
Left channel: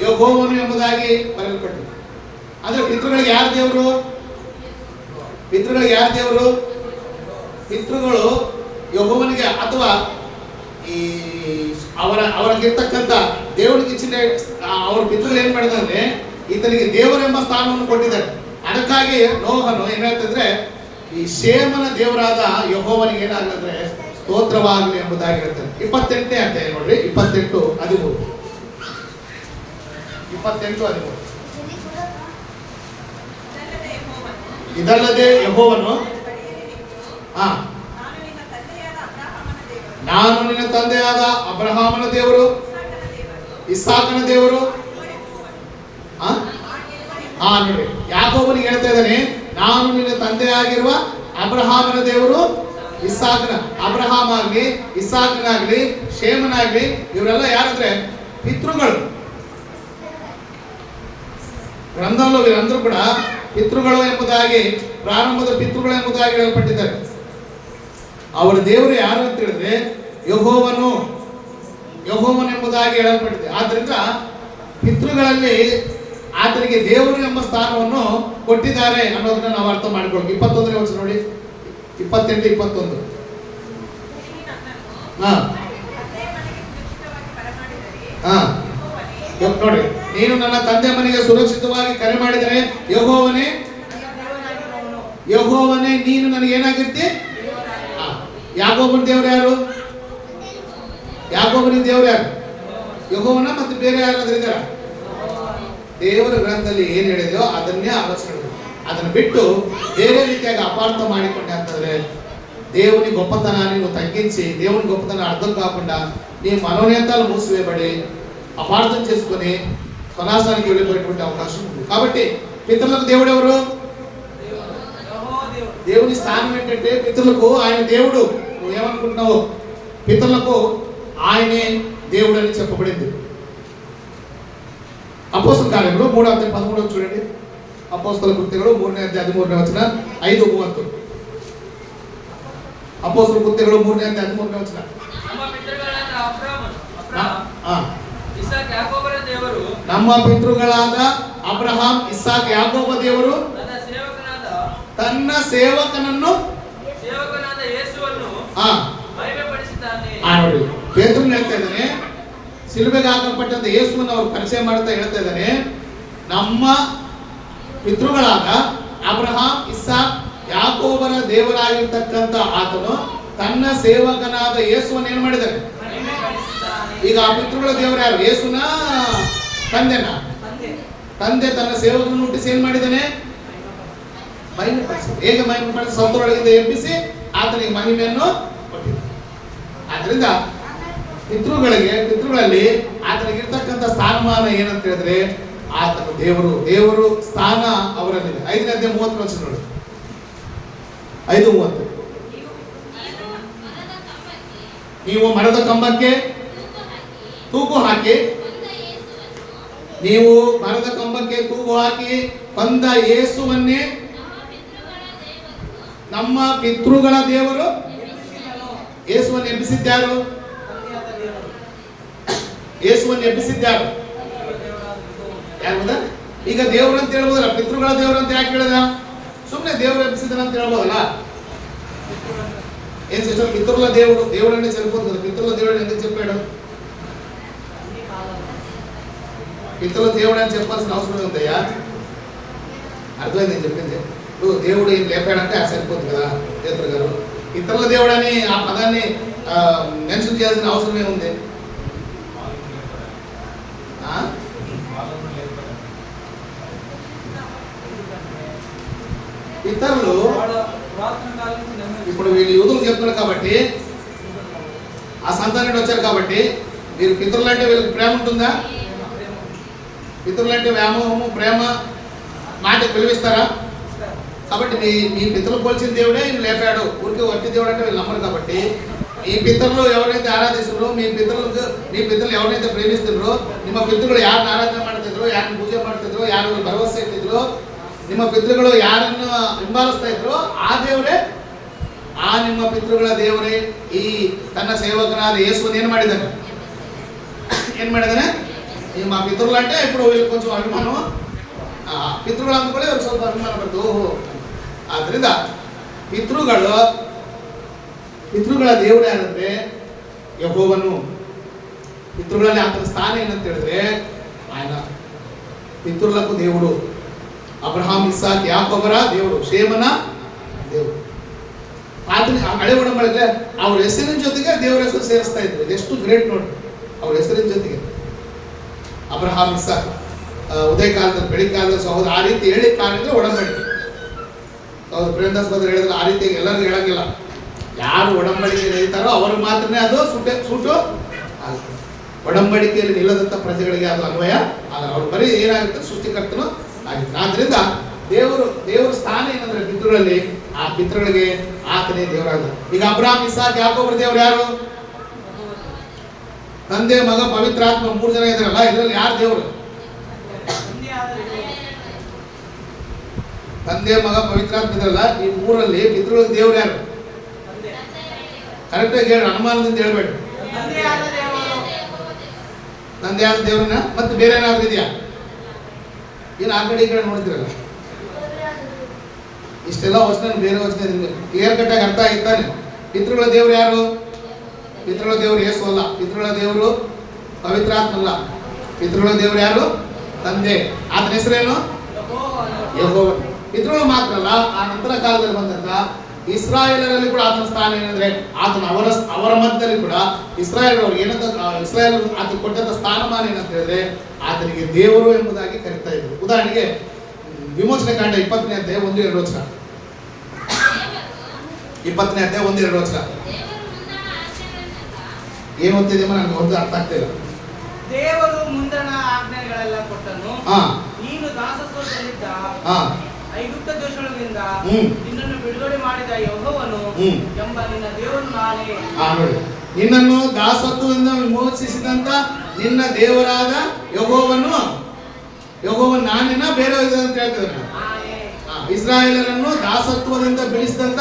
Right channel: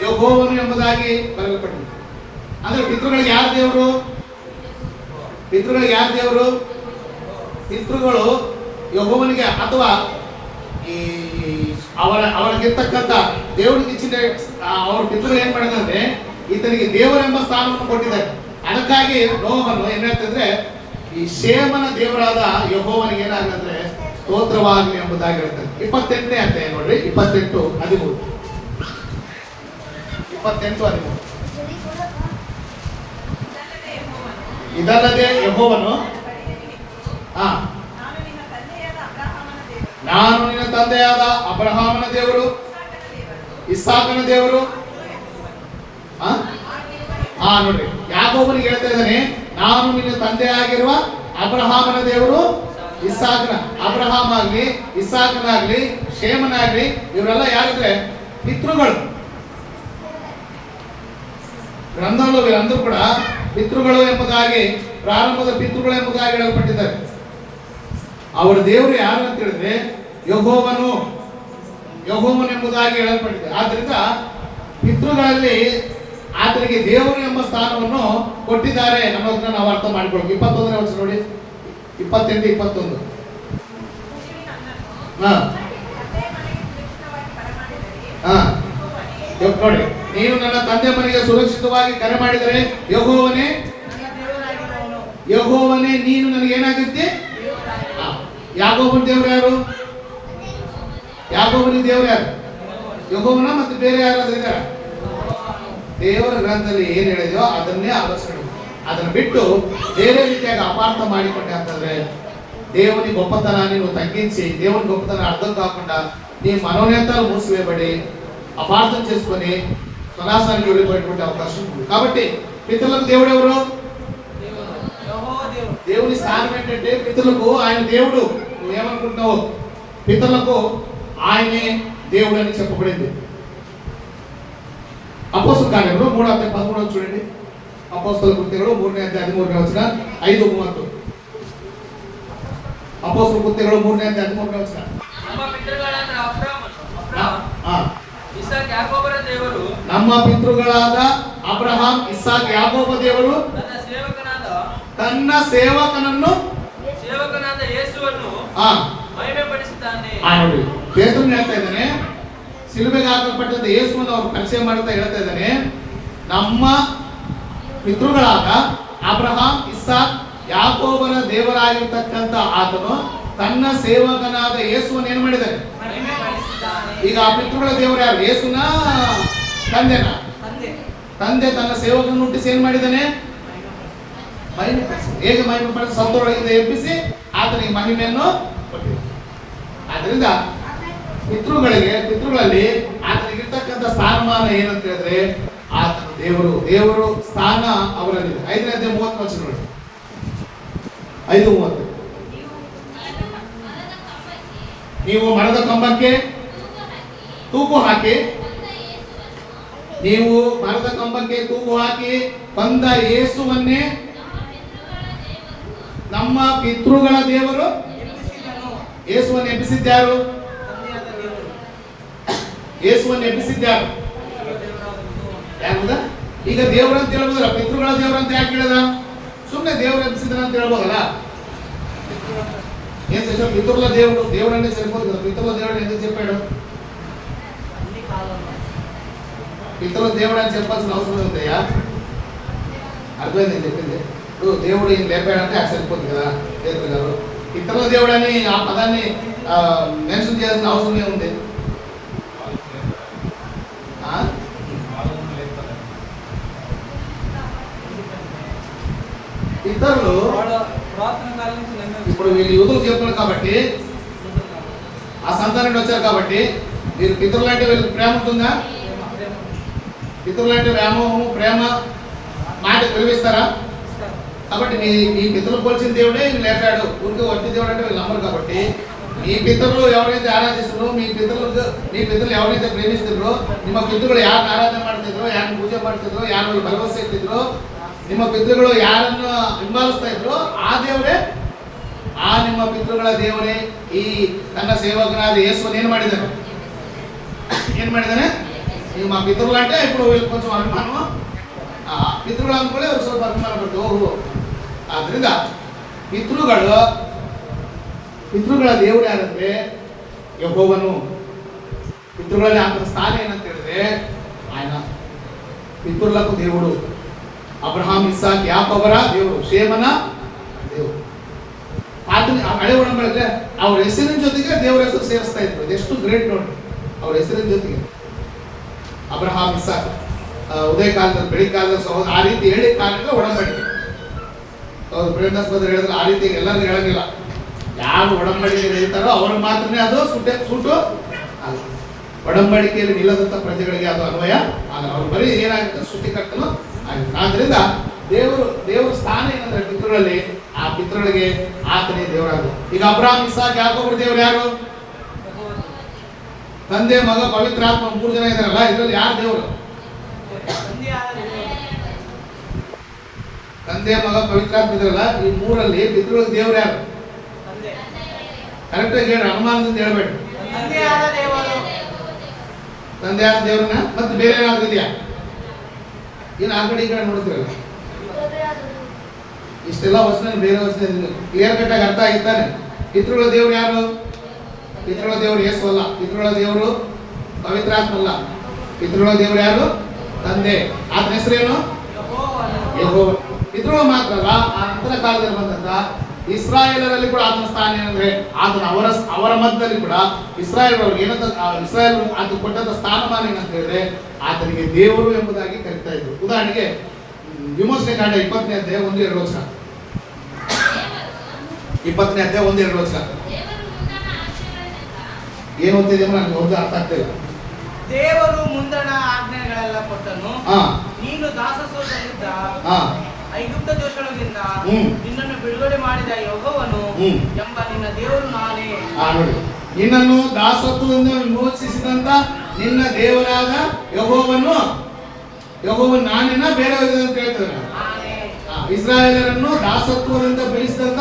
ಯೆಹೋವನು ಎಂಬುದಾಗಿ ಬರೆಯಲ್ಪಟ್ಟಿದೆ. ಅಂದ್ರೆ ಪಿತೃಗಳಿಗೆ ಯಾರು ದೇವರು? ಪಿತೃಗಳು ಯೆಹೋವನಿಗೆ ಅಥವಾ ಈ ಅವರಿಗಿರ್ತಕ್ಕಂಥ ದೇವರಿಗೆ ಇಚ್ಛೆ ಅವ್ರ ಪಿತೃಗಳು ಏನ್ ಮಾಡಿದಂದ್ರೆ ಈತನಿಗೆ ದೇವರೆಂಬ ಸ್ಥಾನವನ್ನು ಕೊಟ್ಟಿದ್ದಾರೆ. ಅದಕ್ಕಾಗಿ ನೋಹನು ಏನ್ ಹೇಳ್ತಿದ್ರೆ ಈ ಶೇಮನ ದೇವರಾದ ಯೆಹೋವನಿಗೆ ಏನಾಗಂದ್ರೆ ಸ್ತೋತ್ರವಾಗಲಿ ಎಂಬುದಾಗಿ ಹೇಳ್ತಾರೆ. 28ನೇ ಅಧ್ಯಾಯ ನೋಡ್ರಿ, 28:13. ಇದಲ್ಲದೆ ಯೆಹೋವನು ನಾನು ನಿನ್ನ ತಂದೆಯಾದ ಅಬ್ರಹಾಮನ ದೇವರು, ಇಸಾಕನ ದೇವರು. ನೋಡ್ರಿ, ಯಾಕೋಬನಿಗೆ ಹೇಳ್ತಾ ಇದ್ದಾನೆ, ನಾನು ನಿನ್ನ ತಂದೆಯಾಗಿರುವ ಅಬ್ರಹಾಮನ ದೇವರು, ಅಬ್ರಹಾಮ ಆಗ್ಲಿ, ಇಸಾಕನಾಗ್ಲಿ, ಶೇಮನಾಗ್ಲಿ, ಇವರೆಲ್ಲ ಯಾರಂದ್ರೆ ಪಿತೃಗಳು. ಗ್ರಂಥಂలో వీరందరూ ಕೂಡ ಪಿತೃಗಳು ಎಂಬುದಾಗಿ, ಪ್ರಾರಂಭದ ಪಿತೃಗಳು ಎಂಬುದಾಗಿ ಹೇಳಲ್ಪಟ್ಟಿದ್ದಾರೆ. ಅವರ ದೇವರು ಯಾರು ಅಂತ ಹೇಳಿದ್ರೆ ಯೆಹೋವನು ಎಂಬುದಾಗಿ ಹೇಳಲ್ಪಟ್ಟಿದೆ. ಆದ್ರಿಂದ ಪಿತೃಗಳಲ್ಲಿ ಆತನಿಗೆ ದೇವರು ಎಂಬ ಸ್ಥಾನವನ್ನು ಕೊಟ್ಟಿದ್ದಾರೆ ಅನ್ನೋದನ್ನ ನಾವು ಅರ್ಥ ಮಾಡ್ಕೊಳ್ಬೇಕು. 21ನೇ ವಚನ ನೋಡಿ, 28-21. ನೋಡಿ, ನೀನು ನನ್ನ ತಂದೆ ಮನೆಗೆ ಸುರಕ್ಷಿತವಾಗಿ ಕರೆ ಮಾಡಿದರೆ ಯೆಹೋವನೇ ನೀನು ನನಗೆ ಏನಾಗುತ್ತೆ? ಯಾಕೋಬನ ದೇವರು ಯಾರು? ಯಾಕೋಬನಿಗೆ ದೇವರು ಯಾರು? ಯೆಹೋವನ. ಮತ್ತೆ ಬೇರೆ ಯಾರಾದ್ರೂ ಇದ್ದಾರೆ? ದೇವರ ಗ್ರಂಥದಲ್ಲಿ ಏನ್ ಹೇಳಿದೆಯೋ ಅದನ್ನೇ ಆಲೋಚನೆ, ಅದನ್ನು ಬಿಟ್ಟು ಬೇರೆ ರೀತಿಯಾಗಿ ಅಪಾರ್ಥ ಮಾಡಿಕೊಂಡೆ ಅಂತಂದ್ರೆ దేవుని గొప్పతనాన్ని నువ్వు తగ్గించి దేవుని గొప్పతనాన్ని అర్థం కాకుండా నీ మనోనేతాలు మూసివేయబడి అపార్థం చేసుకొని స్వనాశానికి వెళ్ళిపోయేటువంటి అవకాశం ఉంది. కాబట్టి పితరులకు దేవుడు ఎవరు? దేవుని స్థానం ఏంటంటే పితరులకు ఆయన దేవుడు. నువ్వేమనుకుంటున్నావు? పితరులకు ఆయనే దేవుడు అని చెప్పబడింది. అపోస్తల కార్యములు 3:13 చూడండి. ಅಪೊಸ್ತಲ ಕೃತ್ಯಗಳು 3ನೇ ಅಧ್ಯಾಯ 13ನೇ ವಚನ 5:30. ಅಪೊಸ್ತಲ ಕೃತ್ಯಗಳು 3ನೇ ಅಧ್ಯಾಯ 13ನೇ ವಚನ. ನಮ್ಮ ಪಿತೃಗಳಾದ ಅಬ್ರಹಾಮ, ಇಸಾಕ್, ಯಾಕೋಬರ ದೇವರು, ನಮ್ಮ ಪಿತೃಗಳಾದ ಅಬ್ರಹಾಂ, ಇಸಾಕ್, ಯಾಕೋಬ ದೇವರು ತನ್ನ ಸೇವಕನನ್ನು ಯೇಸುವನ್ನು ಮಹಿಮೆಪಡಿಸಿದ್ದಾನೆ. ನೋಡಿ, ಪೇತ್ರನು ಹೇಳ್ತಾ ಇದ್ದಾನೆ, ಸಿಲುಬೆಗೆ ಹಾಕಲ್ಪಟ್ಟಂತ ಯೇಸುವನ್ನು ಅವರು ಪರಿಚಯ ಮಾಡ್ತಾ ಹೇಳ್ತಾ ಇದ್ದಾನೆ, ನಮ್ಮ ಪಿತೃಗಳಾದ ಅಬ್ರಹಾಂ, ಇಸಾಕ್, ಯಾಕೋಬರ ದೇವರಾಗಿರ್ತಕ್ಕಂಥ ಆತನು ತನ್ನ ಸೇವಕನಾದ ಯೇಸುವನ್ನು ಏನು ಮಾಡಿದ್ದಾರೆ? ಈಗ ಆ ಪಿತೃಗಳ ದೇವರು ಯಾರು? ಯೇಸುನ ತಂದೆನ? ತಂದೆ ತನ್ನ ಸೇವಕನನ್ನು ಹುಟ್ಟಿಸಿ ಏನ್ ಮಾಡಿದ್ದಾನೆ? ಮಹಿಮೆ ಪಡಿಸಿ. ಹೇಗೆ ಮಹಿಮೆ ಪಡಿಸಿ? ಸತ್ತೊಳಗಿಂದ ಎಬ್ಬಿಸಿ ಆತನಿಗೆ ಮಹಿಮೆಯನ್ನು ಕೊಟ್ಟಿದ್ದಾನೆ. ಆದ್ರಿಂದ ಪಿತೃಗಳಲ್ಲಿ ಆತನಿಗಿರ್ತಕ್ಕಂಥ ಸ್ಥಾನಮಾನ ಏನಂತ ಹೇಳಿದ್ರೆ, ಆತನ ದೇವರು ಸ್ಥಾನ ಅವರಲ್ಲಿದೆ. 5ನೇ ಅಧ್ಯಾಯ 30 ವಚನ ನೋಡಿ. 5:30. ನೀವು ಮರದ ಕಂಬಕ್ಕೆ ತೂಗು ಹಾಕಿ, ನೀವು ಮರದ ಕಂಬಕ್ಕೆ ತೂಗು ಹಾಕಿ ಬಂದ ಯೇಸುವನ್ನೇ ನಮ್ಮ ಪಿತೃಗಳ ದೇವರು ಯೇಸುವನ್ನು ಎಬ್ಬಿಸಿದ್ಯಾರು? ಯೇಸುವನ್ನು ಎಬ್ಬಿಸಿದ್ಯಾರು? ಯಾಕಂದ್ರೆ ಈಗ ದೇವರಂತ ಹೇಳ್ಬೋದಲ್ಲ, ಪಿತೃಗಳ ದೇವರಂತ ಯಾಕೆ ಹೇಳಿದ? ಸುಮ್ಮನೆ ದೇವರು ಎಬ್ಬಿಸಿದನ ಅಂತ ಹೇಳ್ಬೋದಲ್ಲ. ಏನ್ ಸರ್, ಪಿತೃಗಳ దేవుడని సరిపోతుంది. పితరుల దేవుడు ఎందుకు చెప్పాడు? పితరుల దేవుడు అని చెప్పాల్సిన అవసరం ఉందయ్యా. అర్థమైంది నేను చెప్పింది. ఇప్పుడు దేవుడు ఈయన లేపాడంటే అది సరిపోతుంది కదా పేతురు గారు. పితరుల దేవుడు అని ఆ పదాన్ని మెన్షన్ చేయాల్సిన అవసరమే ఉంది. పితరులు ఇప్పుడు వీళ్ళు యూదులు చెప్తున్నారు కాబట్టి, ఆ సంతానం వచ్చారు కాబట్టి, మీరు పితరులు అంటే వీళ్ళకి ప్రేమ ఉంటుందా? పితరులు అంటే వ్యామోహము, ప్రేమ మాట పిలిపిస్తారా? కాబట్టి మీ పితరులు పోల్చిన దేవుడే వీళ్ళు లేపాడు. ఊరికి వట్టి దేవుడు అంటే వీళ్ళు నమ్మరు. కాబట్టి మీ పితరులు ఎవరైతే ఆరాధిస్తున్నారో, మీ పితరులు ఎవరైతే ప్రేమిస్తున్నారో, ನಿಮ್ಮ ಪಿತೃಗಳು ಯಾರನ್ನ ಆರಾಧನೆ ಮಾಡ್ತಿದ್ರು, ಯಾರನ್ನ ಪೂಜೆ ಮಾಡ್ತಿದ್ರು, ಯಾರನ್ನು ಭರವಸೆ ಇಟ್ಟಿದ್ರು, ನಿಮ್ಮ ಪಿತೃಗಳು ಯಾರನ್ನು ಹಿಂಬಾಲಿಸ್ತಾ ಇದ್ರು, ಆ ದೇವರೇ, ಆ ನಿಮ್ಮ ಪಿತೃಗಳ ದೇವರೇ ಈ ತನ್ನ ಸೇವಕನಾದ ಯೇಸುವನ್ನು ಏನು ಮಾಡಿದ್ದಾನೆ? ನಿಮ್ಮ ಪಿತೃಗಳು అంటే ఇప్పుడు వీళ్ళు కొంచెం అభిమానం, ಪಿತೃಗಳು ಅಂದ್ಕೊಳ್ಳಿ ಅವ್ರು ಸ್ವಲ್ಪ ಅಭಿಮಾನ ಬರ್ತದೆ. ಓಹೋ, ಆದ್ರಿಂದ ಪಿತೃಗಳ ದೇವರು ಯಾರಂದ್ರೆ ಯೆಹೋವನು. ಪಿತೃಗಳಲ್ಲಿ ಆತನ ಸ್ಥಾನ ಏನಂತ ಹೇಳಿದ್ರೆ, ఆయన ಪಿತೃలకు దేవుడు, ಅಬ್ರಹಾಂ, ಇಸಾಕ್, ಯಾಕೋಬರ ದೇವರು, ಶೇಮನ ದೇವರು. ಆತನ ಹಳೆ ಒಡಂಬಡಿಕೆ ಅವ್ರ ಹೆಸರಿನ ಜೊತೆಗೆ ದೇವರ ಹೆಸರು ಸೇರಿಸ್ತಾ ಇದ್ರು. ಅದೆಷ್ಟು ಗ್ರೇಟ್ ನೋಡಿ, ಅವ್ರ ಹೆಸರಿನ ಜೊತೆಗೆ ಅಬ್ರಹಾಂ, ಇಸಾಕ್, ಉದಯ ಕಾಲದಲ್ಲಿ ಬೆಳಿಗ್ಗೆ ಕಾಲದಲ್ಲಿ ಸಹೋದರ, ಆ ರೀತಿ ಹೇಳಿ ಕಾಣಿದ್ರೆ ಒಡಂಬಡಿಕೆ. ಅವ್ರು ಪ್ರೇಮದಾಸ್ ಬದ್ರ ಹೇಳಿದ್ರೆ ಆ ರೀತಿ ಎಲ್ಲರಿಗೂ ಹೇಳಂಗಿಲ್ಲ. ಯಾರು ಒಡಂಬಡಿಕೆ ನಿಲ್ತಾರೋ ಅವರು ಮಾತ್ರನೇ ಅದು ಸೂಟು ಅಲ್ಲ. ಒಡಂಬಡಿಕೆಯಲ್ಲಿ ನಿಲ್ಲದಂತ ಪ್ರಜೆಗಳಿಗೆ ಅದು ಅನ್ವಯ ಆಗಲ್ಲ. ಅವ್ರು ಬರೀ ಏನಾಗುತ್ತೆ, ಸೃಷ್ಟಿಕರ್ತನು ಆಗುತ್ತೆ. ಆದ್ರಿಂದ ದೇವರ ಸ್ಥಾನ ಏನಂದ್ರೆ ಪಿತೃಗಳಲ್ಲಿ, ಆ ಪಿತೃಗಳಿಗೆ ಆತನೇ ದೇವರಾದ. ಈಗ ಅಬ್ರಹಾಂ, ಇಸಾಕ್, ಯಾಕೋಬರ ದೇವರು ಯಾರು? ತಂದೆ, ಮಗ, ಪವಿತ್ರಾತ್ಮ 3 ಜನ ಇದಾರಲ್ಲ. ಇದರಲ್ಲಿ ಯಾರು ದೇವರು? ತಂದೆ, ಮಗ, ಪವಿತ್ರಾತ್ಮ ಇದ್ರಲ್ಲ, ಈ 3ರಲ್ಲಿ ಪಿತೃಗಳಿಗೆ ದೇವರು ಯಾರು? ಕರೆಕ್ಟ್ ಆಗಿ ಹೇಳಿ, ಅನುಮಾನದಿಂದ ಹೇಳ್ಬೇಡಿ. ತಂದೆ ಆದ ದೇವ್ರನ್ನ ಮತ್ತೆ ಬೇರೆ ಏನಾದ್ರು ಇದೆಯಾ? ಏನು ಆ ಕಡೆ ಈ ಕಡೆ ನೋಡ್ತಿರಲ್ಲ. ಇಷ್ಟೆಲ್ಲ ವಚನ ಬೇರೆ ವಚನ ಕ್ಲಿಯರ್ ಕಟ್ ಆಗಿ ಅರ್ಥ ಆಗಿರ್ತಾನೆ. ಪಿತೃಗಳ ದೇವರು ಯಾರು? ಪಿತೃಗಳ ದೇವರು ಯೇಸು ಅಲ್ಲ. ಪಿತೃಗಳ ದೇವರು ಪವಿತ್ರಾತ್ಮ ಅಲ್ಲ. ಪಿತೃಗಳ ದೇವರು ಯಾರು? ತಂದೆ. ಆತನ ಹೆಸರೇನು? ಯೆಹೋವ. ಪಿತೃಗಳು ಮಾತ್ರ ಅಲ್ಲ, ಆ ನಂತರ ಕಾಲದಲ್ಲಿ ಬಂದಂತ ಇಸ್ರಾಯೇಲರಲ್ಲಿ ಕೂಡ ಆತನ ಸ್ಥಾನ ಏನಂದ್ರೆ, ಆತನ ಅವರ ಮಧ್ಯದಲ್ಲಿ ಕೂಡ ಇಸ್ರಾಯೇಲ್ ಆತ ಕೊಟ್ಟಂತ ಸ್ಥಾನಮಾನ ಏನಂತ ಹೇಳಿದ್ರೆ, ಆತನಿಗೆ ದೇವರು ಎಂಬುದಾಗಿ ಕರೀತಾ ಇದ್ರು. ಉದಾಹರಣೆಗೆ ವಿಮೋಚನೆ ಕಾಂಡ 20ನೇ ಅಧ್ಯಾಯ 1-2 ವಚನ. 20ನೇ ಅಧ್ಯಾಯ 1-2 ವಚನ ಏನು ಅಂತಿದೆ ನನಗೆ ಒಂದು ಅರ್ಥ ಆಗ್ತಿಲ್ಲ. ದೇವರು ಮುಂದಣ ಆಜ್ಞೆಗಳೆಲ್ಲ ಕೊಟ್ಟನು, ನೀನು ದಾಸತ್ವದಲ್ಲಿದ್ದ ಐಗುಪ್ತ ದೇಶದೊಳಗಿಂದ ನಿನ್ನನ್ನು ಬಿಡುಗಡೆ ಮಾಡಿದ ಯೆಹೋವನು ಎಂಬ ನಿನ್ನ ದೇವರು ನಾನೇ. ನೋಡಿ, ನಿನ್ನನ್ನು ದಾಸತ್ವದಿಂದ ವಿಮೋಚಿಸಿದಂತ ನಿನ್ನ ದೇವರಾದ ಯೆಹೋವನು ನಾನೇನ ಬೇರೆ ಅಂತ ಹೇಳ್ತಾರೆ. ಇಸ್ರಾಯೇಲರನ್ನು ದಾಸತ್ವದಿಂದ ಬಿಡಿಸಿದಂತ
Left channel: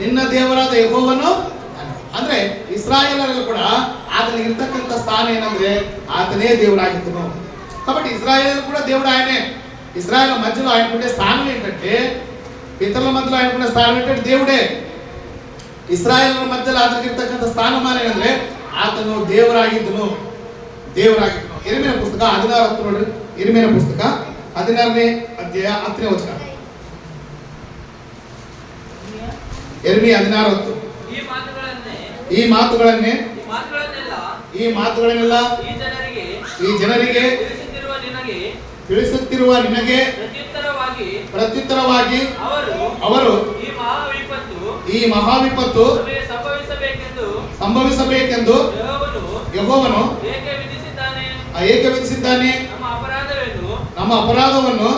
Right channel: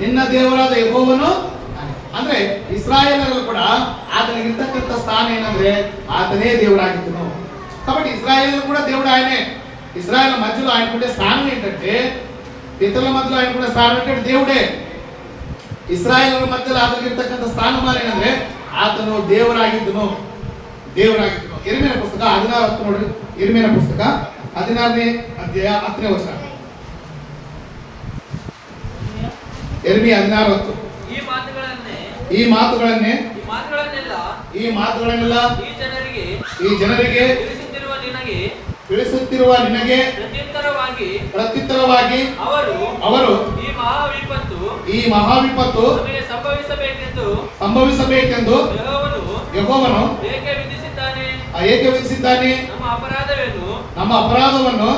ನಿನ್ನ ದೇವರಾದ ಯೆಹೋವನು ನಾನೇ. ಅಂದ್ರೆ ಇಸ್ರಾಯೇಲರು ಕೂಡ ಆತನಿಗಿರ್ತಕ್ಕಂಥ ಸ್ಥಾನ ಏನಂದ್ರೆ ಆತನೇ దేవుడాగిద్దును. కాబట్టి ఇజ్రాయేలు కూడా దేవుడు ఆయనే. ఇజ్రాయేల్ మధ్యలో ఆయనకుండే స్థానం ఏంటంటే, పితరుల మధ్యలో ఆయనకుండే స్థానం ఏంటంటే దేవుడే. ఇస్రాయేల్ మధ్యలో అతనికిರ್ತಕ್ಕಂಥ స్థಾನಮಾನ ಏನಂದ್ರೆ ಆತನು దేవుడాగిద్దును. దేవుడాగిద్దును. ಇರ್ಮೀಯನ ಪುಸ್ತಕ 16 ನೋಡ್ರಿ. ಇರ್ಮೀಯನ ಪುಸ್ತಕ 16ನೇ ಅಧ್ಯಾಯ 10ನೇ ವಚನ. ಇರ್ಮೀಯ 16:10. ಈ ಮಾತುಗಳನ್ನೆಲ್ಲ ಈ ಜನರಿಗೆ ತಿಳಿಸುತ್ತಿರುವ ನಿನಗೆ ಪ್ರತ್ಯುತ್ತರವಾಗಿ ಅವರು ಈ ಮಹಾವಿಪತ್ತು ಸಂಭವಿಸಬೇಕೆಂದು ಯೆಹೋವನು ಏಕೆ ವಿಧಿಸಿದ್ದಾನೆ. ನಮ್ಮ ಅಪರಾಧವನ್ನು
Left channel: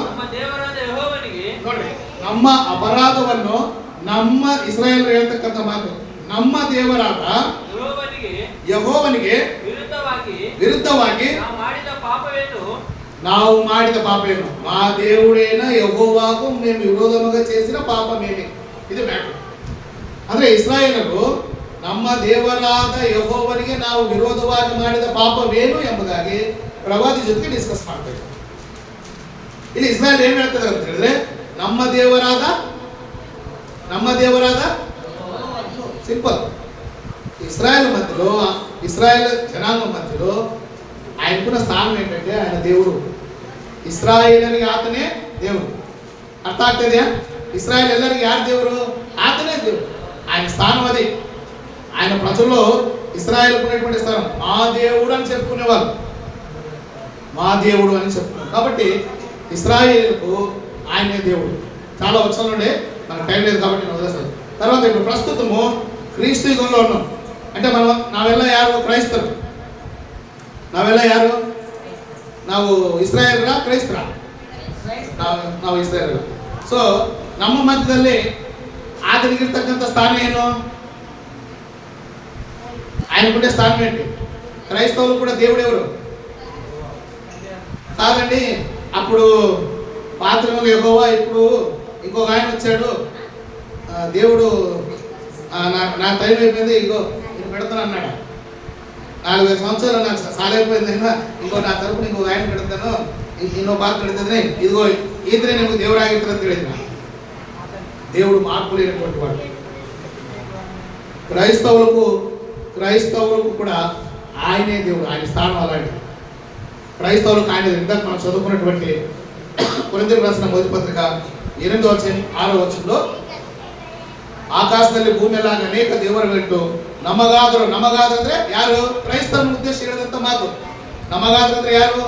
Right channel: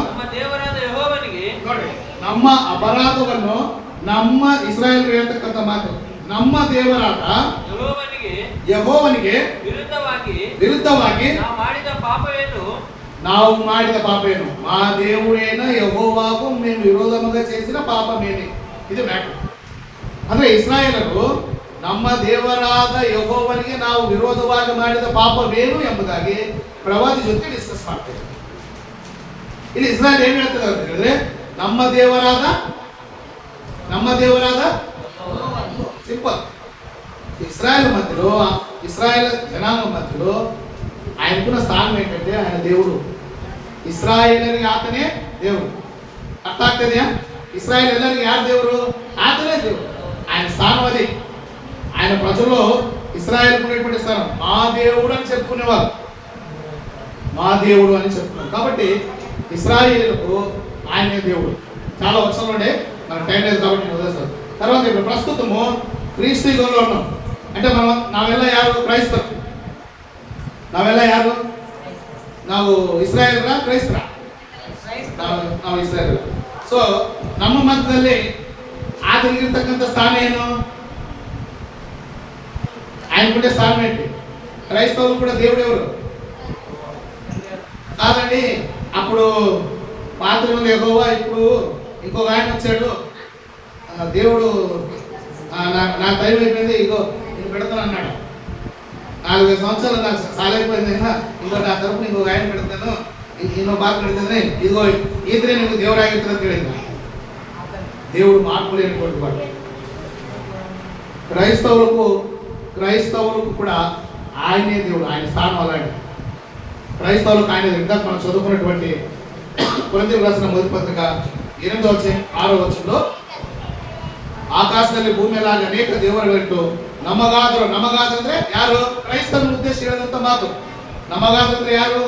ನೋಡಿ, ನಮ್ಮ ಅಪರಾಧವನ್ನು ನಮ್ಮ ಇಸ್ರಾಯೇಲ್ ಹೇಳ್ತಕ್ಕಂಥ ಮಾತು, ನಮ್ಮ ದೇವರಾದ ಯೆಹೋವನಿಗೆ ವಿರುದ್ಧವಾಗಿ ನಾವು ಮಾಡಿದ పాపేను, మా దేవుడైన యెహోవాకు మేము విరోధముగా చేసిన పాపమేమి. ఇది మ్యాటర్. ಅಂದ್ರೆ ಇಸ್ರಾಯೇಲರು ನಮ್ಮ ದೇವರಾದ ಯೆಹೋವನಿಗೆ ನಾವು ವಿರೋಧವಾಗಿ ಮಾಡಿದ ಪಾಪವೇನು ಎಂಬುದಾಗಿ ಪ್ರವಾದಿ ಜೊತೆಗೆ ಡಿಸ್ಕಸ್ ಮಾಡ್ತಾ ಇದ್ದಾರೆ. ಇಲ್ಲಿ ಇಸ್ರಾಯೇಲ್ ಏನ್ ಹೇಳ್ತದೆ ಅಂತ ಹೇಳಿದ್ರೆ, ನಮ್ಮ ದೇವರಾದ సింపుల్. ఇస్రాయల్ మధ్యలో, ఇస్రాయల్ జనాంగం మధ్యలో ఆయనకున్న స్థానం ఏంటంటే ఆయన దేవుడు. ఇస్రాయేలರಿಗೆ ఆతనే దేవుడు. అర్థ ಆಗ್ತದೆಯా? ఇస్రాయల్ ಎಲ್ಲರಿಗೆ ಯಾರು ದೇವರು? ఆతనే దేవుడు. ఆయన స్థానం అది. ఆయన ప్రజల్లో ఇస్రాయల్ ఉన్నటువంటి స్థానం మా దేవుడు అని చెప్పుకునేవారు. మా దేవుడు అని చెప్పుకున్నారు. కాబట్టి ఇస్రాయేలుకు ఆయనే దేవుడు. చాలా వచనాలు ఉండే, నాకు టైం లేదు కాబట్టి నేను వదిలేస్తాను. తర్వాత ఇప్పుడు ప్రస్తుతము క్రీస్తు యుగంలో ఉన్నాం. అంటే ನಾವೆಲ್ಲ ಯಾರು? ಕ್ರೈಸ್ತರು. ನಾವೆಲ್ಲ ಯಾರು? ನಾವು ಇಸ್ರಾಯೇಲ್ರ ಕ್ರೈಸ್ತರ? ನಾವು ಇಸ್ರಾಯೇಲ್. ಸೊ ನಮ್ಮ ಮಧ್ಯದಲ್ಲಿ ಆತನಿಗಿರ್ತಕ್ಕಂಥ ಸ್ಥಾನ ಏನು? ఆయనకుండే స్థానం ఏంటి? క్రైస్తవులు కూడా దేవుడెవరు కాదండి. అప్పుడు పాత్రలో యెహోవా, ఇప్పుడు ఇంకొక ఆయన వచ్చాడు, దేవుడు నా టైం అయిపోయింది, ఇగో నేను పెడతాను అన్నాడు. 4-5 సంవత్సరాలు నాకు సాలైపోయింది, ఇంకో నా తరపున ఇంకో ఆయన పెడతాను, ಇನ್ನೊಬ್ಬ ಬಾತ್ ಕಡಿತಂದ್ರೆ ಇದಿಗೋ ಈದ್ರೆ ನಿಮಗೆ ದೇವರಾಗಿರ್ತಾರೆ ಅಂತ ಹೇಳಿದ್ರು. దేవుడు మార్పులేనటువంటి వాడు. క్రైస్తవులకు కూడా ఆయనే దేవుడు. ఆయన స్థానం అలాంటి. క్రైస్తవులకు ఆయన ఇందాక మనం చదువుకున్నటువంటి కొరింథీయులకు రాసిన మొదటి పత్రిక 8వ వచనంలో ಆಕಾಶದಲ್ಲಿ ಭೂಮಿಯಲ್ಲಾಗ ಅನೇಕ ದೇವರುಗಳಿಟ್ಟು ನಮಗಾದರು ಅಂದ್ರೆ ಯಾರು? ಕ್ರೈಸ್ತರನ್ನು ಉದ್ದೇಶಿಸಿ ಹೇಳಿದಂತ ಮಾತು. ನಮಗಾದರು ಅಂದ್ರೆ ಯಾರು?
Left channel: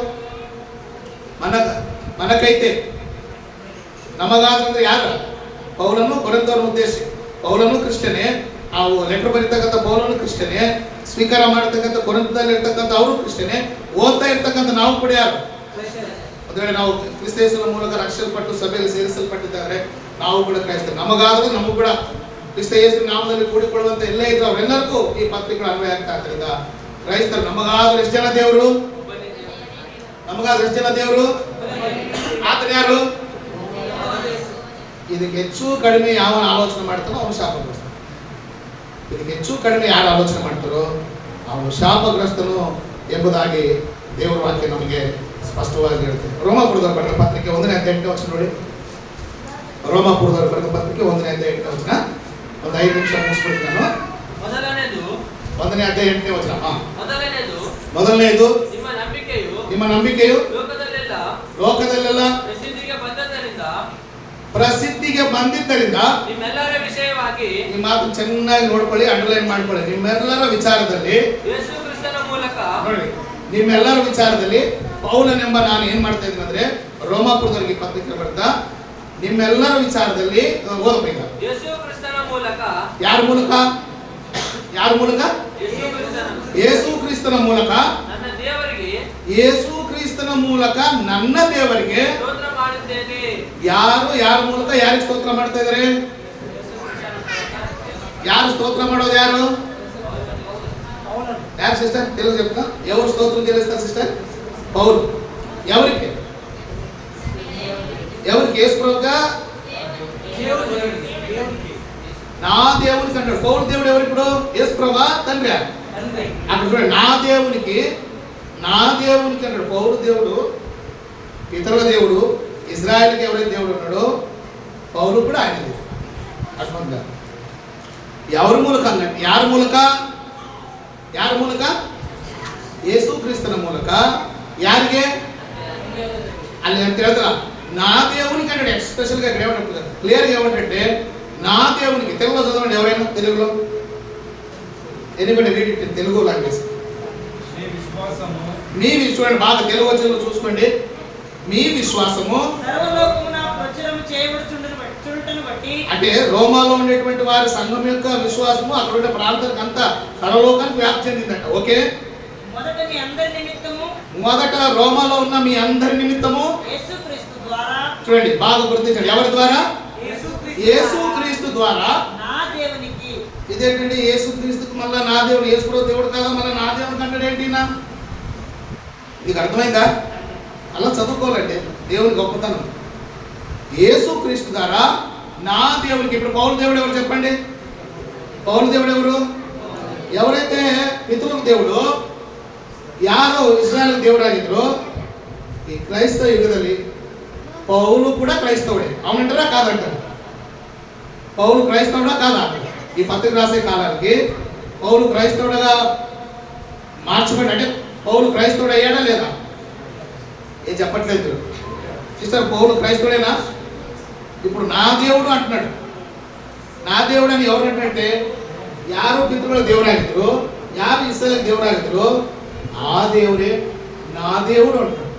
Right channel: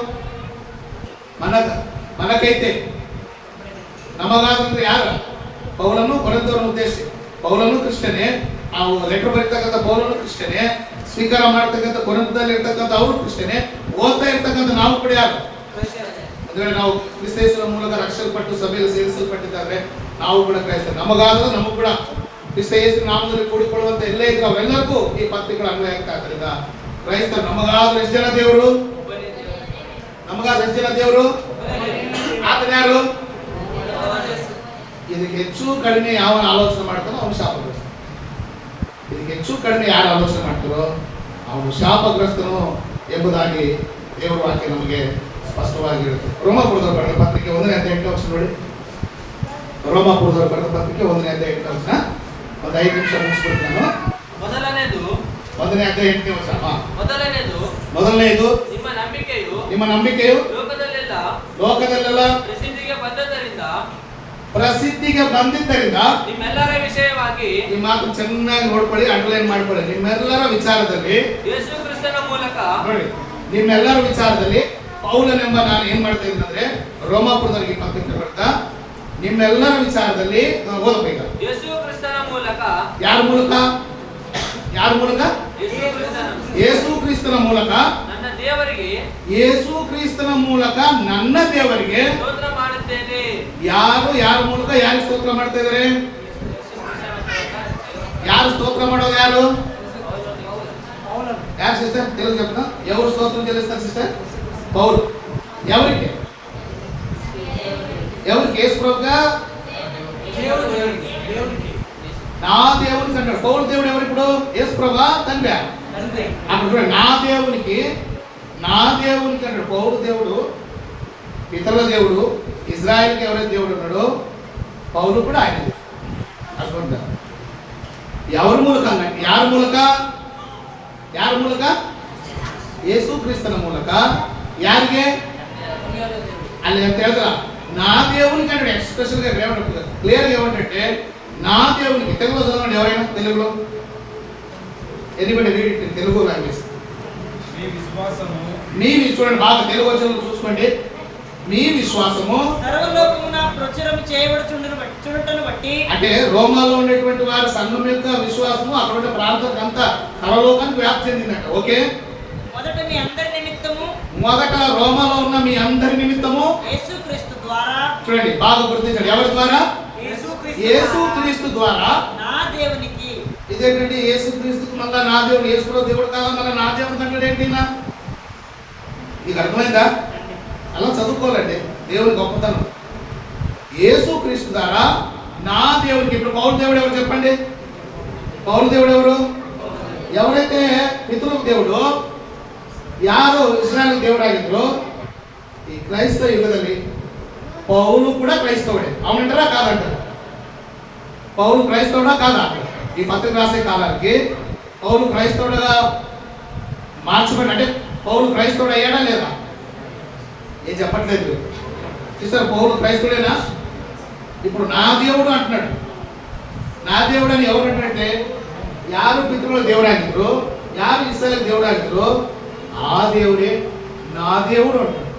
మనకైతే ನಮಗಾದ್ರೆ ಯಾರು? ಪೌಲನು ಕೊರಿಂಥರನ್ನು ಉದ್ದೇಶಿಸಿ. ಪೌಲನು ಕ್ರಿಶ್ಚಿಯನೇ, ನಾವು ಲೆಟರ್ ಬರೀತಕ್ಕಂಥ ಪೌಲನು ಕ್ರಿಶ್ಚಿಯನೇ, ಸ್ವೀಕಾರ ಮಾಡತಕ್ಕಂಥ ಕೊರಿಂಥದಲ್ಲಿ ಇರ್ತಕ್ಕಂಥ ಅವರು ಕ್ರಿಶ್ಚಿಯನೇ, ಓದ್ತಾ ಇರ್ತಕ್ಕಂಥ ನಾವು ಕೂಡ ಯಾರು? ಅಂದ್ರೆ ನಾವು ಕ್ರಿಸ್ತ ಯೇಸುವಿನ ಮೂಲಕ ರಕ್ಷಿಸಲ್ಪಟ್ಟು ಸಭೆಯಲ್ಲಿ ಸೇರಿಸಲ್ಪಟ್ಟಿದ್ದಾರೆ. ನಾವು ಕೂಡ ಕ್ರೈಸ್ತರು. ನಮಗಾದರೂ ನಮಗೂ ಕೂಡ ಕ್ರಿಸ್ತ ಯೇಸುವಿನ ನಾಮದಲ್ಲಿ ಕೂಡಿಕೊಳ್ಳುವಂತ ಎಲ್ಲೇ ಇದ್ರು ಅವರೆಲ್ಲರಿಗೂ ಈ ಪತ್ರಿಕೆಗಳು ಅನ್ವಯ ಆಗ್ತಾ ಇದ್ರಿಂದ ಕ್ರೈಸ್ತರು. ನಮಗಾದ್ರೂ ಎಷ್ಟು ಜನ ದೇವರು? ನಮಗಾದ್ರೂ ಎಷ್ಟು ಜನ ದೇವರು? ಆತನ ಯಾರು? ಇದಕ್ಕೆ ಹೆಚ್ಚು ಕಡಿಮೆ ಯಾವನ ಆಲೋಚನೆ ಮಾಡ್ತಾನೋ ಅವನು ಶಾಪಗ್ರಸ್ತ. ಇದಕ್ಕೆ ಹೆಚ್ಚು ಕಡಿಮೆ ಯಾರು ಆಲೋಚನೆ ಮಾಡ್ತಾರೋ ಅವನು ಶಾಪಗ್ರಸ್ತನು ಎಂಬುದಾಗಿ ದೇವರ ವಾಕ್ಯ ನಮಗೆ ಸ್ಪಷ್ಟವಾಗಿ ಹೇಳುತ್ತೆ. ರೋಮಾಪುರದವರು ಬರೆದ ಪತ್ರಿಕೆ 1ನೇ ಅಧ್ಯಾಯ 8ನೇ ವಚನ ನೋಡಿ. ರೋಮಾಪುರದವರು ಬರೆದ ಪತ್ರಿಕೆ 1ನೇ ಅಧ್ಯಾಯ 8ನೇ ವಚನ. ಒಂದು 5 ನಿಮಿಷ ಮುಗಿಸ್ಬಿಡ್ತೀನಿ ನಾನು. 1ನೇ ಅಧ್ಯಾಯ 8ನೇ ವಚನ. ಮೊದಲನೇದು ನಿಮ್ಮ ನಂಬಿಕೆಯು ಲೋಕದಲ್ಲೆಲ್ಲ ಪ್ರಸಿದ್ಧಿಗೆ ಬಂದಿದ್ದರಿಂದ ನಿಮ್ಮೆಲ್ಲರ ವಿಷಯವಾಗಿ, ಈ ಮಾತು ಚೆನ್ನಾಗಿ ನೋಡ್ಕೊಳ್ಳಿ, ಅಂಡರ್ಲೈನ್ ಮಾಡ್ಕೊಳ್ಳಿ. ನಿಮ್ಮೆಲ್ಲರ ವಿಚಾರದಲ್ಲಿ ಯೇಸು ಕ್ರಿಸ್ತನ ಮೂಲಕ ನೋಡಿ, ನಿಮ್ಮೆಲ್ಲರ ವಿಚಾರದಲ್ಲಿ ಪೌಲನೆಂಬ ನಾನು ಏನ್ ಮಾಡ್ತಾ ಇದ್ದೀನಿ ಅಂದ್ರೆ ರೋಮಾಪುರದವರಿಗೆ ಪತ್ರಿಕೆ ಬರ್ತಾ ನಿಮ್ಮೆಲ್ಲರ ವಿಚಾರದಲ್ಲಿ ಓದಬೇಕು. ಯೇಸು ಕ್ರಿಸ್ತನ ಮೂಲಕ. ಯಾರ ಮೂಲಕ? ಯೇಸು ಕ್ರಿಸ್ತನ ಮೂಲಕ ನನ್ನ ದೇವರಿಗೆ, ಯೇಸು ಕ್ರಿಸ್ತನ ಮೂಲಕ ನನ್ನ ದೇವರಿಗೆ ಸ್ತೋತ್ರ ಮಾಡುತ್ತೇನೆ. ಯಾರ ಮೂಲಕ ಯಾರಿಗೆ ಸ್ತೋತ್ರ ಮಾಡ್ತಾ ಇದ್ದಾರೆ? ಯಾರು ಸ್ತೋತ್ರ ಮಾಡೋದು? ಯಾರು ಸಿಸ್ಟರ್? తెలుగు చెప్తా. ఎవరు స్తోత్రం చెల్లిస్తారు సిస్టర్? పౌలు. ఎవరికి? యేసు ప్రభువుగా దేవునికి నా దేవునికి అంటాడు. పౌలు దేవుడు ఎవరు ఇప్పుడు? యేసు ప్రభా తండ్రి. తండ్రి అప్పుడు చూడండి, నా దేవునికి అంటాడు. పౌలు దేవుడు, పితరుల దేవుడు, ఇజ్రాయెల్కి ఎవరైతే దేవుడు ఉన్నాడో పౌలు కూడా ఆయనది. అర్థం ఎవరి మూలకంగా అంటే యారు మూలక యేసు క్రీస్తుల మూలక యారిగే అని తెలుదా నా దేవునికి అంటే ఎక్స్పెషల్గా ఇక్కడ ఏమంటారు క్లియర్గా ఏమంటే నా దేవునికి. తెలుగులో చదవండి ఎవరైనా, తెలుగులో ఎనిబడి రీడ్ తెలుగు లాంగ్వేజ్. మీ చూడండి బాగా తెలుగు వచ్చి చూసుకోండి. మీ విశ్వాసము సర్వలోకమున ప్రచురము చేయబడుచుండుటను బట్టి, అంటే రోమాలో ఉండేటువంటి వారి సంఘం యొక్క విశ్వాసము అక్కడ ఉండే ప్రాంతానికి అంతా సర్వలోకానికి వ్యాప్తి చెందిందట. ఓకే, మొదట మీ అందరి నిమిత్తము, మొదట రోమాలో ఉన్న మీ అందరి నిమిత్తము యేసుక్రీస్తు ద్వారా, చూడండి బాగా గుర్తించండి, ఎవరి ద్వారా? యేసుక్రీస్తు ద్వారా నా దేవునికి. ఇదేంటండి యేసుక్రీస్తుకు మళ్ళా నా దేవుడు, యేసులో దేవుడు కాదా మళ్ళీ నా దేవుడు అంటే ఏంటి? నీకు అర్థమైందా? అలా చదువుకోవాలండి దేవుని గొప్పతనం. యేసుక్రీస్తు ద్వారా నా దేవునికి. ఇప్పుడు పౌలు దేవుడు ఎవరు చెప్పండి? పౌలు దేవుడు ఎవరు? ఎవరైతే పితరులకు దేవుడు, ಯಾರು ಇಸ್ರಾಯೇಲ್ ದೇವರಾಗಿದ್ರು, ಈ ಕ್ರೈಸ್ತ ಯುಗದಲ್ಲಿ పౌలు కూడా క్రైస్తవుడే. అవునంటారా కాదంటారా? పౌలు క్రైస్తవుడా కాదా? ఈ పత్రిక రాసే కాలానికి పౌలు క్రైస్తవుడుగా మార్చబడి, అంటే పౌలు క్రైస్తవుడు అయ్యాడా లేదా? ఏం చెప్పట్లేదు సిస్టర్. పౌలు క్రైస్తవుడేనా? ఇప్పుడు నా దేవుడు అంటున్నాడు. నా దేవుడు అని ఎవరు అంటే యారు పితృల దేవుడాగిದ್ರು, యారు ఇస్రాయేల్ దేవుడాగిದ್ರು, ఆ దేవుడే నా దేవుడు అంటాడు.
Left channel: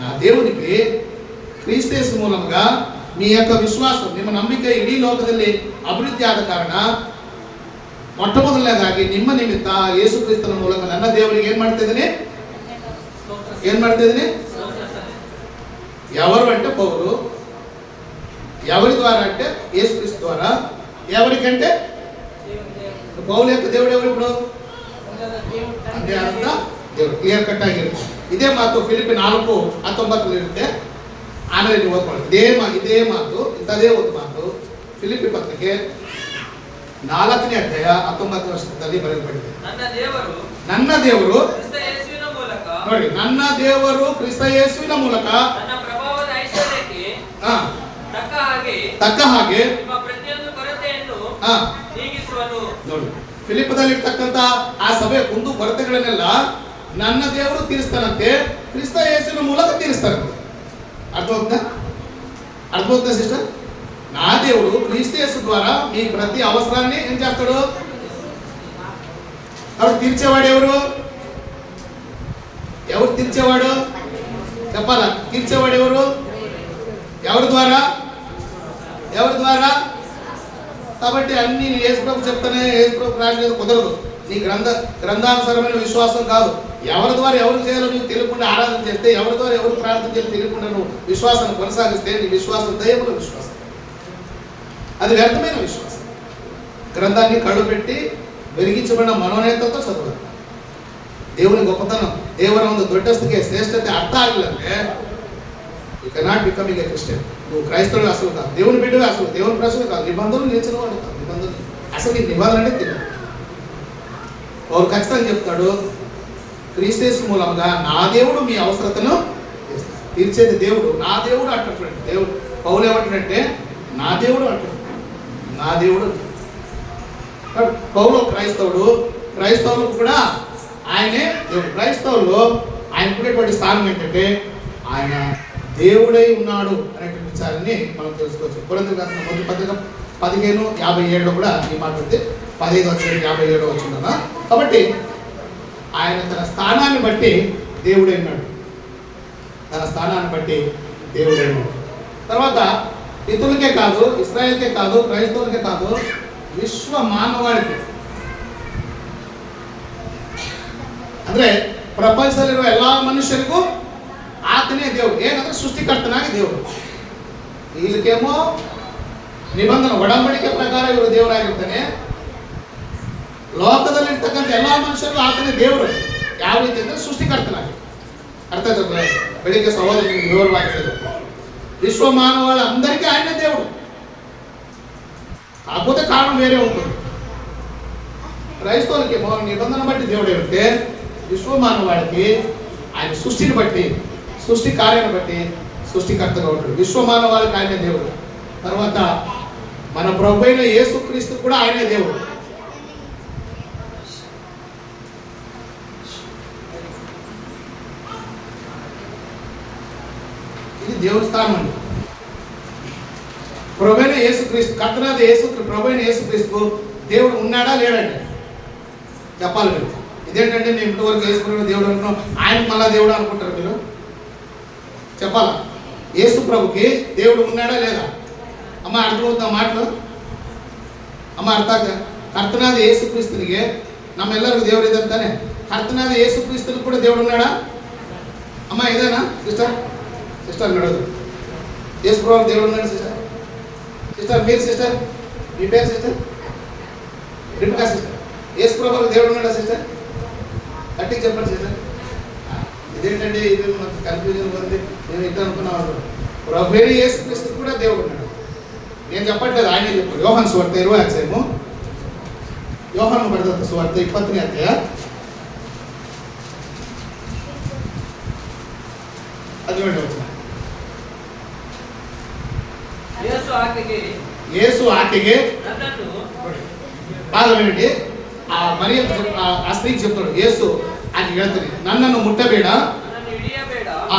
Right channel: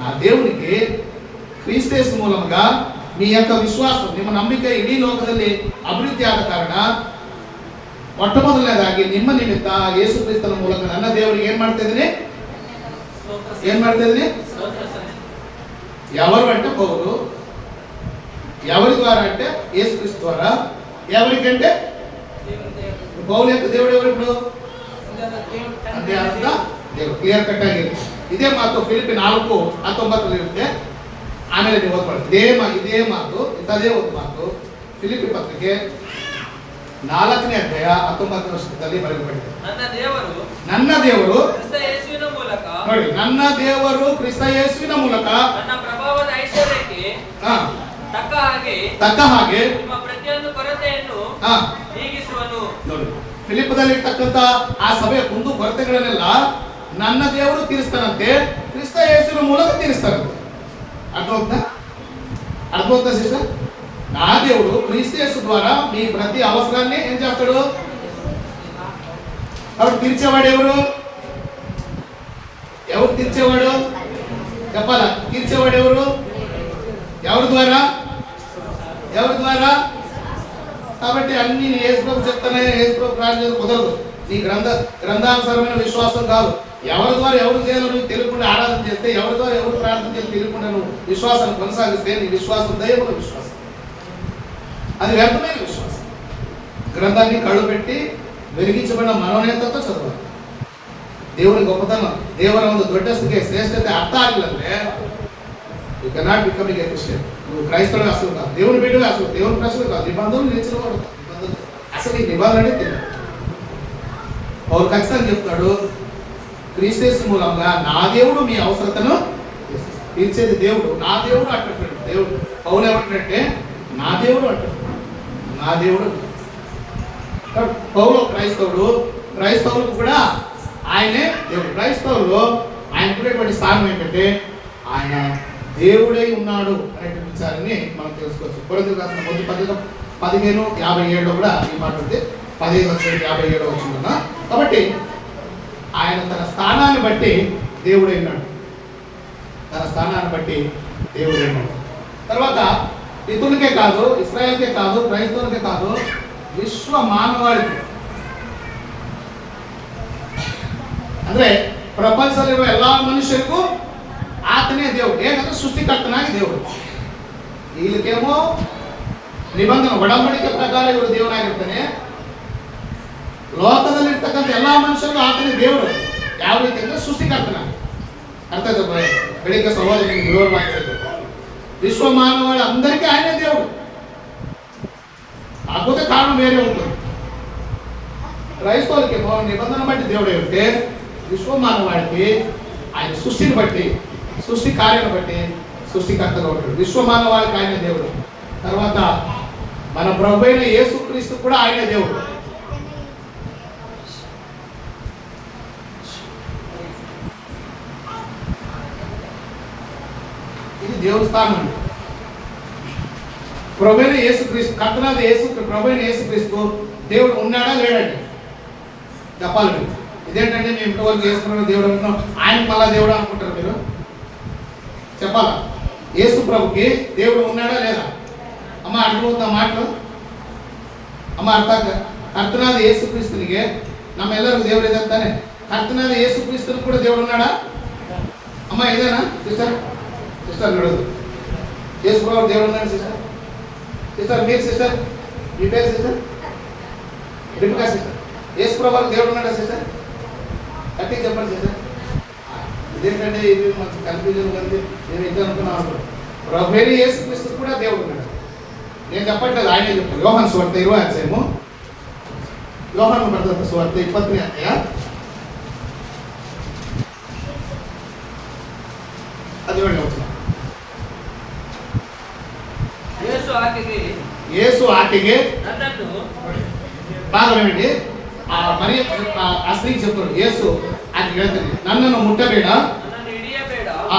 నా దేవునికి ಕ್ರಿಸ್ತೇಸು ಮೂಲಕ మీ యొక్క విశ్వాసం, ನಿಮ್ಮ ನಂಬಿಕೆ ಇಡೀ ಲೋಕದಲ್ಲಿ ಅಭಿವೃದ್ಧಿ ಆದ ಕಾರಣ ಮೊಟ್ಟಮೊದಲನೇದಾಗಿ ನಿಮ್ಮ ನಿಮಿತ್ತ ಯೇಸು ಕ್ರಿಸ್ತನ ಮೂಲಕ ನನ್ನ ದೇವರಿಗೆ ಏನ್ ಮಾಡ್ತಾ ಇದ್ದೀನಿ? ఎవరు అంటే పౌలు. ఎవరి ద్వారా అంటే యేసు క్రీస్తు ద్వారా. ఎవరికంటే పౌలు యొక్క దేవుడు ఎవరు? ఇప్పుడు అంతే అంత దేవుడు. క్లియర్ కట్ ಆಗಿರುತ್ತೆ. ಇದೇ ಮಾತು ಫಿಲಿಪ್ಪಿ 4:19 ಇರುತ್ತೆ. ಆಮೇಲೆ ನೀವು ಓದ್ಕೊಳ್ಳಿ. ಇದೇ ಮಾತು ಇಂಥದೇ ಒಂದು ಮಾತು ಫಿಲಿಪ್ಪಿ ಪತ್ರಿಕೆ 4ನೇ ಅಧ್ಯಾಯ 19ನೇ ವರ್ಷದಲ್ಲಿ ಬರೆಯಲ್ಪಟ್ಟಿದೆ. ನನ್ನ ದೇವರು ಕ್ರಿಸ್ತ ಯೇಸುವಿನ ಮೂಲಕ, ನೋಡಿ, ನನ್ನ ದೇವರು ಕ್ರಿಸ್ತ ಯೇಸುವಿನ ಮೂಲಕ ನನ್ನ ಪ್ರಭಾವದ ಐಶ್ವರ್ಯಕ್ಕೆ ತಕ್ಕ ಹಾಗೆ ನಿಮ್ಮ ಪ್ರತಿಯೊಂದು ಕೊರತೆಯನ್ನು ನೀಗಿಸುವನು. ನೋಡಿ, ಫಿಲಿಪ್ಪದಲ್ಲಿ ಇರ್ತಕ್ಕಂಥ ಆ ಸಭೆಯ ಕುಂದು ಕೊರತೆಗಳನ್ನೆಲ್ಲ ನನ್ನ ದೇವರು ತೀರಿಸ್ತಾನಂತೆ, ಕ್ರಿಸ್ತ ಯೇಸುವಿನ ಮೂಲಕ ತೀರಿಸ್ತಾರಂತೆ. అర్థమవుతుందా సిస్టర్? నా దేవుడు క్రీస్తు యేసు ద్వారా మీ ప్రతి అవసరాన్ని ఏం చేస్తాడు? కాబట్టి తీర్చేవాడు ఎవరు? తీర్చేవాడు చెప్పాలా? తీర్చేవాడు ఎవరు? ఎవరి ద్వారా? కాబట్టి అన్ని యేసు ప్రభు చెప్తానే, యేసు ప్రభు ప్రార్థన కుదరదు. నీ గ్రంథానుసారమైన విశ్వాసం కాదు. ఎవరి ద్వారా ఎవరు చేయాలో నువ్వు తెలియకుండా ఆరాధన చేస్తే, ఎవరి ద్వారా ఎవరు ప్రార్థన చేయాలో తెలియకుండా నువ్వు విశ్వాసాన్ని కొనసాగిస్తే నీ విశ్వాసం దైవముల విశ్వాసం, అది వ్యర్థమైన విశ్వాసం. గ్రంథాన్ని కళ్ళు పెట్టి వెలిగించబడిన మనోనేతతో చదవాలి. దేవుని గొప్పతనం, ದೇವರ ಒಂದು ದೊಡ್ಡಸ್ತಿಗೆ ಶ್ರೇಷ್ಠತೆ ಅರ್ಥ ಆಗಿಲ್ಲ ಅಂದ್ರೆ you cannot becoming a Christian. నువ్వు క్రైస్తవుడు అసలు కాదు, దేవుని బిడ్డగా అసలు, దేవుని ప్రజలు కాదు, నిబంధనలు నిలిచినవాడు కాదు. నిబంధనలు అసలు ఈ నిబంధన అంటే తెలియదు. పౌలు ఖచ్చితంగా చెప్తాడు, క్రీస్తు మూలంగా నా దేవుడు మీ అవసరతను తీర్చేది దేవుడు. నా దేవుడు అంటాడు. దేవుడు పౌలు ఏమంటాడంటే నా దేవుడు అంటాడు. నా దేవుడు. పౌలు క్రైస్తవులకు కూడా ఆయనే దేవుడు. క్రైస్తవులు ఆయనకునేటువంటి స్థానం ఏంటంటే ఆయన దేవుడై ఉన్నాడు అనేటువంటి విచారాన్ని మనం తెలుసుకోవచ్చు. కొరింథీయులకు రాసిన మొదటి పత్రిక 15:57 కూడా ఈ మాట ఉంది. 15:57 వచ్చిందన్నా. కాబట్టి ఆయన తన స్థానాన్ని బట్టి దేవుడైనాడు. తర్వాత ఇతరులకే కాదు, ఇస్రాయేల్కే కాదు, క్రైస్తవులకే కాదు, విశ్వ మానవాళికి, ಅಂದ್ರೆ ಪ್ರಪಂಚದಲ್ಲಿರುವ ಎಲ್ಲ ಮನುಷ್ಯರಿಗೂ ಆತನೇ ದೇವರು. ಏನಂದ್ರೆ ಸೃಷ್ಟಿಕರ್ತನಾಗಿ ದೇವರು. ಇಲ್ಲಿಗೇಮೋ ನಿಬಂಧನೆ ಒಡಂಬಡಿಕೆ ಪ್ರಕಾರ ಇವರು ದೇವರಾಗಿರ್ತಾನೆ. ಲೋಕದಲ್ಲಿರ್ತಕ್ಕಂಥ ಎಲ್ಲ ಮನುಷ್ಯರಿಗೂ ಆತನೇ ದೇವರು. ಯಾವ ರೀತಿ ಅಂದ್ರೆ ಸೃಷ್ಟಿಕರ್ತನಾಗಿ. ಅರ್ಥ ಆಯ್ತು? ಬೆಳಿಗ್ಗೆ ಸಹೋದರ ವಿವರವಾಗಿ ವಿಶ್ವ ಮಾನವಗಳ అందరికీ ఆయనే దేవుడు. విధానం వేరే ఉంటుంది. క్రైస్తవులకేమో నిబంధన బట్టి దేవుడే ఉంటే, విశ్వమానవాడికి ఆయన సృష్టిని బట్టి, సృష్టి కార్యాన్ని బట్టి సృష్టికర్తగా ఉంటాడు. విశ్వమానవాడికి ఆయనే దేవుడు. తర్వాత మన ప్రభు అయిన యేసుక్రీస్తు కూడా ఆయనే దేవుడు. ఇది దేవుని స్థానం. ప్రభు అయిన యేసుక్రీస్తు, కర్తనాథ ప్రభు అయిన యేసుక్రీస్తు దేవుడు ఉన్నాడా లేడండి చెప్పాలి మీరు. ఇదేంటంటే మేము ఇంతవరకు యేసుప్రభు దేవుడు అనుకున్నాం, ఆయనకు మళ్ళా దేవుడు అనుకుంటారు మీరు. చెప్పాలా? యేసు ప్రభుకి దేవుడు ఉన్నాడా లేదా? అమ్మ అర్థమవుతా మాటలు? ಅಮ್ಮ ಅರ್ಥ ಆಗ್ತದೆ. ಕರ್ತನಾದ ಯೇಸು ಕ್ರಿಸ್ತನಿಗೆ ನಮ್ಮೆಲ್ಲರಿಗೂ ದೇವರು ಇದ್ದಾನೆ. ಕರ್ತನಾದ ಯೇಸು ಕ್ರಿಸ್ತನಿಗೆ ಕೂಡ ದೇವರು ఉన్నాడా? ಅಮ್ಮ ಇದಾನಾ ಸಿಸ್ಟರ್? ಸಿಸ್ಟರ್ ನೋಡೋದು ಯೇಸು ప్రభు దేవుడు ఉన్నాడు సిస్టర్. సిస్టర్ మీరు సిస్టర్, మీ పేరు సిస్టర్ రిపికా సిస్టర్. యేసు ప్రభు దేవుడు ఉన్నాడా సిస్టర్? గట్టిగా చెప్పండి సిస్టర్. ఇదేంటంటే ఇది మాకు కన్ఫ్యూజన్ ఉంది, నేను ఇద్దరు అనుకున్నాను. ప్రభు యేసు క్రీస్తు కూడా దేవుడు ఉన్నాడు. నేను చెప్పట్లేదు, ఆయన చెప్పారు. యోహాను సువార్త 20వ అధ్యాయము, యోహాను బರೆದ ಸುವಾರ್ತೆ 20ನೇ ಅಧ್ಯಾಯ యేసు ఆకెಗೆ బాగా వినండి. ఆ మరి ఆ స్త్రీకి చెప్తాడు, యేసు ఆకెಗೆ ಹೇಳ್ತಾನೆ, ನನ್ನನ್ನು ಮುಟ್ಟಬೇಡ,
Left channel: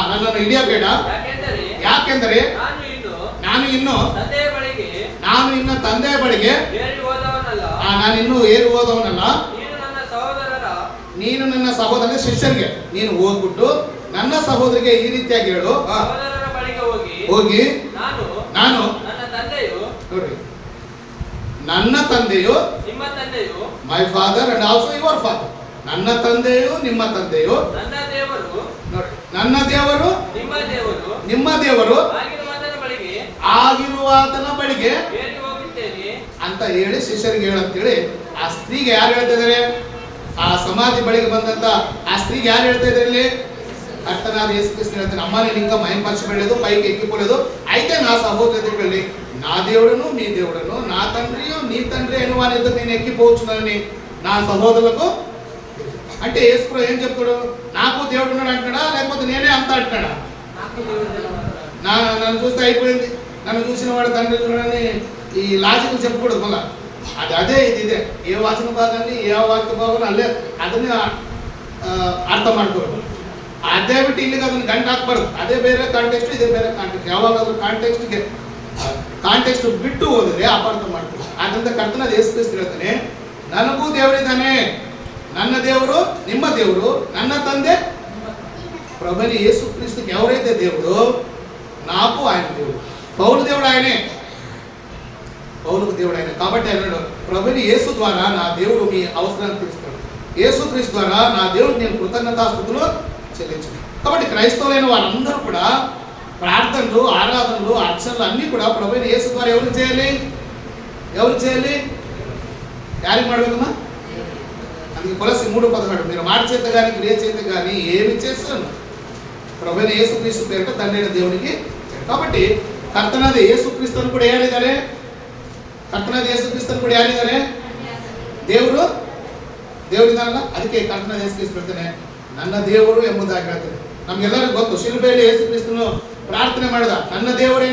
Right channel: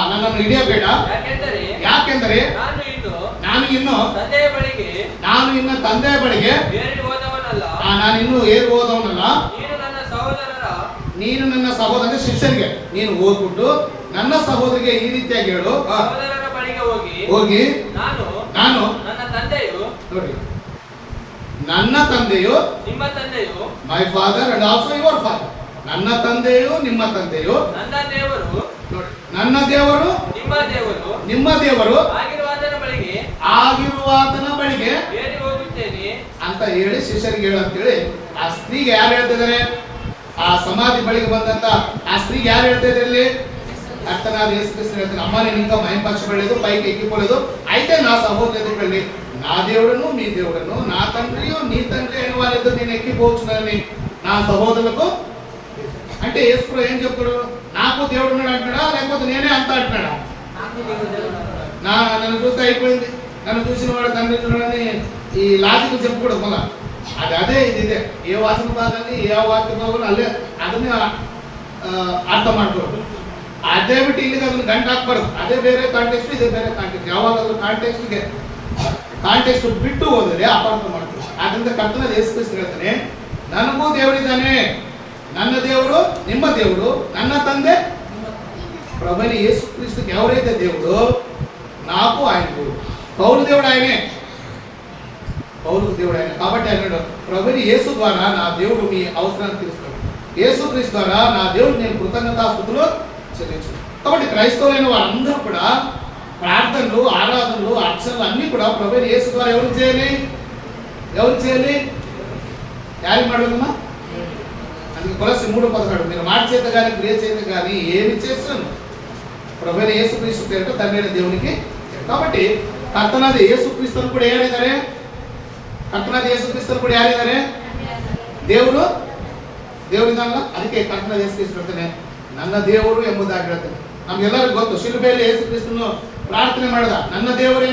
ನನ್ನನ್ನು ಹಿಡಿಯಬೇಡ, ಯಾಕೆಂದರೆ ನಾನು ಇನ್ನು ತಂದೆಯ ಬಳಿಗೆ ನಾನು ಇನ್ನೂ ಏರಿ ಹೋದವನಲ್ಲ. ನೀನು ನನ್ನ ಸಹೋದರ ಶಿಷ್ಯರಿಗೆ ನೀನು ಹೋಗ್ಬಿಟ್ಟು ನನ್ನ ಸಹೋದರಿಗೆ ಈ ರೀತಿಯಾಗಿ ಹೇಳು, ಹೋಗಿ ನಾನು ನೋಡ್ರಿ, ನನ್ನ ತಂದೆಯು my father and also your father, ನನ್ನ ತಂದೆಯು ನಿಮ್ಮ ತಂದೆಯು, ನನ್ನ ದೇವರು ನಿಮ್ಮ ದೇವರು ಆಗಿರುವಾತನ ಬಳಿಗೆ ಅಂತ ಹೇಳಿ ಶಿಷ್ಯರಿಗೆ ಹೇಳಂತೇಳಿ ಆ ಸ್ತ್ರೀಗೆ ಯಾರು ಹೇಳ್ತಾ ಇದಾರೆ? ಆ ಸಮಾಧಿ ಬಳಿಗೆ ಬಂದಂತ ಆ ಸ್ತ್ರೀಗೆ ಯಾರು ಹೇಳ್ತಾ ಇದ್ದಾರೆ ಇಲ್ಲಿ? ಕರ್ತನಾದ ಯೇಸು ಕ್ರಿಸ್ತನು ಹೇಳ್ತಾನೆ, అమ్మ నేను ఇంకా మహిమపరచబడలేదు, పైకి ఎక్కిపోలేదు, అయితే నా సహోదరుడిని నా దేవుడును మీ దేవుడును నా తండ్రియు నీ తండ్రి అయిన వాళ్ళిద్దరు నేను ఎక్కిపోవచ్చునని నా సహోదరులకు. అంటే యేసు ఏం చెప్తాడు? నాకు దేవుడు ఉన్నాడు అంటున్నాడా, లేకపోతే నేనే అంత అంటున్నాడా? నన్ను చూస్తే అయిపోయింది, నన్ను చూసిన వాడు తండ్రి అని ఈ లాజిక్ చెప్పకూడదు. మళ్ళా అదే ఇదే ఏ ವಾಚನ ಭಾಗದಲ್ಲಿ ಯಾವ ವಾಕ್ಯ ಭಾಗವನ್ನು ಅಲ್ಲೇ ಅದನ್ನೇ ಅರ್ಥ ಮಾಡ್ಕೋದು. ಅದೇ ಬಿಟ್ಟು ಇಲ್ಲಿಗೆ ಅದನ್ನು ಗಂಟು ಹಾಕ್ಬಾರ್ದು. ಅದೇ ಬೇರೆ ಕಾಂಟೆಕ್ಸ್ಟ್, ಇದೇ ಬೇರೆ ಕಾಂಟೆಕ್ಸ್ಟ್. ಯಾವಾಗಲೂ ಕಾಂಟೆಕ್ಸ್ಟ್ ಬಿಟ್ಟು ಹೋದರೆ ಅಪಾರ್ಥ ಮಾಡ್ತೀವಿ. ಆದ್ದರಿಂದ ಕರ್ತನಾದ ಯೇಸು ಕ್ರಿಸ್ತ ಹೇಳ್ತಾನೆ, ನನಗೂ ದೇವರಿದ್ದಾನೆ, ನನ್ನ ದೇವರು ನಿಮ್ಮ ದೇವರು, ನನ್ನ ತಂದೆ ప్రభుని యేసు క్రీస్తుకి ఎవరైతే దేవుడు, నాకు ఆయన దేవుడు. పౌలు దేవుడు ఆయనే, పౌలుకు దేవుడు ఆయన. కాబట్టి ఆయన ప్రభుని యేసు ద్వారా నా దేవుడు మీ అవసరాన్ని తీరుస్తాడు, యేసు క్రీస్తు ద్వారా నా దేవుడు నేను కృతజ్ఞతాస్తుతులు చెల్లించు. కాబట్టి క్రైస్తవులైన వారందరూ కూడా ప్రార్థనలు, ఆరాధనలు, అర్చనలు అన్నీ కూడా ప్రభుని యేసు ద్వారా ఎవరు చేయాలి? యారికి ಮಾಡಬೇಕಮ್ಮ? అందుకే కొలస్సీ 3:17 మీరు మాట చేత కానీ క్రియ చేత కానీ ఏమి చేస్తాను ప్రభువైన యేసుక్రీస్తు పేరిట తండ్రి అయిన దేవునికి. కాబట్టి ಕರ್ತನಾದ ಯೇಸು ಕ್ರಿಸ್ತನು ಕೂಡ ಯಾರಿದ್ದಾರೆ? ಕರ್ತನಾದ ಯೇಸು ಕ್ರಿಸ್ತನು ಕೂಡ ಯಾರಿದ್ದಾರೆ? ದೇವರಿದ್ದಾರಲ್ಲ. ಅದಕ್ಕೆ ಕರ್ತನಾದ ಯೇಸು ಕ್ರಿಸ್ತ ಹೇಳ್ತಾನೆ, ನನ್ನ ದೇವರು ಎಂಬುದಾಗಿ ಹೇಳ್ತಾನೆ. ನಮ್ಗೆಲ್ಲರಿಗೂ ಗೊತ್ತು, ಶಿಲುಬೆಯಲ್ಲಿ ಯೇಸು ಕ್ರಿಸ್ತನು ಪ್ರಾರ್ಥನೆ ಮಾಡಿದ, ನನ್ನ ದೇವರೇ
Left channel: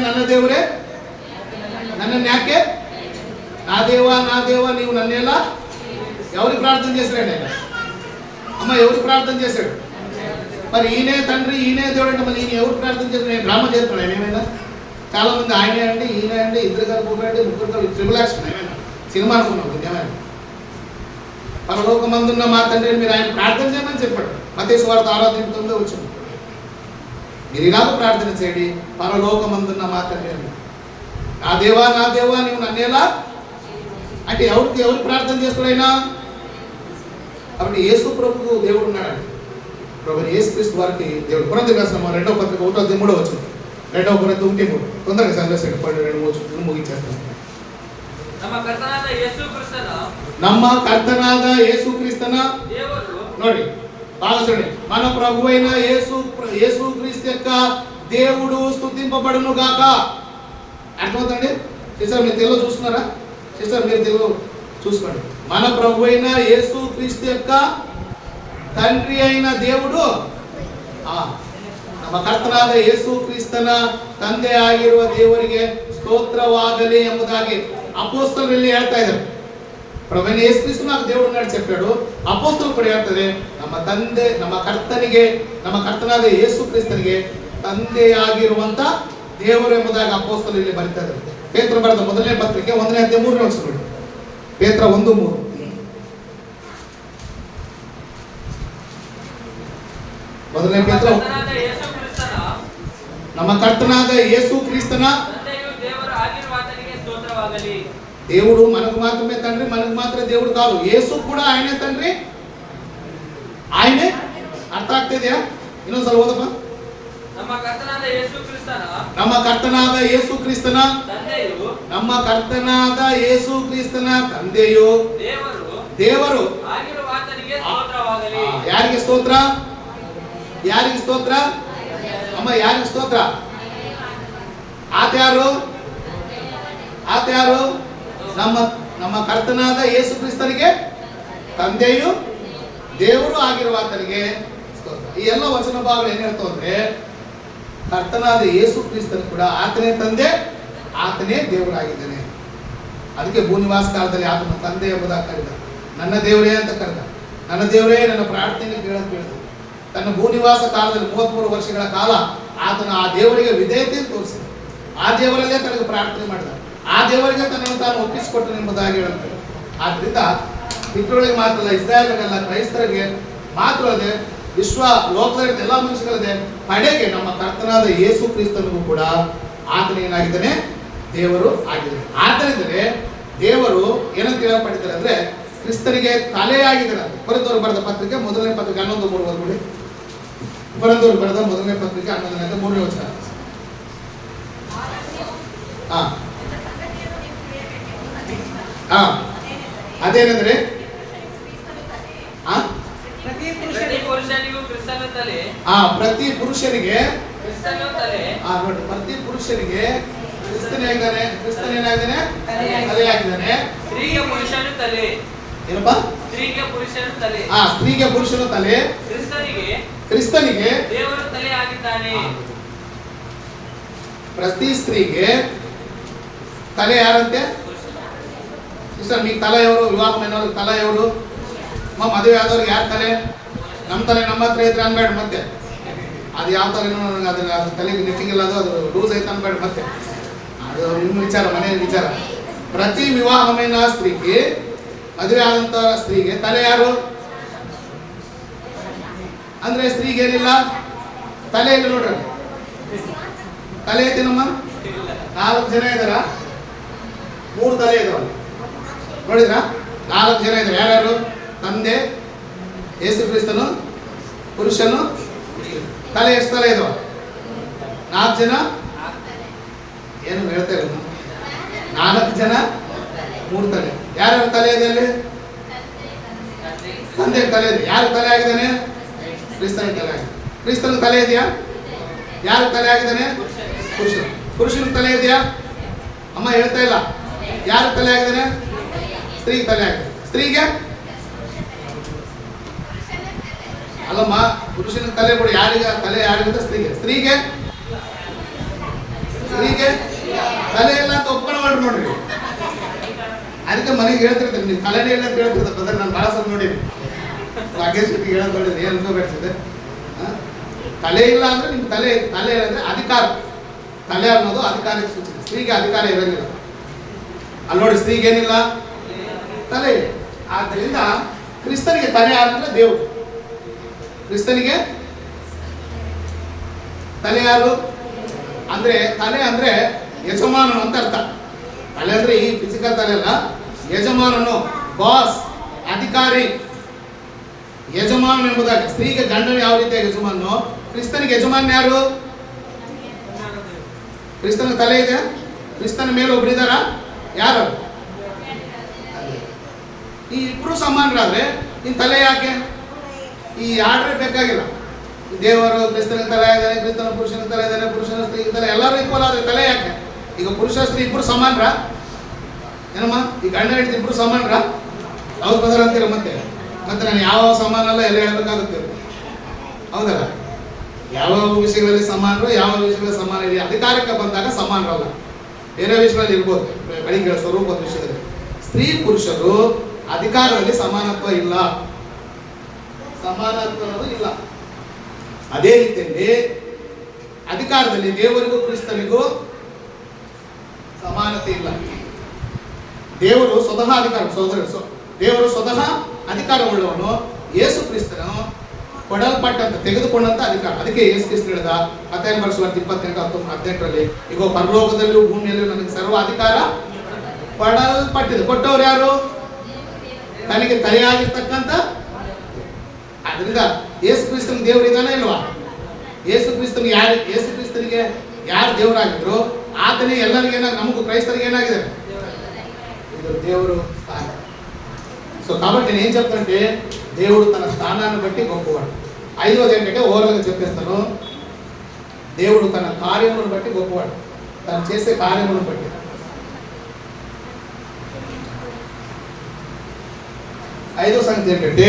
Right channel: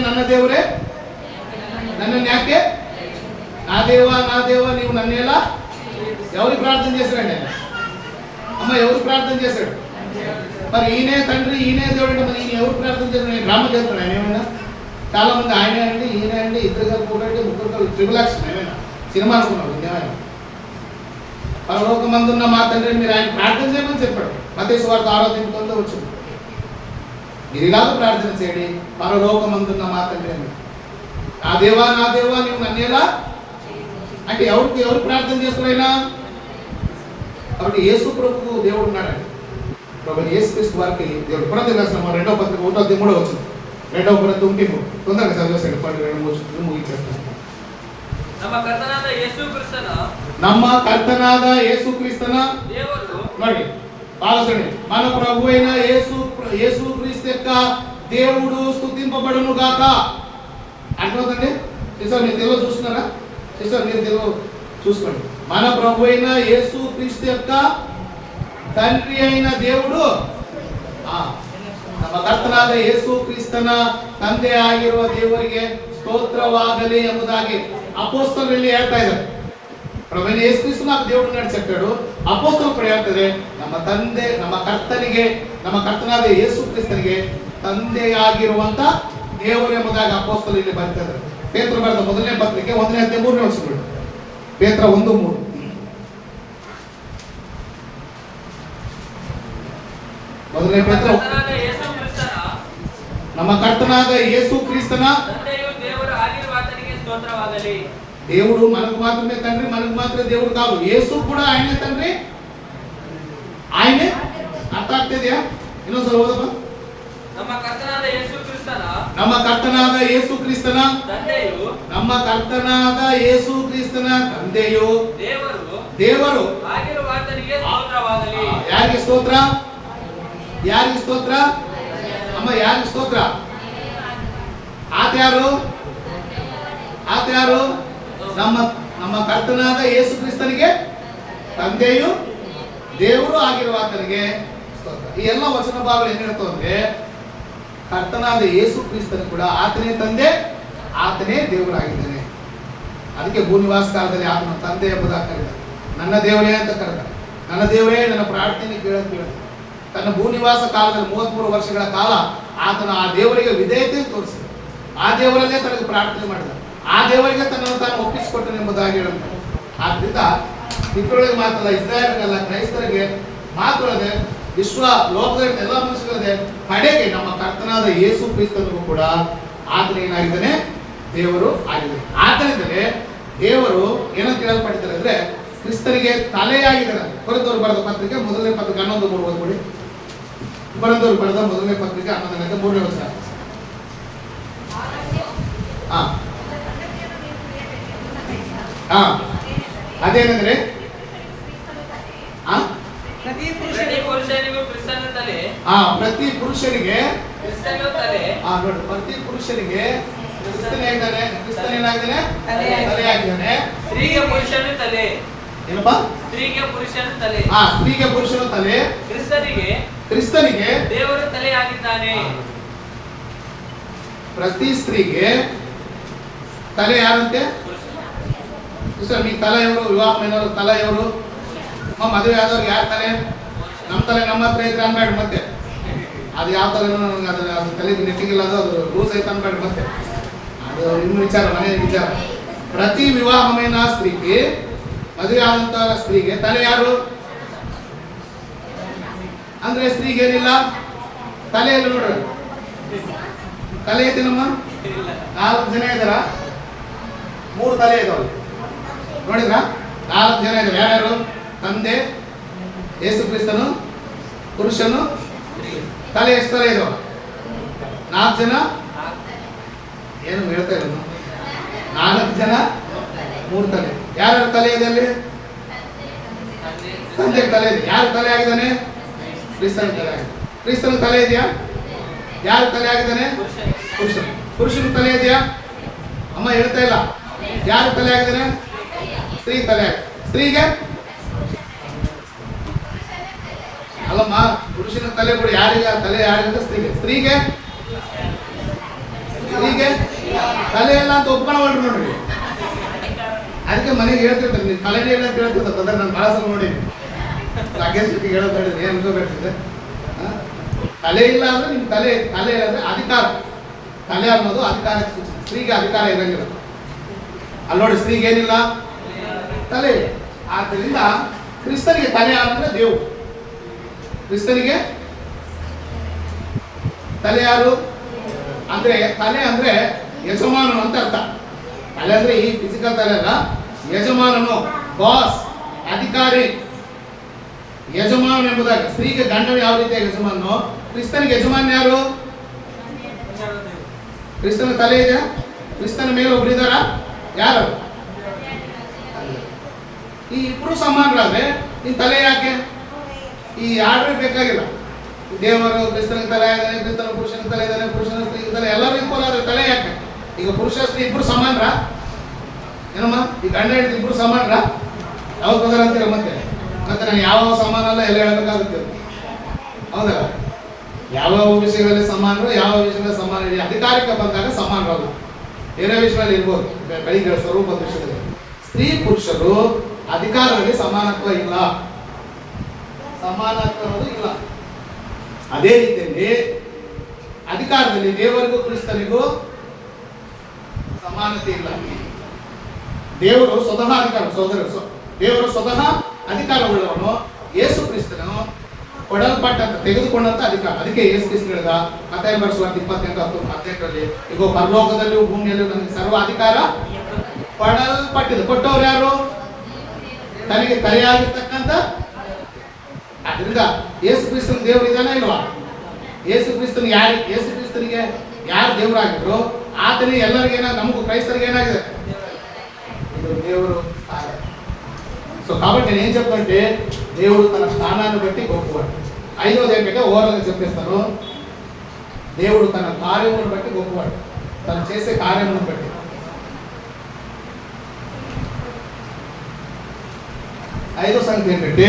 ನನ್ನನ್ನು ಯಾಕೆ నా దేవా నీవు నన్నేలా. ఎవరికి ప్రార్థన చేశాడండి ఆయన? అమ్మ ఎవరికి ప్రార్థన చేశాడు? మరి ఈయనే తండ్రి, ఈయనే దేవుడు అంటే మళ్ళీ ఈయన ఎవరు ప్రార్థన చేశాడు? నేను డ్రామా చేస్తాడు ఆయన ఏమైనా? చాలా మంది ఆయనే అండి, ఈయన అండి, ఇద్దరు కలిపి ఉన్నాడు, ముగ్గురు కలిపి ట్రిబులాక్షన్ ఏమైనా సినిమా అనుకున్నాడు ఏమైనా? పరలోకమందున్న మా తండ్రి మీరు ఆయన ప్రార్థన చేయమని చెప్పాడు. మత్తయి సువార్త 6:9 వచ్చింది. మీరు ఇలాగ ప్రార్థన చేయండి, పరలోకమందున్న మా తండ్రి అని. నా దేవా నీవు నన్నేలా అంటే ఎవరికి ప్రార్థన చేస్తాడైనా? కాబట్టి యేసు ప్రభుకు దేవుడు ఉన్నాడండి. ప్రభు యేసు క్రీస్తు వారికి దేవుడు. కొరింథీయులకు రాసిన 2వ పత్రిక 1:3 వచ్చింది. 2వ కొరింథీ 1:3 తొందరగా చదివేసండి, 2 ముగించేస్తాను. ನಮ್ಮ ಕರ್ತನಾದ ಯೇಸು ಕ್ರಿಸ್ತನ ನೋಡಿ బాగా మన ప్రభు అయిన యేసు క్రీస్తు యొక్క దేవుడు స్తుతింపబడును గాక. అర్థమవుతుందండి? మీరు తెలుగులో చూస్తున్నారా? సిస్టర్ మీరు తెలుగు చూసుకోండి. మన ప్రభు అయిన యేసు క్రీస్తు యొక్క తండ్రి అయిన దేవుడు ನಮ್ಮ ಕರ್ತನಾದ ಯೇಸು ಕ್ರಿಸ್ತನ ತಂದೆ ಆಗಿರುವ ದೇವರಿಗೆ స్తోత్రವಾಗಲಿ ಎಂಬುದಾಗಿ ಅಪೊಸ್ತಲರಲ್ಲಿ ಹೇಳ್ತಾ ಇದ್ದಾರೆ. ಪ್ರಭು ಯೇಸು ಕ್ರಿಸ್ತ ನಾವು ದೇವರನ್ನ చెప్పాడు. ಅಪೊಸ್ತಲರು ಕೂಡ ಹೇಳ್ತಾರೆ ನಮ್ಮ ತಂದೆ ನಮ್ಮ ಕರ್ತನಿಗೆ ನಮ್ಮ ಕರ್ತನಾದ ಯೇಸು ಕ್ರಿಸ್ತನಿಗೆ ತಂದೆಯಾಗಿರುವಂತ ದೇವರು ಎಂಬುದಾಗಿ ಅಪೊಸ್ತಲರು ಇಲ್ಲಿ ಬರ್ತಾ ಇದ್ದಾರೆ. ಪೇತ್ರ ಬರೆದ ಮೊದಲನೇ ಪತ್ರಿಕೆ 1ನೇ ಅಧ್ಯಾಯ 3ನೇ ವಚನ. ಪೇತ್ರ 1:3. ಮೊದಲನೇ ಪೇತ್ರ ನಮ್ಮ ಕರ್ತನಾದ ಯೇಸು ಕ್ರಿಸ್ತನ దేవుడు మనకు మాత్రమే తండ్రి, మనకు మాత్రమే దేవుడు కాదు. యేసు కూడా ఆయనే తండ్రి, ఆయనే. ಅರ್ಥ ಆಗ್ತಿದೆಯಾ? ಇನ್ನೊಂದ್ಸಲ ಓದಪ್ಪ. ನಮ್ಮ ಕರ್ತನಾದ ಯೇಸು ಕ್ರಿಸ್ತನ ನಮ್ಮ ಕರ್ತನಾದ ಯೇಸು ಕ್ರಿಸ್ತನ ತಂದೆಯು ದೇವರು ಯಾರಿಗೆ ಸ್ತೋತ್ರ? ಯಾರಿಗೆ ಸ್ತೋತ್ರ? ಅಮ್ಮ ಯಾರಿಗೆ ಸ್ತೋತ್ರ? ಆತ ಯಾರು? ನಮ್ಮ ಕರ್ತನಾದ ಯೇಸು ಕ್ರಿಸ್ತನಿಗೆ ತಂದೆಯು ದೇವರು ಆಗಿರುವ ಆತನಿಗೆ ಸ್ತೋತ್ರ. ಈ ಎಲ್ಲ ವಚನ ಭಾವನೆ ಏನ್ ಹೇಳ್ತು ಅಂದ್ರೆ ಕರ್ತನಾದ ಯೇಸು ಕ್ರಿಸ್ತನು ಕೂಡ ಆತನೇ ತಂದೆ, ಆತನೇ ದೇವರಾಗಿದ್ದಾನೆ. ಅದಕ್ಕೆ ಭೂನಿವಾಸ ಕಾಲದಲ್ಲಿ ಆತನ ತಂದೆ ಎಂಬುದಾಗಿ ಕರೆದ. ನನ್ನ ದೇವರೇ ಅಂತ ಕರೆದ. ನನ್ನ ದೇವರೇ ನನ್ನ ಪ್ರಾರ್ಥನೆ ಕೇಳಕ್ ಹೇಳಿದ. ತನ್ನ ಭೂನಿವಾಸ ಕಾಲದಲ್ಲಿ 33 ವರ್ಷಗಳ ಕಾಲ ಆತನ ಆ ದೇವರಿಗೆ ವಿಧೇಯತೆ ತೋರಿಸಿದ. ಆ ದೇವರಲ್ಲೇ ತನಗೆ ಪ್ರಾರ್ಥನೆ ಮಾಡಿದ. ಆ ದೇವರಿಗೆ ತನ್ನನ್ನು ತಾನು ಒಪ್ಪಿಸಿಕೊಟ್ಟನು ಎಂಬುದಾಗಿ ಹೇಳುತ್ತಾರೆ. ಆದ್ರಿಂದ ಇತರರಿಗೆ ಮಾತ್ರ, ಇಸ್ರಾಯೇಲರಿಗಲ್ಲ, ಕ್ರೈಸ್ತರಿಗೆ ಮಾತ್ರ ಅಲ್ಲದೆ ವಿಶ್ವ ಲೋಕದ ಎಲ್ಲ ಮನುಷ್ಯರಲ್ಲದೆ ಕಡೆಗೆ ನಮ್ಮ ಕರ್ತನಾದ ಯೇಸು ಕ್ರಿಸ್ತನಿಗೂ ಕೂಡ ಆತನೇನಾಗಿದ್ದಾನೆ? ದೇವರು ಆಗಿದ್ದಾನೆ. ಆತನಿಂದಲೇ ದೇವರು ಏನಂತ ಹೇಳಲ್ಪಟ್ಟಿದ್ದಾರೆ ಅಂದ್ರೆ ಕ್ರಿಸ್ತನಿಗೆ ತಲೆಯಾಗಿದ್ದಾರೆ. ಕೊರಿಂಥದವರು ಬರೆದ ಪತ್ರಿಕೆ 1ನೇ ಪತ್ರಿಕೆ 11:3 ಓದ್ಬಿಡಿ. ಕೊರಿಂಥದವರು ಬರೆದ 1ನೇ ಪತ್ರಿಕೆ 11:3 ವಚನ. ಅದೇನಂದ್ರೆ ಪ್ರತಿ ಪುರುಷನಿಗೆ ನೋಡಿ, ಪ್ರತಿ ಪುರುಷನಿಗೆ ಕ್ರಿಸ್ತನೇನಾಗಿದ್ದಾನೆ? ಕ್ರಿಸ್ತನೇನಾಗಿದ್ದಾನೆ? ತಲೆಯಾಗಿದ್ದಾನೆ. ಸ್ತ್ರೀಗೆ ಪುರುಷನು ತಲೆ. ಏನಪ್ಪಾ? ಸ್ತ್ರೀಗೆ ಪುರುಷನು ತಲೆ. ಸ್ತ್ರೀಗೆ ಪುರುಷನು ತಲೆ. ಕ್ರಿಸ್ತನಿಗೆ ದೇವರು ತಲೆಯಾಗಿದ್ದಾನೆ. ಪ್ರತಿ ಸ್ತ್ರೀಗೆ ತಲೆ ಯಾರಂತೆ? ಸಿಸ್ಟರ್, మీకు ತಲೆ ఎవరు? ವಿವಾಹమైనವರು ತಲೆ ఎవరు? ಮದುವೆ ಆದವ್ರಿಗೆ ಯಾರ ತಲೆ? ನಮ್ಮ ತಲೆ ನಮ್ಮ ಹತ್ರ ಇದ್ರೆ ಅನ್ಬೇಡ ಮತ್ತೆ. ಅದು ಯಾವ ತಲೆನೋ ನನಗೆ ಅದು ತಲೆಗೆ ನೆಟ್ಟಿಗಿಲ್ಲ, ಅದು ಲೂಸ್ ಐತೆ ಅನ್ಬೇಡ ಮತ್ತೆ. ಅದು ನಿಮ್ಮ ವಿಚಾರ, ಮನೆ ವಿಚಾರ. ಪ್ರತಿ ವಿವಾಹమైన ಸ್ತ್ರೀಗೆ, ಮದುವೆ ಆದಂತ ಸ್ತ್ರೀಗೆ ತಲೆ ಯಾರು ಅಂದ್ರೆ ಸ್ತ್ರೀಗೆ ಏನಿಲ್ಲ ತಲೆ ಇಲ್ಲ. ನೋಡ್ರಿ, ತಲೆ ಐತೇನಮ್ಮ? 4 ಜನ ಇದಾರ, 3 ತಲೆ ಇದಾವ. ನೋಡಿದ್ರ? 4 ಜನ ಇದ್ದಾರೆ. ಯಾರ್ಯಾರು? ತಂದೆ, ಯೇಸು ಕ್ರಿಸ್ತನು, ಪುರುಷನು. ತಲೆ ಎಷ್ಟು ತಲೆ ಇದಾವ? 4 ಜನ. ಏನು ಹೇಳ್ತಾ ಇಲ್ಲ? 4 ಜನ, 3 ತಲೆ. ಯಾರ್ಯಾರ ತಲೆ ಇದೆ ಅಲ್ಲಿ? ತಂದೆ ತಲೆ ಇದೆ. ಯಾರು ತಲೆ ಆಗಿದ್ದಾನೆ? ಕ್ರಿಸ್ತನ ತಲೆ ಆಗಿದೆ. ಕ್ರಿಸ್ತನ ತಲೆ ಇದೆಯಾ? ಯಾರು ತಲೆ ಆಗಿದ್ದಾನೆ? ಪುರುಷನ ತಲೆ ಇದೆಯಾ? ಅಮ್ಮ ಹೇಳ್ತಾ ಇಲ್ಲ. ಯಾರು ತಲೆ ಆಗಿದ್ದಾನೆ? ಸ್ತ್ರೀ ತಲೆ ಆಗಿದೆ. ಸ್ತ್ರೀಗೆ ಅಲ್ಲಮ್ಮ, ಪುರುಷನ ತಲೆ ಕೂಡ ಯಾರಿಗ ತಲೆ ಯಾರಿಗಂತ ಸ್ತ್ರೀಗೆ ತಲೆ ಇಲ್ಲ ಅಂತ ಒಪ್ಕೊಳ್ಳೋಳ್ರಿ. ನೋಡ್ರಿ, ಅದಕ್ಕೆ ಮನೆಗೆ ಹೇಳ್ತಿರ್ತಾರೆ ನೀವು ತಲೆನೇ ಇಲ್ಲ ಅಂತ ಹೇಳ್ತಿರ್ತಾರೆ. ಅಂದ್ರೆ ನಾನು ಭಾಳ ಸಲ ನೋಡಿ ರಾಕೇಶ್ ಹೇಳೋದು ನೋಡಿ ಏನು ಅನ್ಕೋಬೇಕಿದೆ. ತಲೆ ಇಲ್ಲ ಅಂದ್ರೆ ನಿಮ್ ತಲೆ ಅಂದ್ರೆ ಅಧಿಕಾರ. ತಲೆ ಅನ್ನೋದು ಅಧಿಕಾರಕ್ಕೆ ಸೂಚನೆ. ಸ್ತ್ರೀಗೆ ಅಧಿಕಾರ ಇರಂಗಿಲ್ಲ. ಅಲ್ಲಿ ನೋಡಿ, ಸ್ತ್ರೀಗೆ ಏನಿಲ್ಲ ತಲೆ. ಆದ್ದರಿಂದ ಕ್ರಿಸ್ತನಿಗೆ ತಲೆ ಯಾರಂದ್ರೆ ದೇವರು. ಕ್ರಿಸ್ತನಿಗೆ ತಲೆ ಯಾರು ಅಂದ್ರೆ, ತಲೆ ಅಂದ್ರೆ ಯಜಮಾನನು ಅಂತ ಅರ್ಥ. ತಲೆ ಅಂದ್ರೆ ಈ ಫಿಸಿಕಲ್ ತಲೆ ಅಲ್ಲ, ಯಜಮಾನನು, ಬಾಸ್, ಅಧಿಕಾರಿ, ಯಜಮಾನನು ಎಂಬುದಾಗಿ. ಸ್ತ್ರೀಗೆ ಗಂಡನು ಯಾವ ರೀತಿಯ ಯಜಮಾನನು, ಕ್ರಿಸ್ತನಿಗೆ ಯಜಮಾನ ಯಾರು? ಕ್ರಿಸ್ತನ ತಲೆ ಇದೆ. ಕ್ರಿಸ್ತನ ಮೇಲೆ ಒಬ್ರು ಇದ್ದಾರ? ಯಾರು? ಈ ಇಬ್ರು ಸಮಾನರಾದ್ರೆ ಈ ತಲೆ ಯಾಕೆ? ಈ ಆರ್ಡರ್ ಬೇಕಾಗಿಲ್ಲ. ದೇವರು ಕ್ರಿಸ್ತನ ತಲೆ ಇದ್ದಾನೆ, ಕ್ರಿಸ್ತನ ಪುರುಷನ ತಲೆ ಇದ್ದಾನೆ, ಪುರುಷನ ಸ್ತ್ರೀ ತಲೆ, ಎಲ್ಲರೂ ಈಕ್ವಲ್ ಆದ್ರೆ ತಲೆ ಯಾಕೆ? ಈಗ ಪುರುಷ ಸ್ತ್ರೀ ಇಬ್ರು ಸಮಾನರ? ಏನಮ್ಮ ಈ ಗಂಡ ಹೆಂಡತಿ ಇಬ್ರು ಸಮಾನರ ಯಾವಾಗ ಬದರ ಅಂತೀರ ಮತ್ತೆ ನಾನು ಯಾವ ಸಮಾನಲ್ಲ ಎಲ್ಲ ಹೇಳ್ಬೇಕಾಗುತ್ತೆ. ಹೌದಲ್ಲ? ಯಾವ ವಿಷಯಗಳಲ್ಲಿ ಸಮಾನರು, ಯಾವ ವಿಷಯಗಳಲ್ಲಿ ಸಮಾನ ಇದೆ. ಅಧಿಕಾರಕ್ಕೆ ಬಂದಾಗ ಸಮಾನರಲ್ಲ, ಬೇರೆ ವಿಷಯಗಳಲ್ಲಿ ಇರ್ಬೋದು. ಬೆಳಿಗ್ಗೆ ಸ್ವರೂಪದ ವಿಷಯದಲ್ಲಿ ಸ್ತ್ರೀ ಪುರುಷರು ಅಧಿಕಾರದಲ್ಲಿ ಸಮಾನತ್ವ ಇಲ್ಲ, ಸಮಾನತ್ವ ಅನ್ನೋದು ಇಲ್ಲ. ಅದೇ ರೀತಿಯಲ್ಲಿ ಅಧಿಕಾರದಲ್ಲಿ ದೇವರಿಗೂ ಕ್ರಿಸ್ತನಿಗೂ ಸಮಾನತೆ ಇಲ್ಲ. ದೇವರು ಸ್ವತಃ ಅಧಿಕಾರ ದೇವರು ಸ್ವತಃ ಅಧಿಕಾರವುಳ್ಳವನು. ಯೇಸು ಕ್ರಿಸ್ತನು ಕೊಡಲ್ಪಟ್ಟಂತ ತೆಗೆದುಕೊಂಡಂತ ಅಧಿಕಾರ. ಅದಕ್ಕೆ ಯೇಸು ಕ್ರಿಸ್ತ ಹೇಳಿದ ಮತ್ತಾಯ ಬರೆಸುವ 28:18ರಲ್ಲಿ, ಈಗ ಪರಲೋಕದಲ್ಲಿಯೂ ಭೂಮಿಯಲ್ಲೂ ನನಗೆ ಸರ್ವ ಅಧಿಕಾರ ಕೊಡಲ್ಪಟ್ಟಿದೆ. ಕೊಟ್ಟವ್ರು ಯಾರು? ತನಗೆ ಕರೆಯಾಗಿರ್ತಕ್ಕಂಥ. ಅದರಿಂದ ಯೇಸು ಕ್ರಿಸ್ತನಿಗೆ ದೇವರು ಇದಾನೆ ಇಲ್ವಾ? ಯೇಸು ಕ್ರಿಸ್ತನಿಗೆ ಯಾರು ದೇವರಾಗಿದ್ರು ಆತನೇ ಎಲ್ಲರಿಗೂ ನಮಗೂ ಕ್ರೈಸ್ತರಿಗೆ ಏನಾಗಿದೆ? ಇದು ದೇವರು. సో కాబట్టి నేను చెప్తుంటే దేవుడు తన స్థానాన్ని బట్టి గొప్పవాడు. ఐదోది ఏంటంటే ఓవరాల్గా చెప్పేస్తాను, దేవుడు తన కార్యములను బట్టి గొప్పవాడు, తను చేసే కార్యములను బట్టి. ఐదో సంగతి ఏంటంటే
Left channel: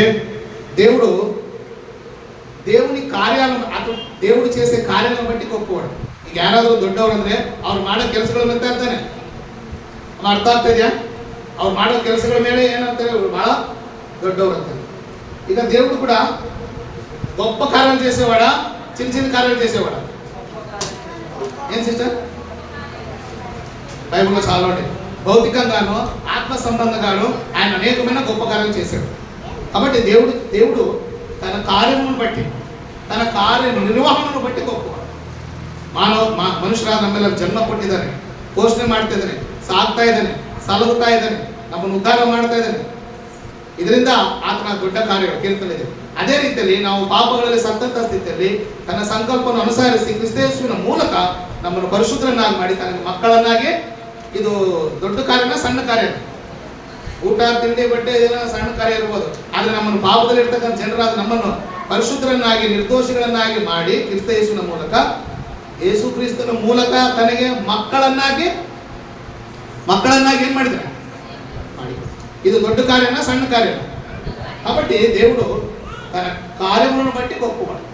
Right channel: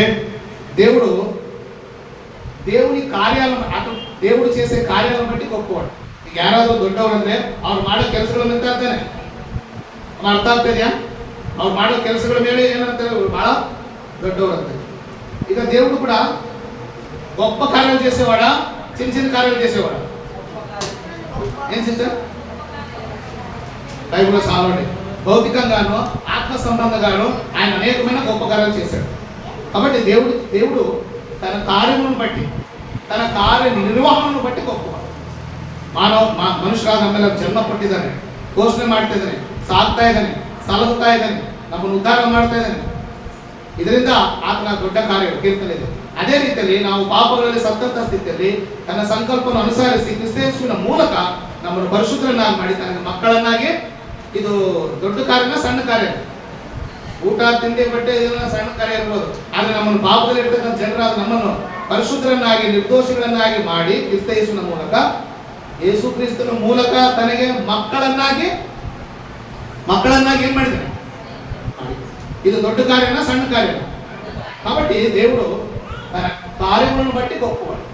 దేవుని కార్యాలను, దేవుడు చేసే కార్యాలను బట్టి గొప్పవాడు. ಈಗ ಯಾರಾದರೂ ದೊಡ್ಡವರು ಅಂದ್ರೆ ಅವ್ರು ಮಾಡೋ ಕೆಲಸಗಳ ಅಂತ ಇರ್ತಾನೆ, ಅರ್ಥ ಆಗ್ತಿದ್ಯಾ? ಅವ್ರು ಮಾಡೋ ಕೆಲಸಗಳ ಮೇಲೆ ಏನಂತಾರೆ, ಬಹಳ ದೊಡ್ಡವರು ಅಂತಾರೆ. ಈಗ దేవుడు కూడా గొప్ప కార్యాలు చేసేవాడా, చిన్న చిన్న కార్యాలు చేసేవాడా? ఏం సిస్టర్? బైబిల్లో చాలా ఉంటాయి. భౌతికంగాను ఆత్మ సంబంధంగాను ఆయన అనేకమైన గొప్ప కార్యాలు చేశాడు. కాబట్టి దేవుడు తన కార్యములను బట్టి, తన ಕಾರ್ಯ ನಿರ್ವಹಣೆಯನ್ನು ಬట్టి ಗొప్పವಾడు. ಮನುಷ್ಯರಾದ ನಮ್ಮೆಲ್ಲ ಜನ್ಮ ಕೊಟ್ಟಿದ್ದಾನೆ, ಪೋಷಣೆ ಮಾಡ್ತಾ ಇದ್ದಾನೆ, ಸಾಕ್ತಾ ಇದ್ದಾನೆ, ಸಲಹುತ್ತಾ ಇದ್ದಾನೆ, ನಮ್ಮನ್ನು ಉದ್ಧಾರ ಮಾಡ್ತಾ ಇದ್ದಾನೆ. ಇದರಿಂದ ಆತನ ದೊಡ್ಡ ಕಾರ್ಯ ಕೀರ್ತನೆ ಇದೆ. ಅದೇ ರೀತಿಯಲ್ಲಿ ನಾವು ಪಾಪಗಳಲ್ಲಿ ಸತ್ತಂತ ಸ್ಥಿತಿಯಲ್ಲಿ ತನ್ನ ಸಂಕಲ್ಪವನ್ನು ಅನುಸರಿಸಿ ಕ್ರಿಸ್ತೇಸುವಿನ ಮೂಲಕ ನಮ್ಮನ್ನು ಪರಿಶುದ್ಧರನ್ನಾಗಿ ಮಾಡಿ ತನಗೆ ಮಕ್ಕಳನ್ನಾಗಿ, ಇದು ದೊಡ್ಡ ಕಾರ್ಯನ ಸಣ್ಣ ಕಾರ್ಯ. ಊಟ ತಿಂಡಿ ಬಟ್ಟೆ ಇದೆಲ್ಲ ಸಣ್ಣ ಕಾರ್ಯ ಇರ್ಬೋದು, ಆದರೆ ನಮ್ಮನ್ನು ಪಾಪದಲ್ಲಿ ಇರ್ತಕ್ಕಂಥ ಜನರಾದ ನಮ್ಮನ್ನು ಪರಿಶುದ್ಧರನ್ನಾಗಿ ನಿರ್ದೋಷಿಗಳನ್ನಾಗಿ ಮಾಡಿ ಕ್ರಿಸ್ತೇಸುವಿನ ಮೂಲಕ, ಯೇಸು ಕ್ರಿಸ್ತನ ಮೂಲಕ ತನಗೆ ಮಕ್ಕಳನ್ನಾಗಿ ಏನ್ ಮಾಡಿದ್ದಾನೆ? ಇದು ದೊಡ್ಡ ಕಾರ್ಯನ ಸಣ್ಣ ಕಾರ್ಯ. కాబట్టి దేవుడు తన కార్యములను బట్టి గొప్పవాడు.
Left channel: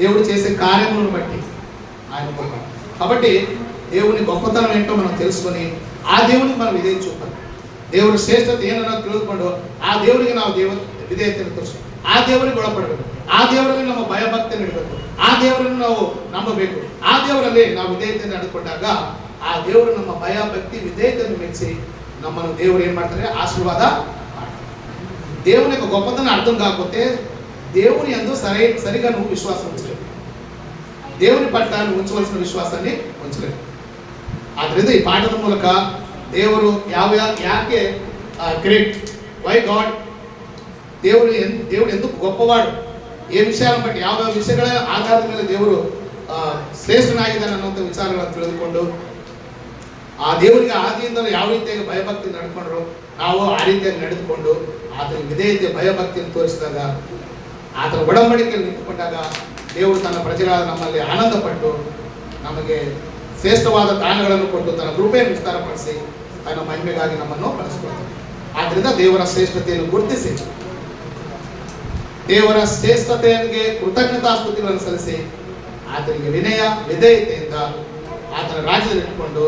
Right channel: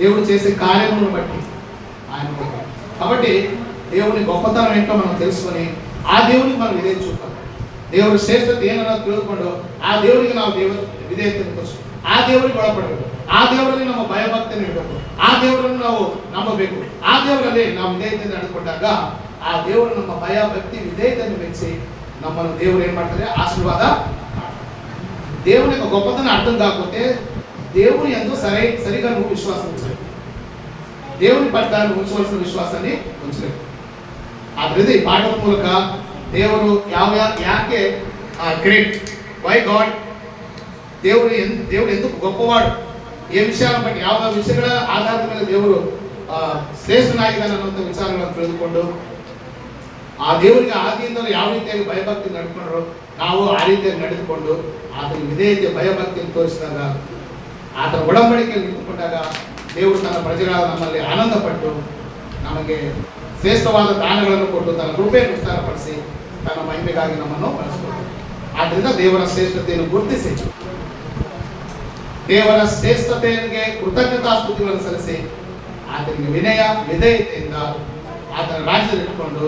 దేవుడు చేసే కార్యములను బట్టి ఆయన గొప్పవాడు. కాబట్టి దేవుని గొప్పతనం ఏంటో మనం తెలుసుకొని ఆ దేవునికి మనం విధేయత చూపాలి. దేవుడి ಶ್ರೇಷ್ಠತೆ ಏನನ್ನೋ ತಿಳಿದುಕೊಂಡು ಆ ದೇವರಿಗೆ ನಾವು ವಿಧೇಯತೆಯನ್ನು ತೋರಿಸಬೇಕು. ಆ ದೇವರಿಗೆ ಒಳಪಡಬೇಕು. ಆ ದೇವರಲ್ಲಿ ನಮ್ಮ ಭಯಭಕ್ತಿಯನ್ನು ಇಡಬೇಕು. ಆ ದೇವರನ್ನು ನಾವು ನಂಬಬೇಕು. ಆ ದೇವರಲ್ಲಿ ನಾವು ವಿಧೇಯತೆಯನ್ನು ನಡೆದುಕೊಂಡಾಗ ಆ ದೇವರು ನಮ್ಮ ಭಯ ಭಕ್ತಿ ವಿಧೇಯತೆಯನ್ನು ಮೆಚ್ಚಿ ನಮ್ಮನ್ನು ದೇವರು ಏನ್ ಮಾಡ್ತಾರೆ? ఆశీర్వాద. దేవుని యొక్క గొప్పతనం అర్థం కాకపోతే దేవుని యందు సరిగా నువ్వు విశ్వాసం ఉంచలేవు. దేవుని పట్ల నువ్వు ఉంచవలసిన విశ్వాసాన్ని ఉంచలేవు. ಆದ್ರಿಂದ ಈ ಪಾಠದ ಮೂಲಕ ದೇವರು ಯಾಕೆ ಗ್ರೇಟ್, ವೈ ಗಾಡ್, దేవుడు ఎందుకు గొప్పవాడు, ఏ విషయాలను బట్టి, ಯಾವ ವಿಷಯಗಳ ಆಧಾರದ ಮೇಲೆ ದೇವರು ಶ್ರೇಷ್ಠನಾಗಿದ್ದಾನೆ ಅನ್ನೋಂಥ ವಿಚಾರಗಳನ್ನು ತಿಳಿದುಕೊಂಡು ಆ ದೇವರಿಗೆ ಆದಿಯಿಂದಲೂ ಯಾವ ರೀತಿಯಾಗಿ ಭಯಭಕ್ತಿ ನಡ್ಕೊಂಡ್ರು ನಾವು ಆ ರೀತಿಯಾಗಿ ನಡೆದುಕೊಂಡು ಆತನ ವಿಧೇಯತೆ ಭಯಭಕ್ತಿಯನ್ನು ತೋರಿಸಿದಾಗ, ಆತನ ಒಡಂಬಡಿಕೆಯಲ್ಲಿ ನಿಂತುಕೊಂಡಾಗ ದೇವರು ತನ್ನ ಪ್ರಜೆಗಳಾದ ನಮ್ಮಲ್ಲಿ ಆನಂದಪಟ್ಟು ನಮಗೆ ಶ್ರೇಷ್ಠವಾದ ದಾನಗಳನ್ನು ಕೊಟ್ಟು ತನ್ನ ಕೃಪೆಯನ್ನು ವಿಸ್ತಾರಪಡಿಸಿ ತನ್ನ ಮಹಿಮೆಗಾಗಿ ನಮ್ಮನ್ನು ಬಳಸಿಕೊಳ್ಳುತ್ತಾರೆ. ಆದ್ದರಿಂದ ದೇವರ ಶ್ರೇಷ್ಠತೆಯನ್ನು ಗುರುತಿಸಿ ದೇವರ ಶ್ರೇಷ್ಠತೆಗೆ ಕೃತಜ್ಞತಾಸ್ತುತಿಗಳನ್ನು ಸಲ್ಲಿಸಿ ಆತನಿಗೆ ವಿನಯ ವಿಧೇಯತೆಯಿಂದ ಆತನ ರಾಜ್ಯದಲ್ಲಿ ಇಟ್ಟುಕೊಂಡು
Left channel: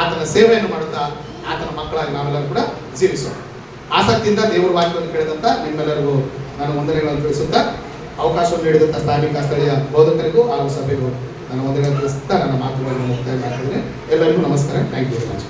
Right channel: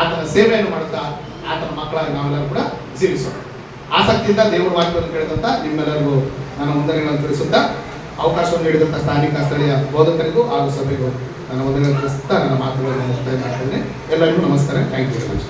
ಆತನ ಸೇವೆಯನ್ನು ಮಾಡುತ್ತಾ ಆತನ ಮಕ್ಕಳಾಗಿ ನಾವೆಲ್ಲರೂ ಕೂಡ ಜೀವಿಸೋಣ. ಆಸಕ್ತಿಯಿಂದ ದೇವರ ವಾಕ್ಯವನ್ನು ಕೇಳಿದಂಥ ನಿಮ್ಮೆಲ್ಲರಿಗೂ ನನ್ನ ವಂದನೆಗಳನ್ನು ತಿಳಿಸುತ್ತಾ, ಅವಕಾಶವನ್ನು ನೀಡಿದಂಥ ಸ್ಥಾನಿಕ ಸ್ಥಳೀಯ ಬೋಧಕರಿಗೂ ಹಾಗೂ ಸಭೆಗೂ ನನ್ನ ವಂದನೆಗಳನ್ನು ತಿಳಿಸುತ್ತಾ ನನ್ನ ಮಾತುಗಳನ್ನು ಮುಕ್ತಾಯ ಮಾಡ್ತಿದ್ದೇನೆ. ಎಲ್ಲರಿಗೂ ನಮಸ್ಕಾರ. Thank you very much.